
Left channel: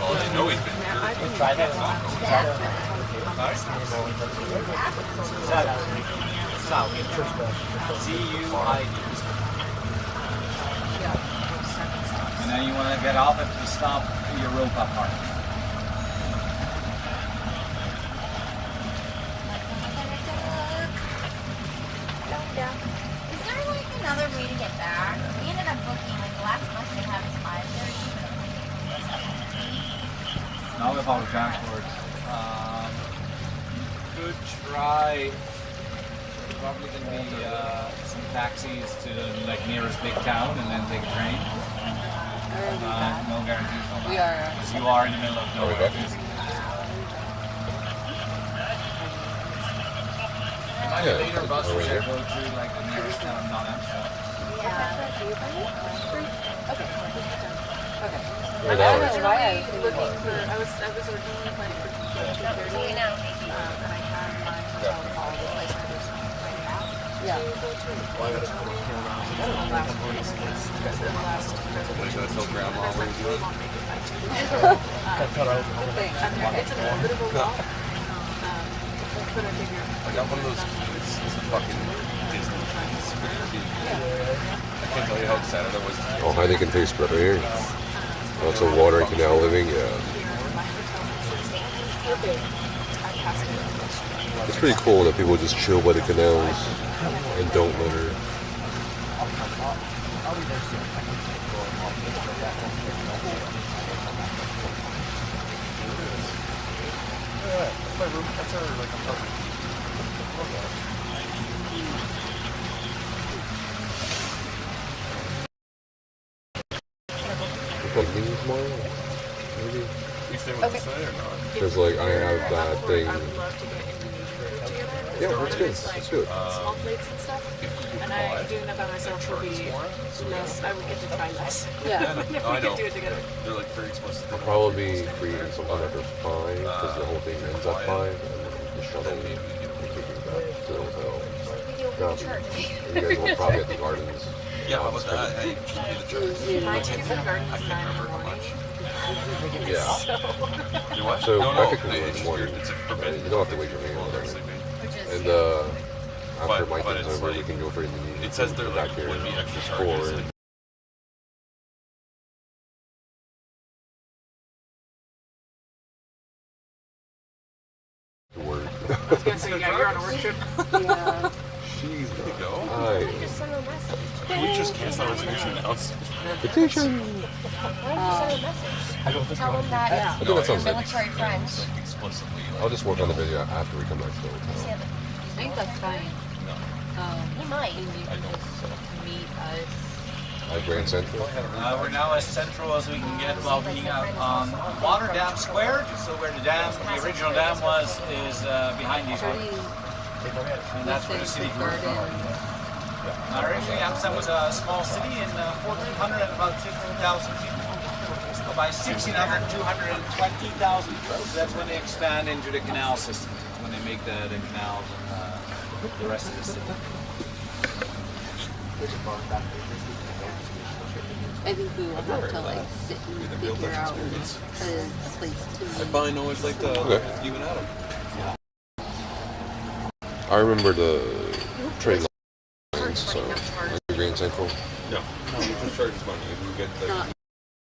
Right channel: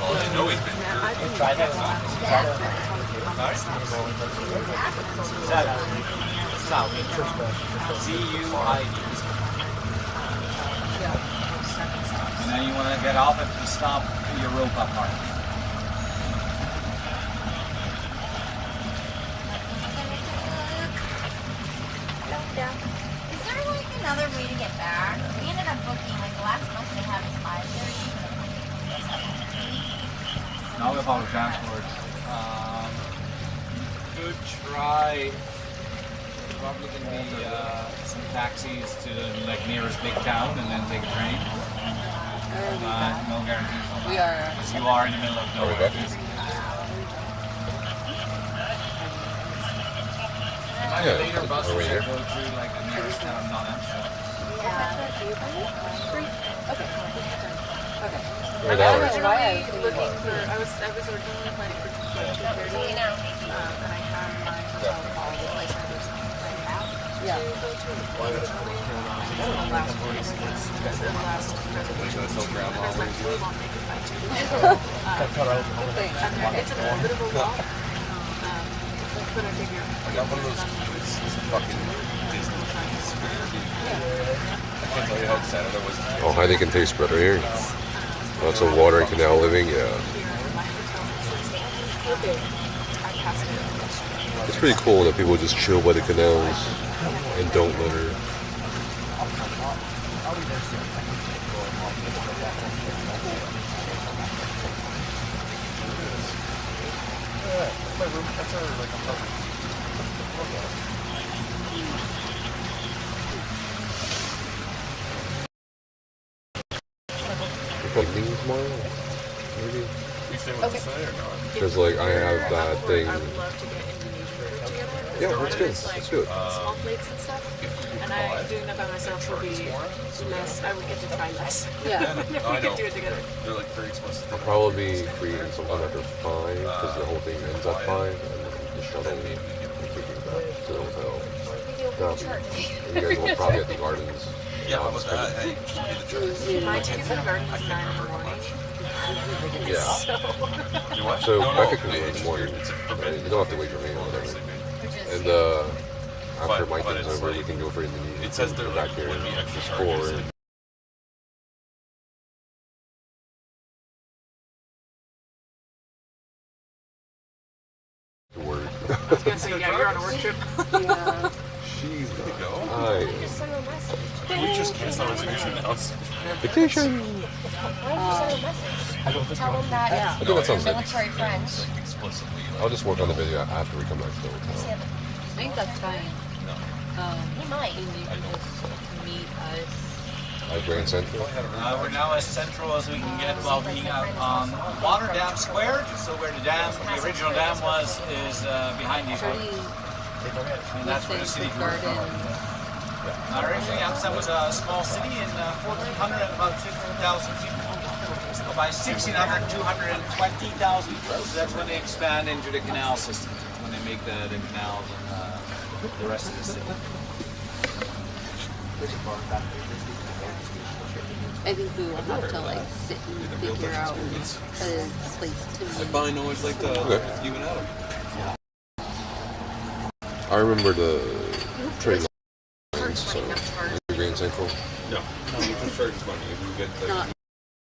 Well, they know he's been here. Try that. South. C-U-I-D. And then you want to get off at the stop Europa Park. Is there like another way to get back? We ended up booking like the last bus they had was 5:30. Now with public transport. Good try. Probably gonna be some taxis to the nearest big town and then take a train. No guarantees on that. We are. Because you are in the middle of nowhere. You might have later buses that go through like the nearest town, not Amsterdam. Okay. I was originally planning for 2:30. And I had my hotel call the place I was Yeah. to go to. Last week, the last That's how grandma always we does. won't make it by 2:30. It's a bit of a walk. But I figure I got one of those fucking Disney trees. I can't tell you how excited I was. Oh, how they can taste better here. Lots of water and canal living, yeah. It's pretty cool that people just chill by the canals and don't litter. That's my room. That's our like apartment. Like leave tomorrow? Maybe? You stay with us today or not? Because like I have that thing. I would love to get Indonesia together. Yeah, So that's good. it's Let's do it. Small plates and stuff. And doing that by myself would be less. I would get to try less. Yeah. If we I could know. do it together. They're like very explicit. I'll probably be free sometime after 5 because the whole thing ends at 5 and then the shuttle will take me back to the hotel. You guys will probably at the gardens. Yeah, what was that? Hey, just pay the charge. My ticket to the garden is 9 in the morning. Yeah. You what? So No, I could come in the morning. It's You don't have to wait for me or whatever. And after my but thing's it's over, like- we can go for Indonesia. It says there back like here would be extra for charges. to work. I was gonna say, yeah, you're on a work trip. Yeah. She's Go. hi. Just send a message. We just canceled our reservation now. Vacation. Why don't you send a message? Tell them that I think that sounds good. military friends. Like explicitly. I'll just work on the video after we come back to the See hotel. if I think that's fine. you might. And you can just meet us. At Grand Central. We're now as central as we can get while being out on Water Dam Square. So where the original dam was, is behind these ones. And that's where the city grew from. Originally, Amsterdam was a small city in 1400 and about 15,000 people. So by 1600, 220,000 people. So that's when they expand into the canal system. when they make the canals and the rest of the city. I think we will have to like sit and figure out a place to I find always like to even at them. I remember the train lines, so Grand Central. No, you just charge money. You get the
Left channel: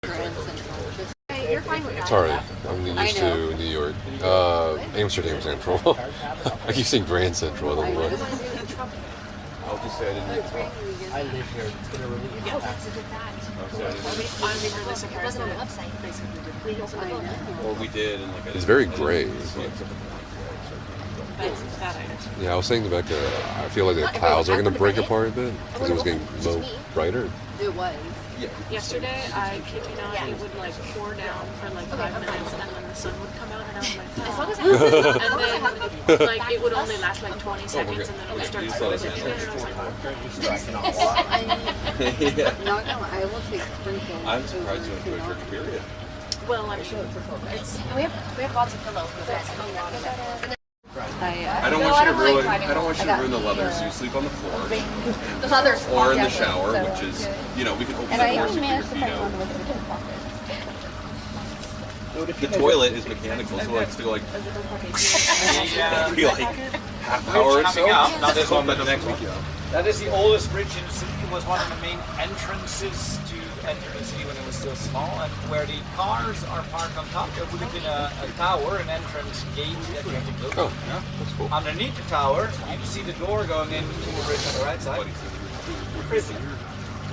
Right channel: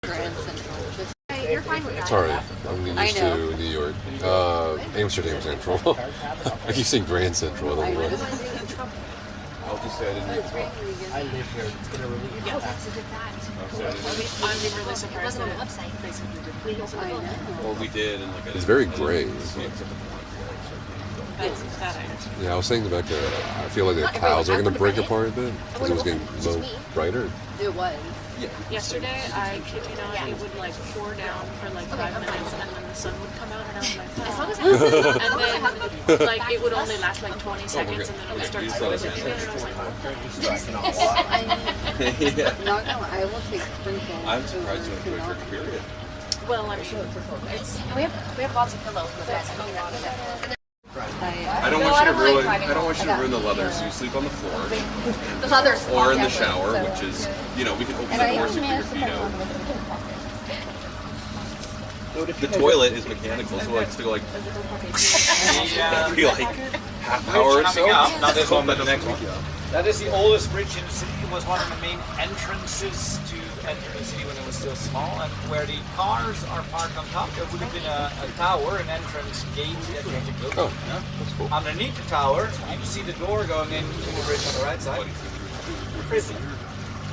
Grand Central. Hey, you're fine with that. Sorry, I'm used to New York. Amsterdam Central. I keep saying Grand Central. I don't know why. I'll just say I didn't get it. I live here. It's gonna really Oh, that's a good that. I'm really surprised It wasn't on the that website. basically did. We opened the book. Or we did, and like It's very gray. That's that I understand. Yeah, I was saying to Becca, I feel like the clouds are going to break apart a bit because it was getting a little brighter. It was. Yeah. Yesterday, I kid you not, it would like pour down for like 5 minutes, and then the sun would come out, and I was like, As long as and then like it would only last like 20 seconds, and then it would start sprinkling again. And I was like, Yeah. Not gonna lie, I will take sprinkles. I'm surprised you went to a drink period. well, I'm sure it's. we have lots of pillows in the bed. I don't want you to ruin. I don't want you to ruin the leather. So you sleep on the floor, The others. or in the shower, which is, you know, we can open the door so you can feet out. The toilet is mechanical, so like still like every like half hour or so. Coming up, not this one, but the next one. That is the oldest bridge in the city. It was one of the main entrances to enter the city when it was still small. And where the cars are parked on top, there would have been a tower, an entrance gate that you had to go through. Oh, yeah, that's cool. Underneath the tower, you can see the door going into the bridge on the right side. Prison.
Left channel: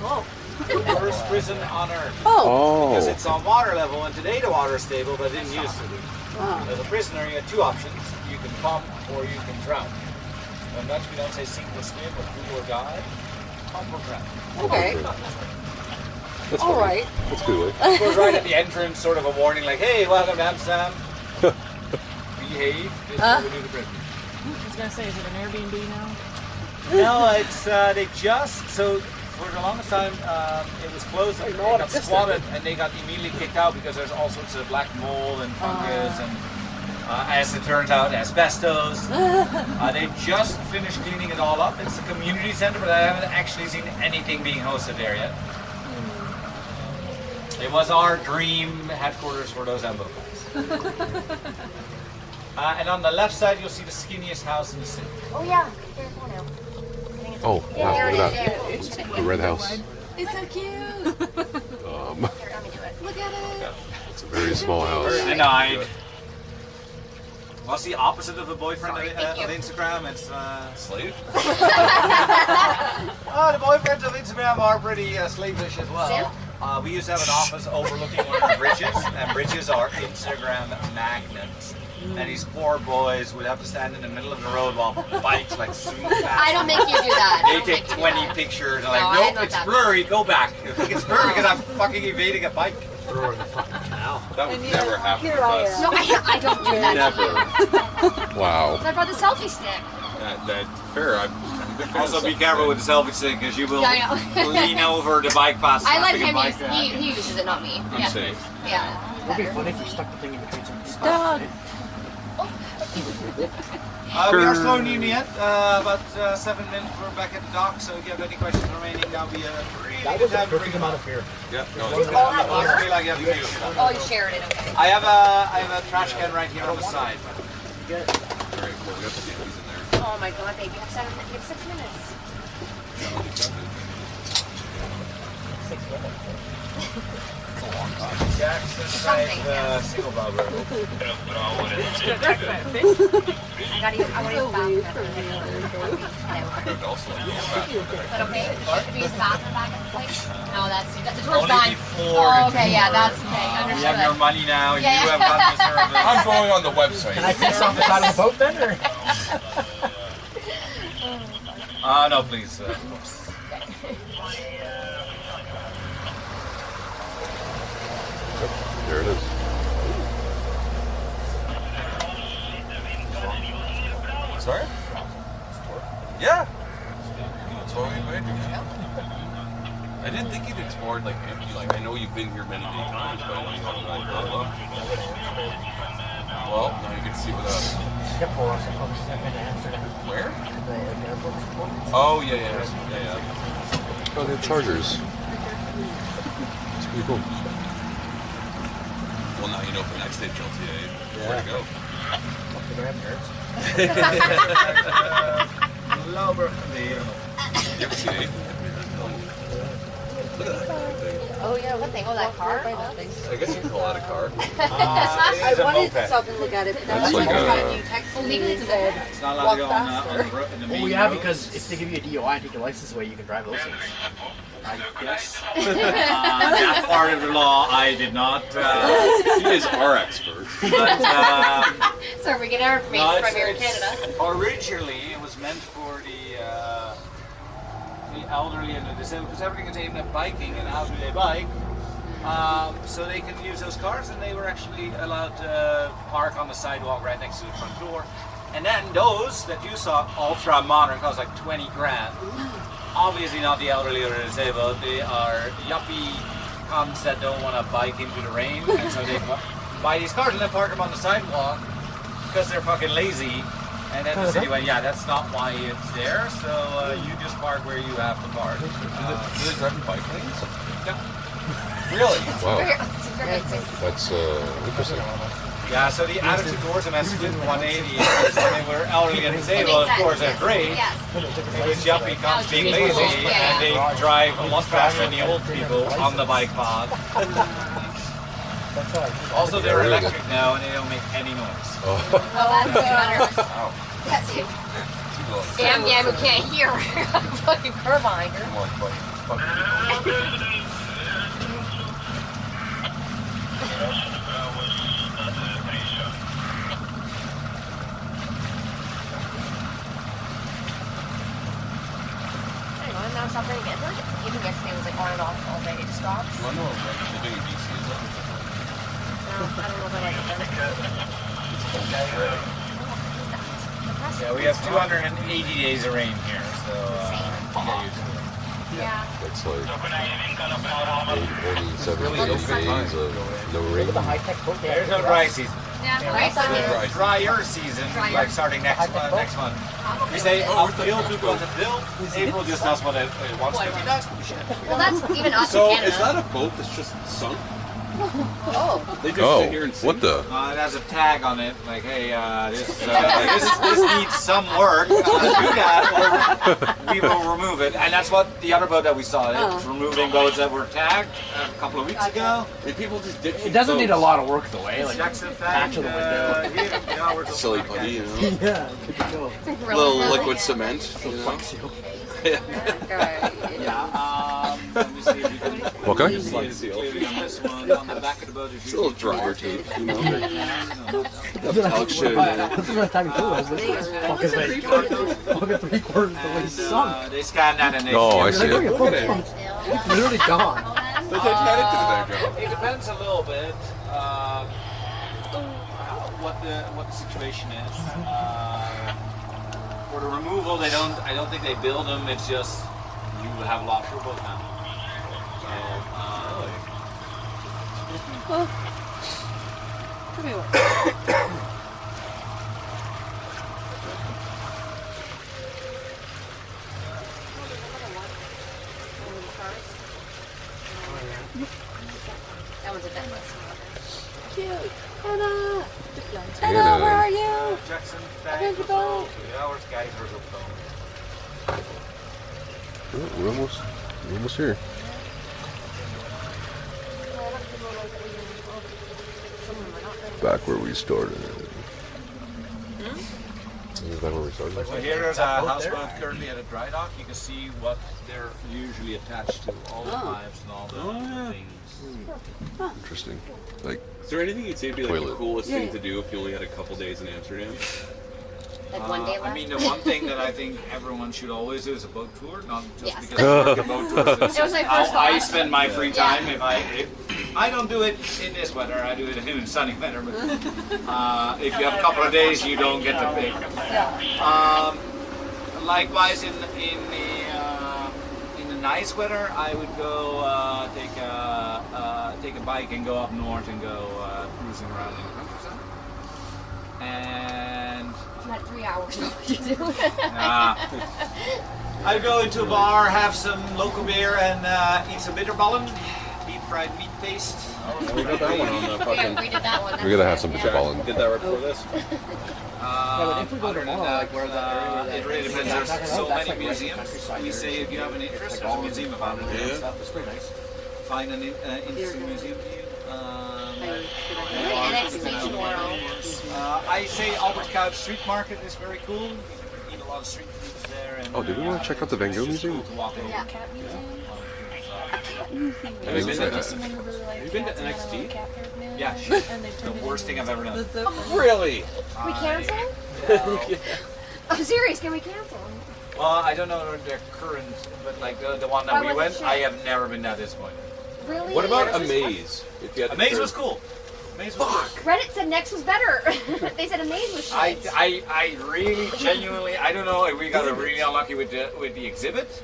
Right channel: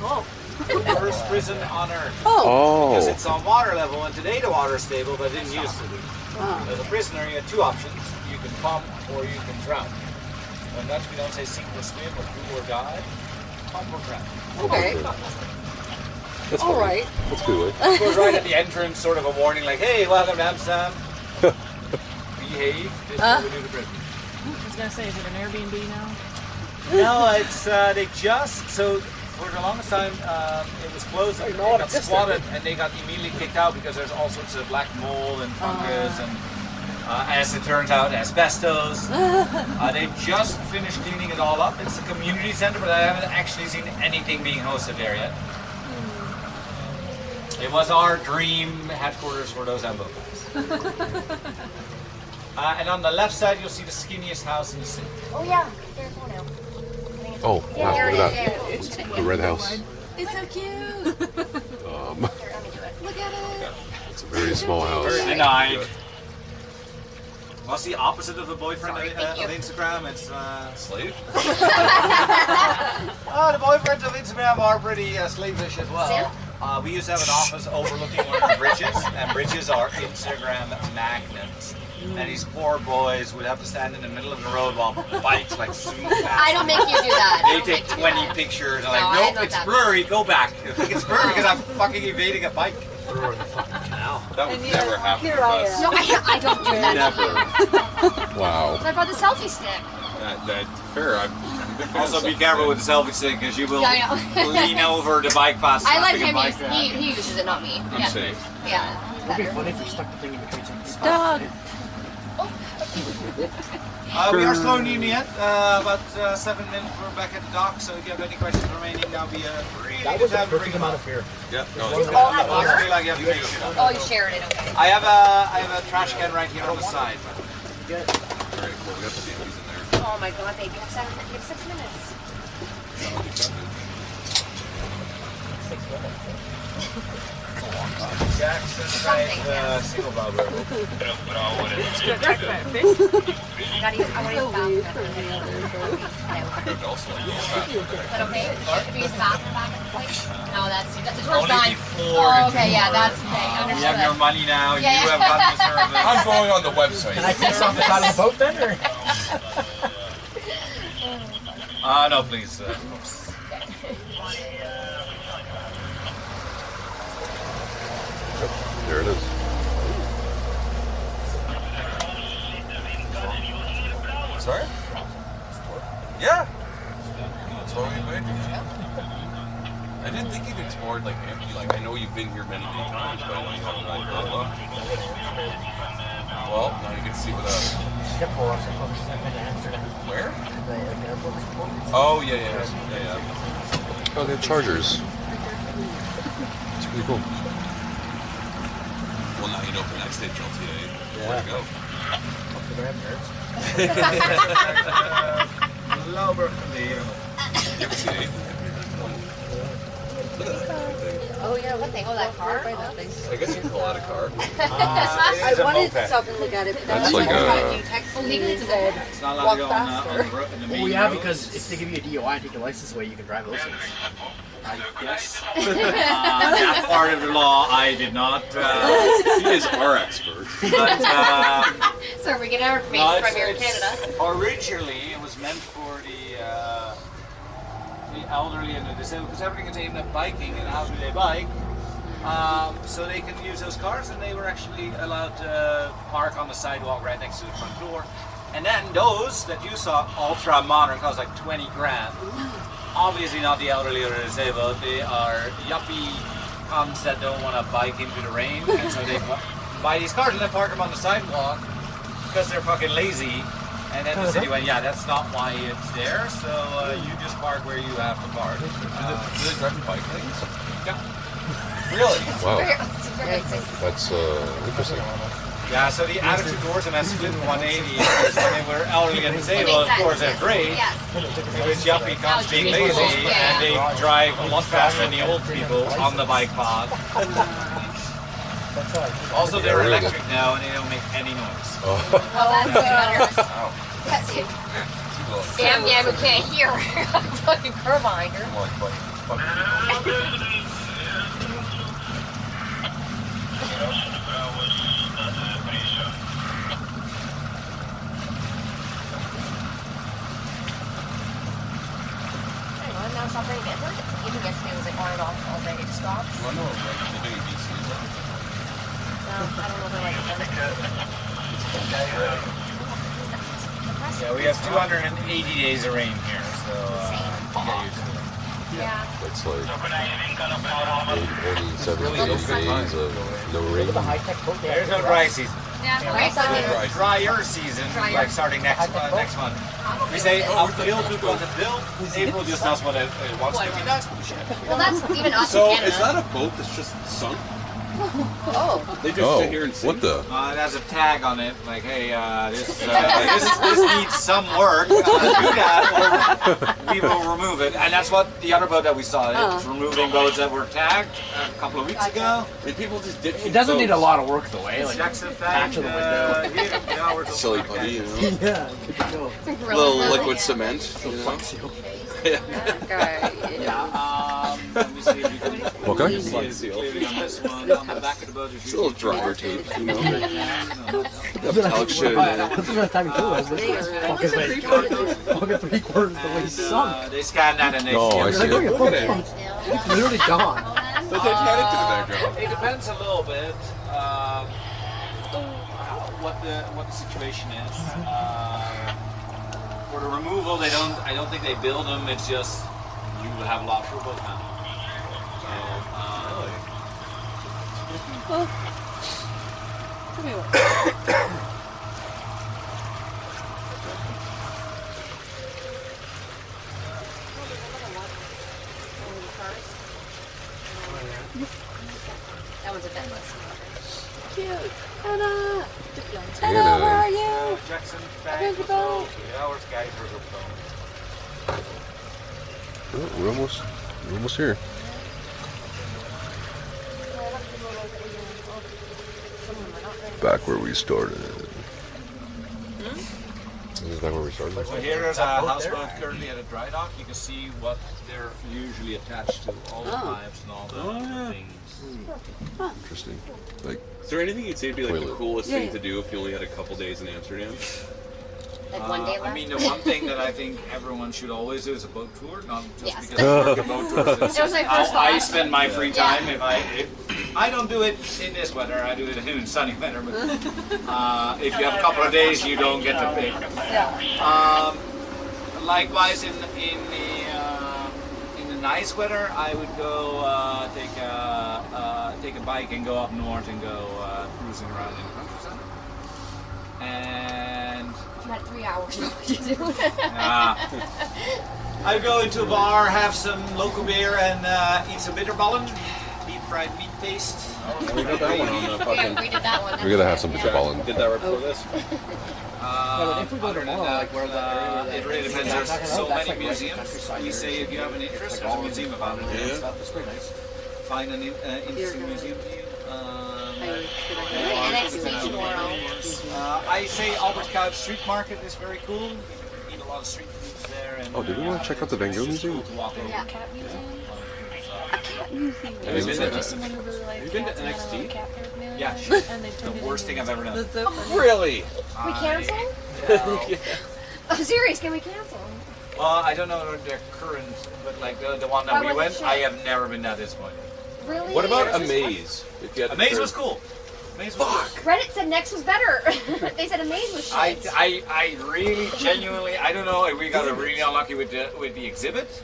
Whoa. The first prison on Earth. Oh. Because it's on water level, and today the water is stable, but it didn't used to be. As a prisoner, you have two options. You can pump or you can drown. And Dutch, we don't say sink or swim or do or die. Pump or drown. Okay. That's All funny. right. That's a good way. It goes right at the entrance, sort of a warning like, hey, welcome to Amsterdam. Behave. This is where we do the bridge. I was gonna say, is it an Airbnb now? No, it's, they just, so for the longest time, it was closed and they got squatted and they got immediately kicked out because there's all sorts of black mold and fungus and, as it turns out, asbestos. They just finished cleaning it all up. It's a community center, but I haven't actually seen anything being hosted there yet. It was our dream headquarters for those ambo guys. And on the left side, you'll see the skinniest house in the city. Oh yeah, there's one now. Oh, Yeah, wow, there look it at is. that. Yeah. The red house. It's so cute. Here, let me do it. Look at it. It's a very small house. Very nice. What's the opposite of a boyfriend Thank of you. Instagram? It's Slave. oh, the boyfriends of Instagram are pretty slavish as well. Sam? We used to have an office overlooking one of the bridges, and bridges are Instagram magnets. And these poor boys would have to stand in the middle of the road while bikes like zoom past. I don't make you do that. I They don't take make you do 20 that. pictures and No, like, I'm nope, not it's that blurry, go back. I think it's blurry because I'm fucking evading a bike. That would never happen with us. No, I don't do that. Never. Wow. So I brought the selfie stick. That fair. I'm a big fan Also, of be stuff. careful with the selfie stick because you will Yeah, I know. lean over the bike path. I let slapping a him bike use. He uses it, not me. I'm Yeah. safe. Yeah. It'd be funny if you stuck the thing in between some Dog. We are slowing in yet. About 7 minutes. We're back at the dock. So if you have any questions remaining, that'll be a really That good was a time to bring perfect them amount up. of beer. Yeah. No, All it's at I once. feel like you have to feel it. Oh, you shared it. Okay. I have a trash can right here on the side. very cool. We got the candies in there. Oh my god, babe, you have 6 minutes. Jackson's right, single bubble. I gotta use. I want to use the bathroom. But okay, if we use the bathroom back at the place. No, that's the door's Only gone. before Oh, the okay, yeah, tour. that's okay. You Understood. have your money now. Yeah, You yeah. have gotten the service. I'm going on the website. Can I take something out of the boat then? Or? No, please. There it is. Sorry? Yeah. That's what we made. I didn't think you'd explored like empty. Like I know you've been here many times, but I know you haven't really grown up. Well, now you get to see with us. Schiphol or something. I've been to Amsterdam. Where? The airport. Oh, yeah. Oh, they have chargers. It's pretty cool. Well, now you know for next stage LTA. Where to go. Off the gram, nerds. LTA. Look at that thing. Oh yeah, what thing? Oh, that car. I guess you can call that a car. I wanted to stop and look at it, but That's then like you texted me legally and it's said, It's not allowed to go walk on faster. the road in the main Oh yeah, roads. because if they give you a DOI and take your license away, you can drive those things. I guess. That part of the law I did not. He is our expert. But, So we get our information from here in Canada. Originally, it was meant for the elderly and the disabled, because everything is aimed at biking and how do they bike. So they can use those cars, and they were actually allowed to park on the sidewalk right next to the front door. And then those that you saw, ultra modern, cost like 20 grand. Obviously not the elderly or the disabled. They are yuppie cunts that don't want to bike into the rain, and so they buy these cars and then park them on the sidewalk because they're fucking lazy. And then the city went, yeah, that's not why it's there, so you just park where you have to park. Do they drive in bike lanes? Yeah. Really? Wow. It's very exciting. That's interesting. Yeah, so the attitude towards them has split 180. When they were elderly and disabled, of course, they're great. Yes. It was yuppie cunts being lazy, and they drive a lot faster than the old people on the bike path. Also, they're really electric now, and they don't make any noise. Oh. Oh, that's better. Wow. That's it. Damn, we can't hear. Fucking car behind her. More like Now stop bringing it. Even yesterday was like on and off all day. It stopped. Do I know what they're doing in BC? No, I don't know if I like it. Yeah, we have 280 days of rain here, so get used to it. Yeah. That's like only 7 days of no rain. There's no dry season. Yeah, There's drier season, like starting next month. We say uphill to go to fill. April just does what it wants to. Well, that's even us So in Canada. is that a boat that's just sunk? Oh. They just sit here and sing? What the? It has a tag on it, like, hey, this needs some work. Do that, or we will remove it. And that's what the other boat that we saw. It was removing boats that were tagged a couple of weeks ago. And people just ditch It doesn't need a lot of work though, eh? Like Jackson patch of the window. silly putty, you know? Yeah, good to go. Little liquid cement, you know? Yeah, let me see if we can. Okay. See it clearly on this one. On the back of the boat, It's a little dryer tape, you know? Metallic shit. That's what I'm talking to. Fucking 3/4 the way sunk. They scanned that and they. Oh, I see it. It's literally gone. The Titanic did that job. It depends a little bit what the situation is. For the removal, I don't think they build them. It's just you have a lot for both now. That one's a bit less. Cute. Anna! Anna, where are you? Jackson, I'm in the boat. Our guys are We're almost here. Back where we started. This is back where we started. So here is a houseboat currently at a dry dock. You can see what they're usually attached to, all the pipes and all the things. Interesting. Like, Is there anything you'd say would be like the Toilet. coolest thing to do if you only had a couple days in Amsterdam? Like 1 day left. I mean, the one thing that I think everyone should always do is a boat tour, not just Yes. because I work a boat tour. It's That was my how first thought. I spend my free time. If I don't do it in this weather, I do it in sunny weather. But if you have a couple of days, you don't get to pick. Likewise, in the nice weather, I would go take a bike and go up north and go cruising around in the countryside. And You had 3 hours to do. I'll go into a bar, have some local beer, and eat some bitterballen, deep fried meat paste. We got that one on the fucking. We did that one. We're gonna have some bitterballen. Did that right before this? If we go tomorrow, like where the area it really depends. There's so many museums. We say if you have an interest, there's a museum about it. and stuff. It's pretty nice. Find an interesting museum to you. NXT tomorrow. I say Albert Kuip Street Market is very cool. You can eat a lot of street foods there. And, Oh, did we want to check out the Van Gogh Museum? Yeah. Cat museum. I didn't say Just that. someone who really liked Have you been to cats and had a NXT? little cat haired man. Yeah, And they the turned it worst thing into I've ever done. Really? We cancel? No. I'm serious. Can we cancel? Well, I don't know their current, but like the one that Why we was it went, shit? I have never been that disappointed. Really? What about Yours is Amaze? If you had to Amaze turn- was cool. Amaze was cool. Reddit said Next was better. They said Amaze was shit. I really genuinely I don't know if we got really unlucky with the exhibit.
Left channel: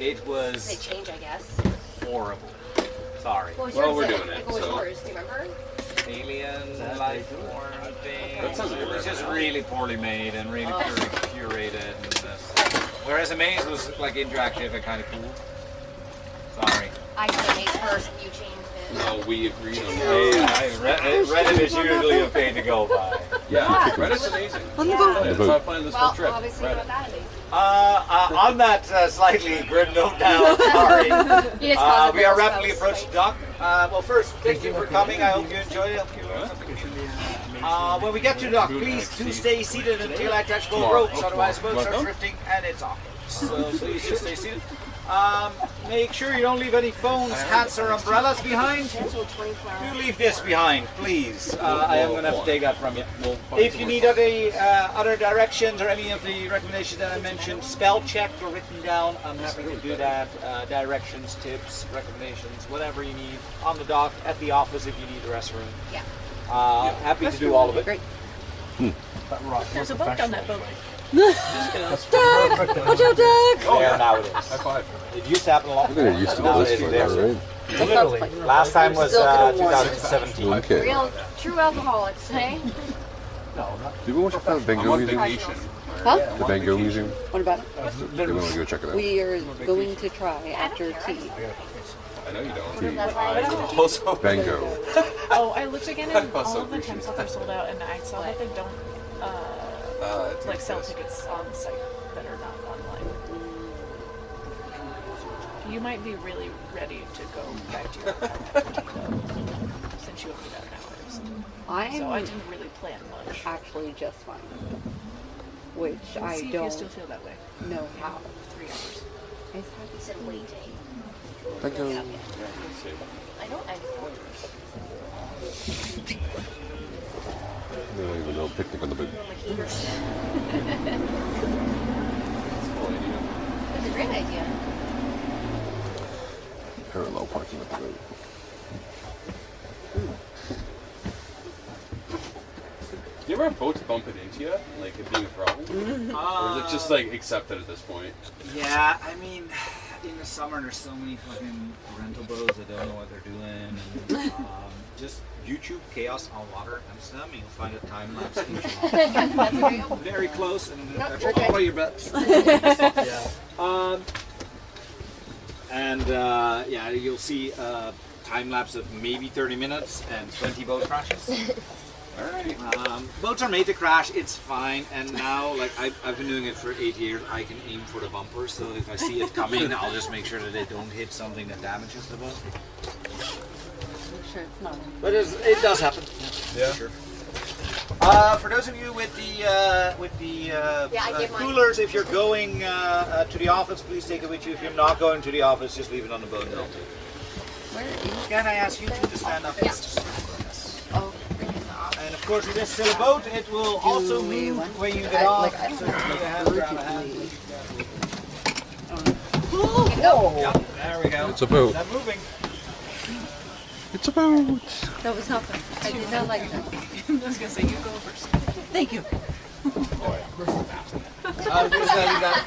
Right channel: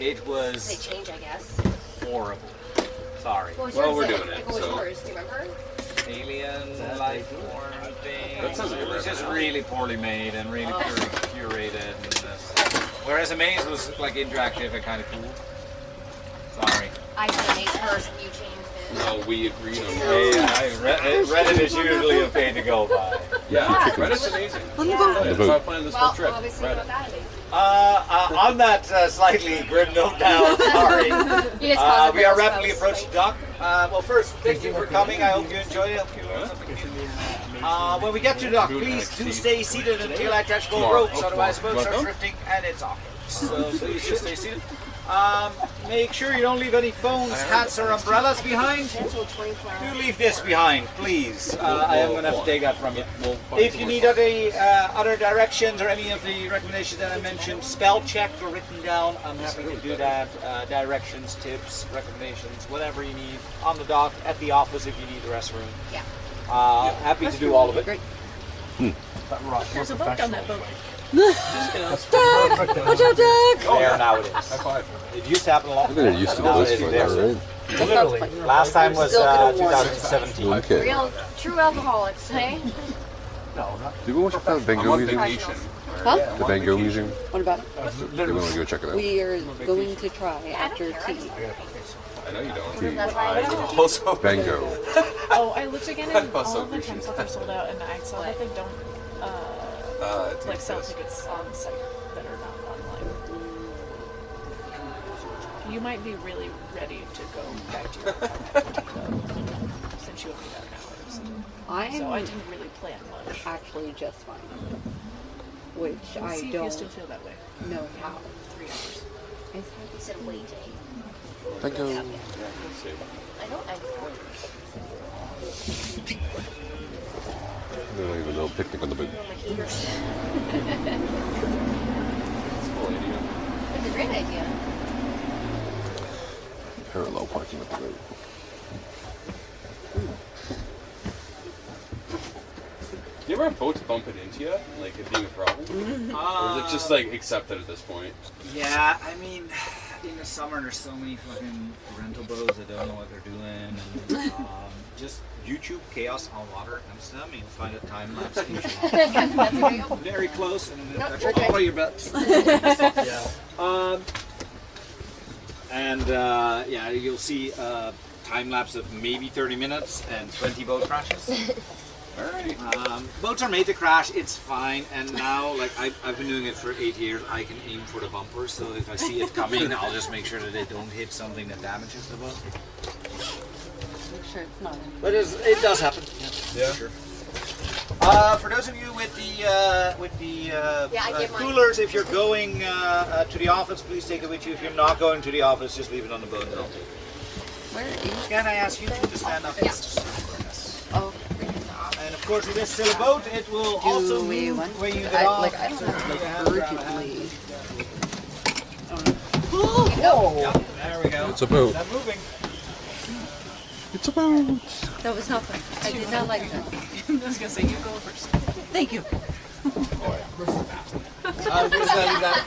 It They was change, I guess. horrible. Sorry. What was Well, yours we're then? doing it, Like, what was so- yours? Do you remember? Alien life form thing. That sounds like it a was rare just one. really poorly made and really curated. And whereas Amaze was like interactive and kind of cool. Sorry. I did Amaze first and you changed it. No, we agreed on that. Reddit is usually a pain to go by. Yeah, Reddit's amazing. On the Yeah. boat. That's why I planned this whole Well, trip. obviously Reddit. not that Amaze. On that slightly grim note now, sorry. You just caused a We are real rapidly spell approaching dock. Well, first, thank you for coming. I hope you enjoyed it. I hope you learned something new. When we get to dock, please do stay seated until I touch both ropes, otherwise the boat starts drifting and it's awkward. So please just stay seated. Make sure you don't leave any phones, hats, or umbrellas behind. Cancel 24 hours. Do leave this behind, please. I am going to have to take that from you. If you need other directions or any of the recommendations that I mentioned, spell checked or written down, I'm happy to do that. Directions, tips, recommendations, whatever you need on the dock, at the office if you need the restroom. Yeah. Happy to do all of it. Great. There's a boat on that boat. Doug! Watch out, Doug! There now it is. High five. It used to happen a lot. We're getting used to Now this it is right there. now, right? Literally. Last time was Still gonna warn you. 2017. Okay. Real, true alcoholics, hey? No, not. Did we want to check out the Van I'm Gogh on Museum? vacation. Huh? The Van Gogh Museum? What about it? Do we want to go check it out? We are going to try after tea. I know you don't. That's why I don't. Also, Van Gogh. Oh, I looked again and all Also of the appreciate time slots are sold out, and I saw that they don't like sell tickets on site that are not online. You might be really ready to go back to your apartment since you only got an hour. So I I'm didn't really plan much. actually just fine. Which We'll I see if don't you still feel that way. know how. 3 hours. You said wait. Van Gogh. I don't. No, even no picnic on the boat. It's a great idea. Parallel parking at the boat. do you ever have boats bumping into you? Like it being a problem? Or is it just like accepted at this point? Yeah, I mean, in the summer there's so many fucking rental boats that don't know what they're doing. And, just YouTube Chaos on Water Amsterdam, you'll find a time lapse very close and all your bets. Yeah, you'll see a time lapse of maybe 30 minutes and 20 boat crashes. Alright. Boats are made to crash, it's fine, and now, like, I've been doing it for 8 years, I can aim for the bumper, so if I see it coming, I'll just make sure that they don't hit something that damages the boat. Make sure it's not. But it does happen. Yeah. Sure. For those of you with the I gave mine. coolers, if you're going to the office, please take it with you. If you're not going to the office, just leave it on the boat and I'll take it. Where is Can I ask you to stand up? Yeah. Oh, And of course, it is still a boat. It will also we move want- when you get I- off. like, I don't So know put your how hands around the hand. urgently. Yep, there we go. It's a boat. Not moving. It's a boat. That was not fun. I did not like that. I was gonna say you go first. Thank you. I'm just gonna leave that.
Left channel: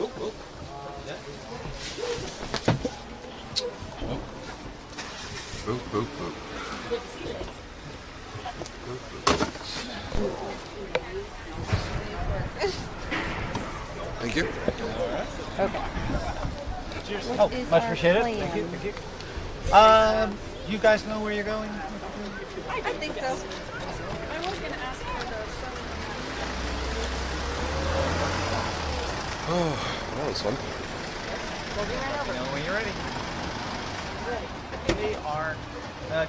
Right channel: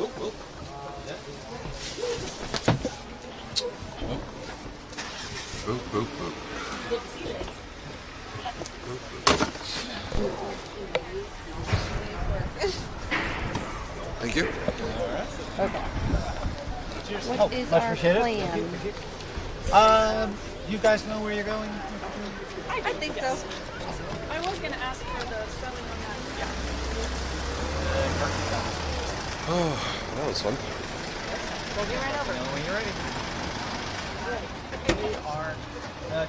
Oop, oop. Boat, boat, boat. Thank you. Okay. Oh, What is much our appreciated. plan? Thank you, thank you. You guys know where you're going? I think so. I was gonna ask for the selling Oh, that was fun. We'll get right over. Know when you're ready.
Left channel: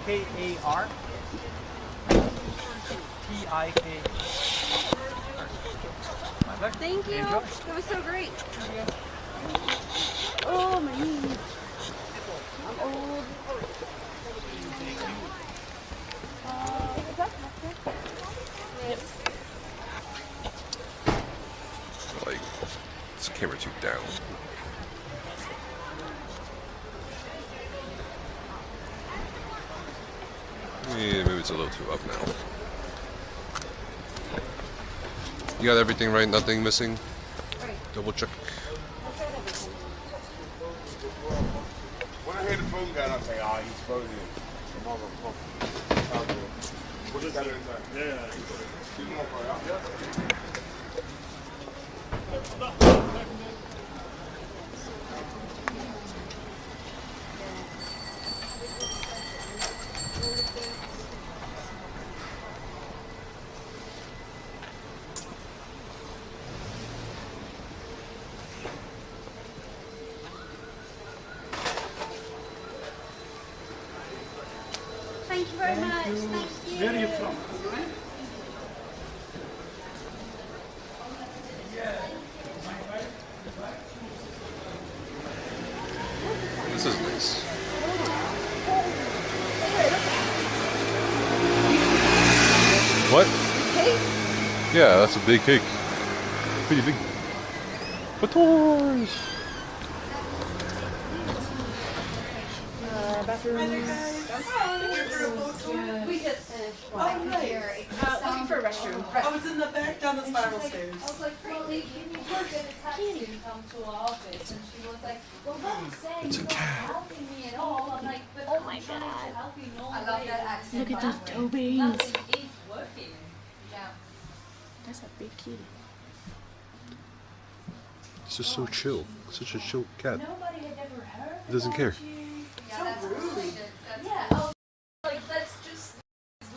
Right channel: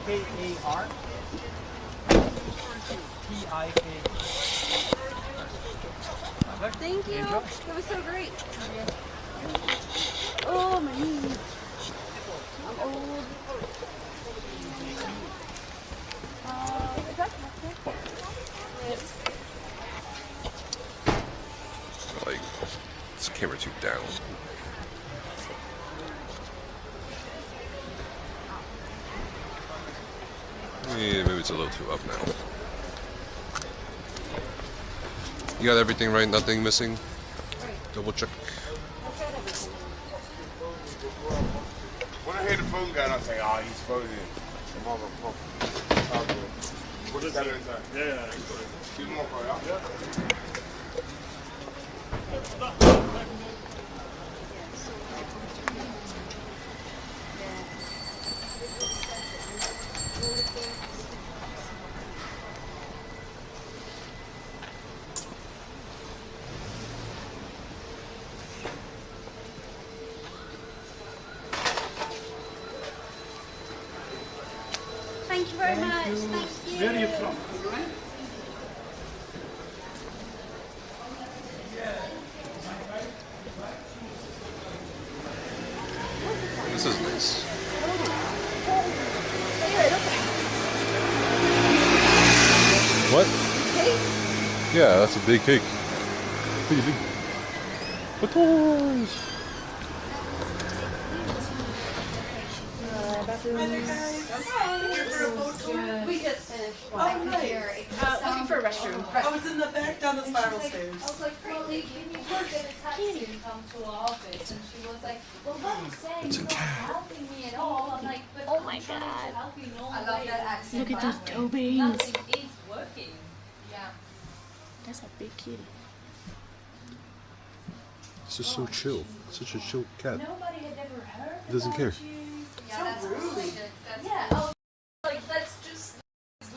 K-A-R T-I-K. Thank you. Enjoy. It was so great. Oh, my knees. I'm old. Is that Like, this camera too down. Yeah, maybe it's a little too up now. You got everything right? Nothing missing? Double check. When I hear the phone going, I say, oh, he's phoning. The motherfucker. What is that inside? Yeah. Two more for you. Yeah. Thank you very much. Thank you. Where are you from? This is nice. What? Yeah, that's a big cake. Pretty big. Bators! We just finished. Oh, nice. Looking for a restroom. I was in the back down the spiral stairs. I was like, Molly, can you work in a taxi and come to our office? And she was like, well, what are you saying? You're not helping me at all. I'm like, but oh my God. I love that accent. Look at those toe beans. Nothing is working. Yeah. That's a big kitty. It's just so chill. Such a chill cat. Nobody had ever heard. He doesn't care. Yeah, that's rude. Yeah, I was like, that's just.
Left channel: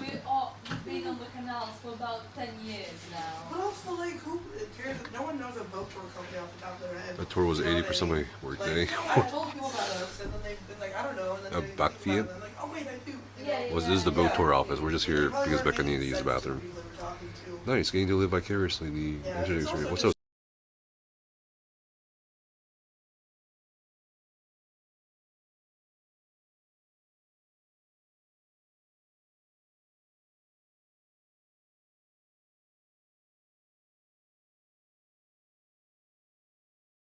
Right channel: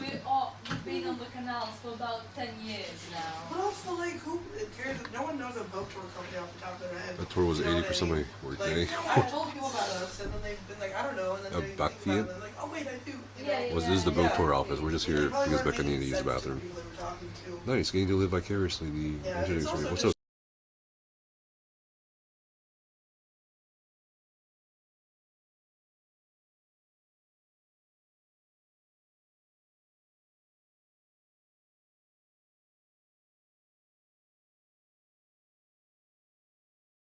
We've been on the canals for about 10 years now. But also, like, who cares? No one knows a boat tour company off the top of their head. That tour was You know 80% of my work day. I told people about us, and then they've been like, I don't know. And then A they back think about feed? it, and they're like, oh, wait, I do. This is the boat tour office. We're just here because Becca needed to use the bathroom. Nice, getting to live vicariously. The Yeah, engineering it's also What's just up?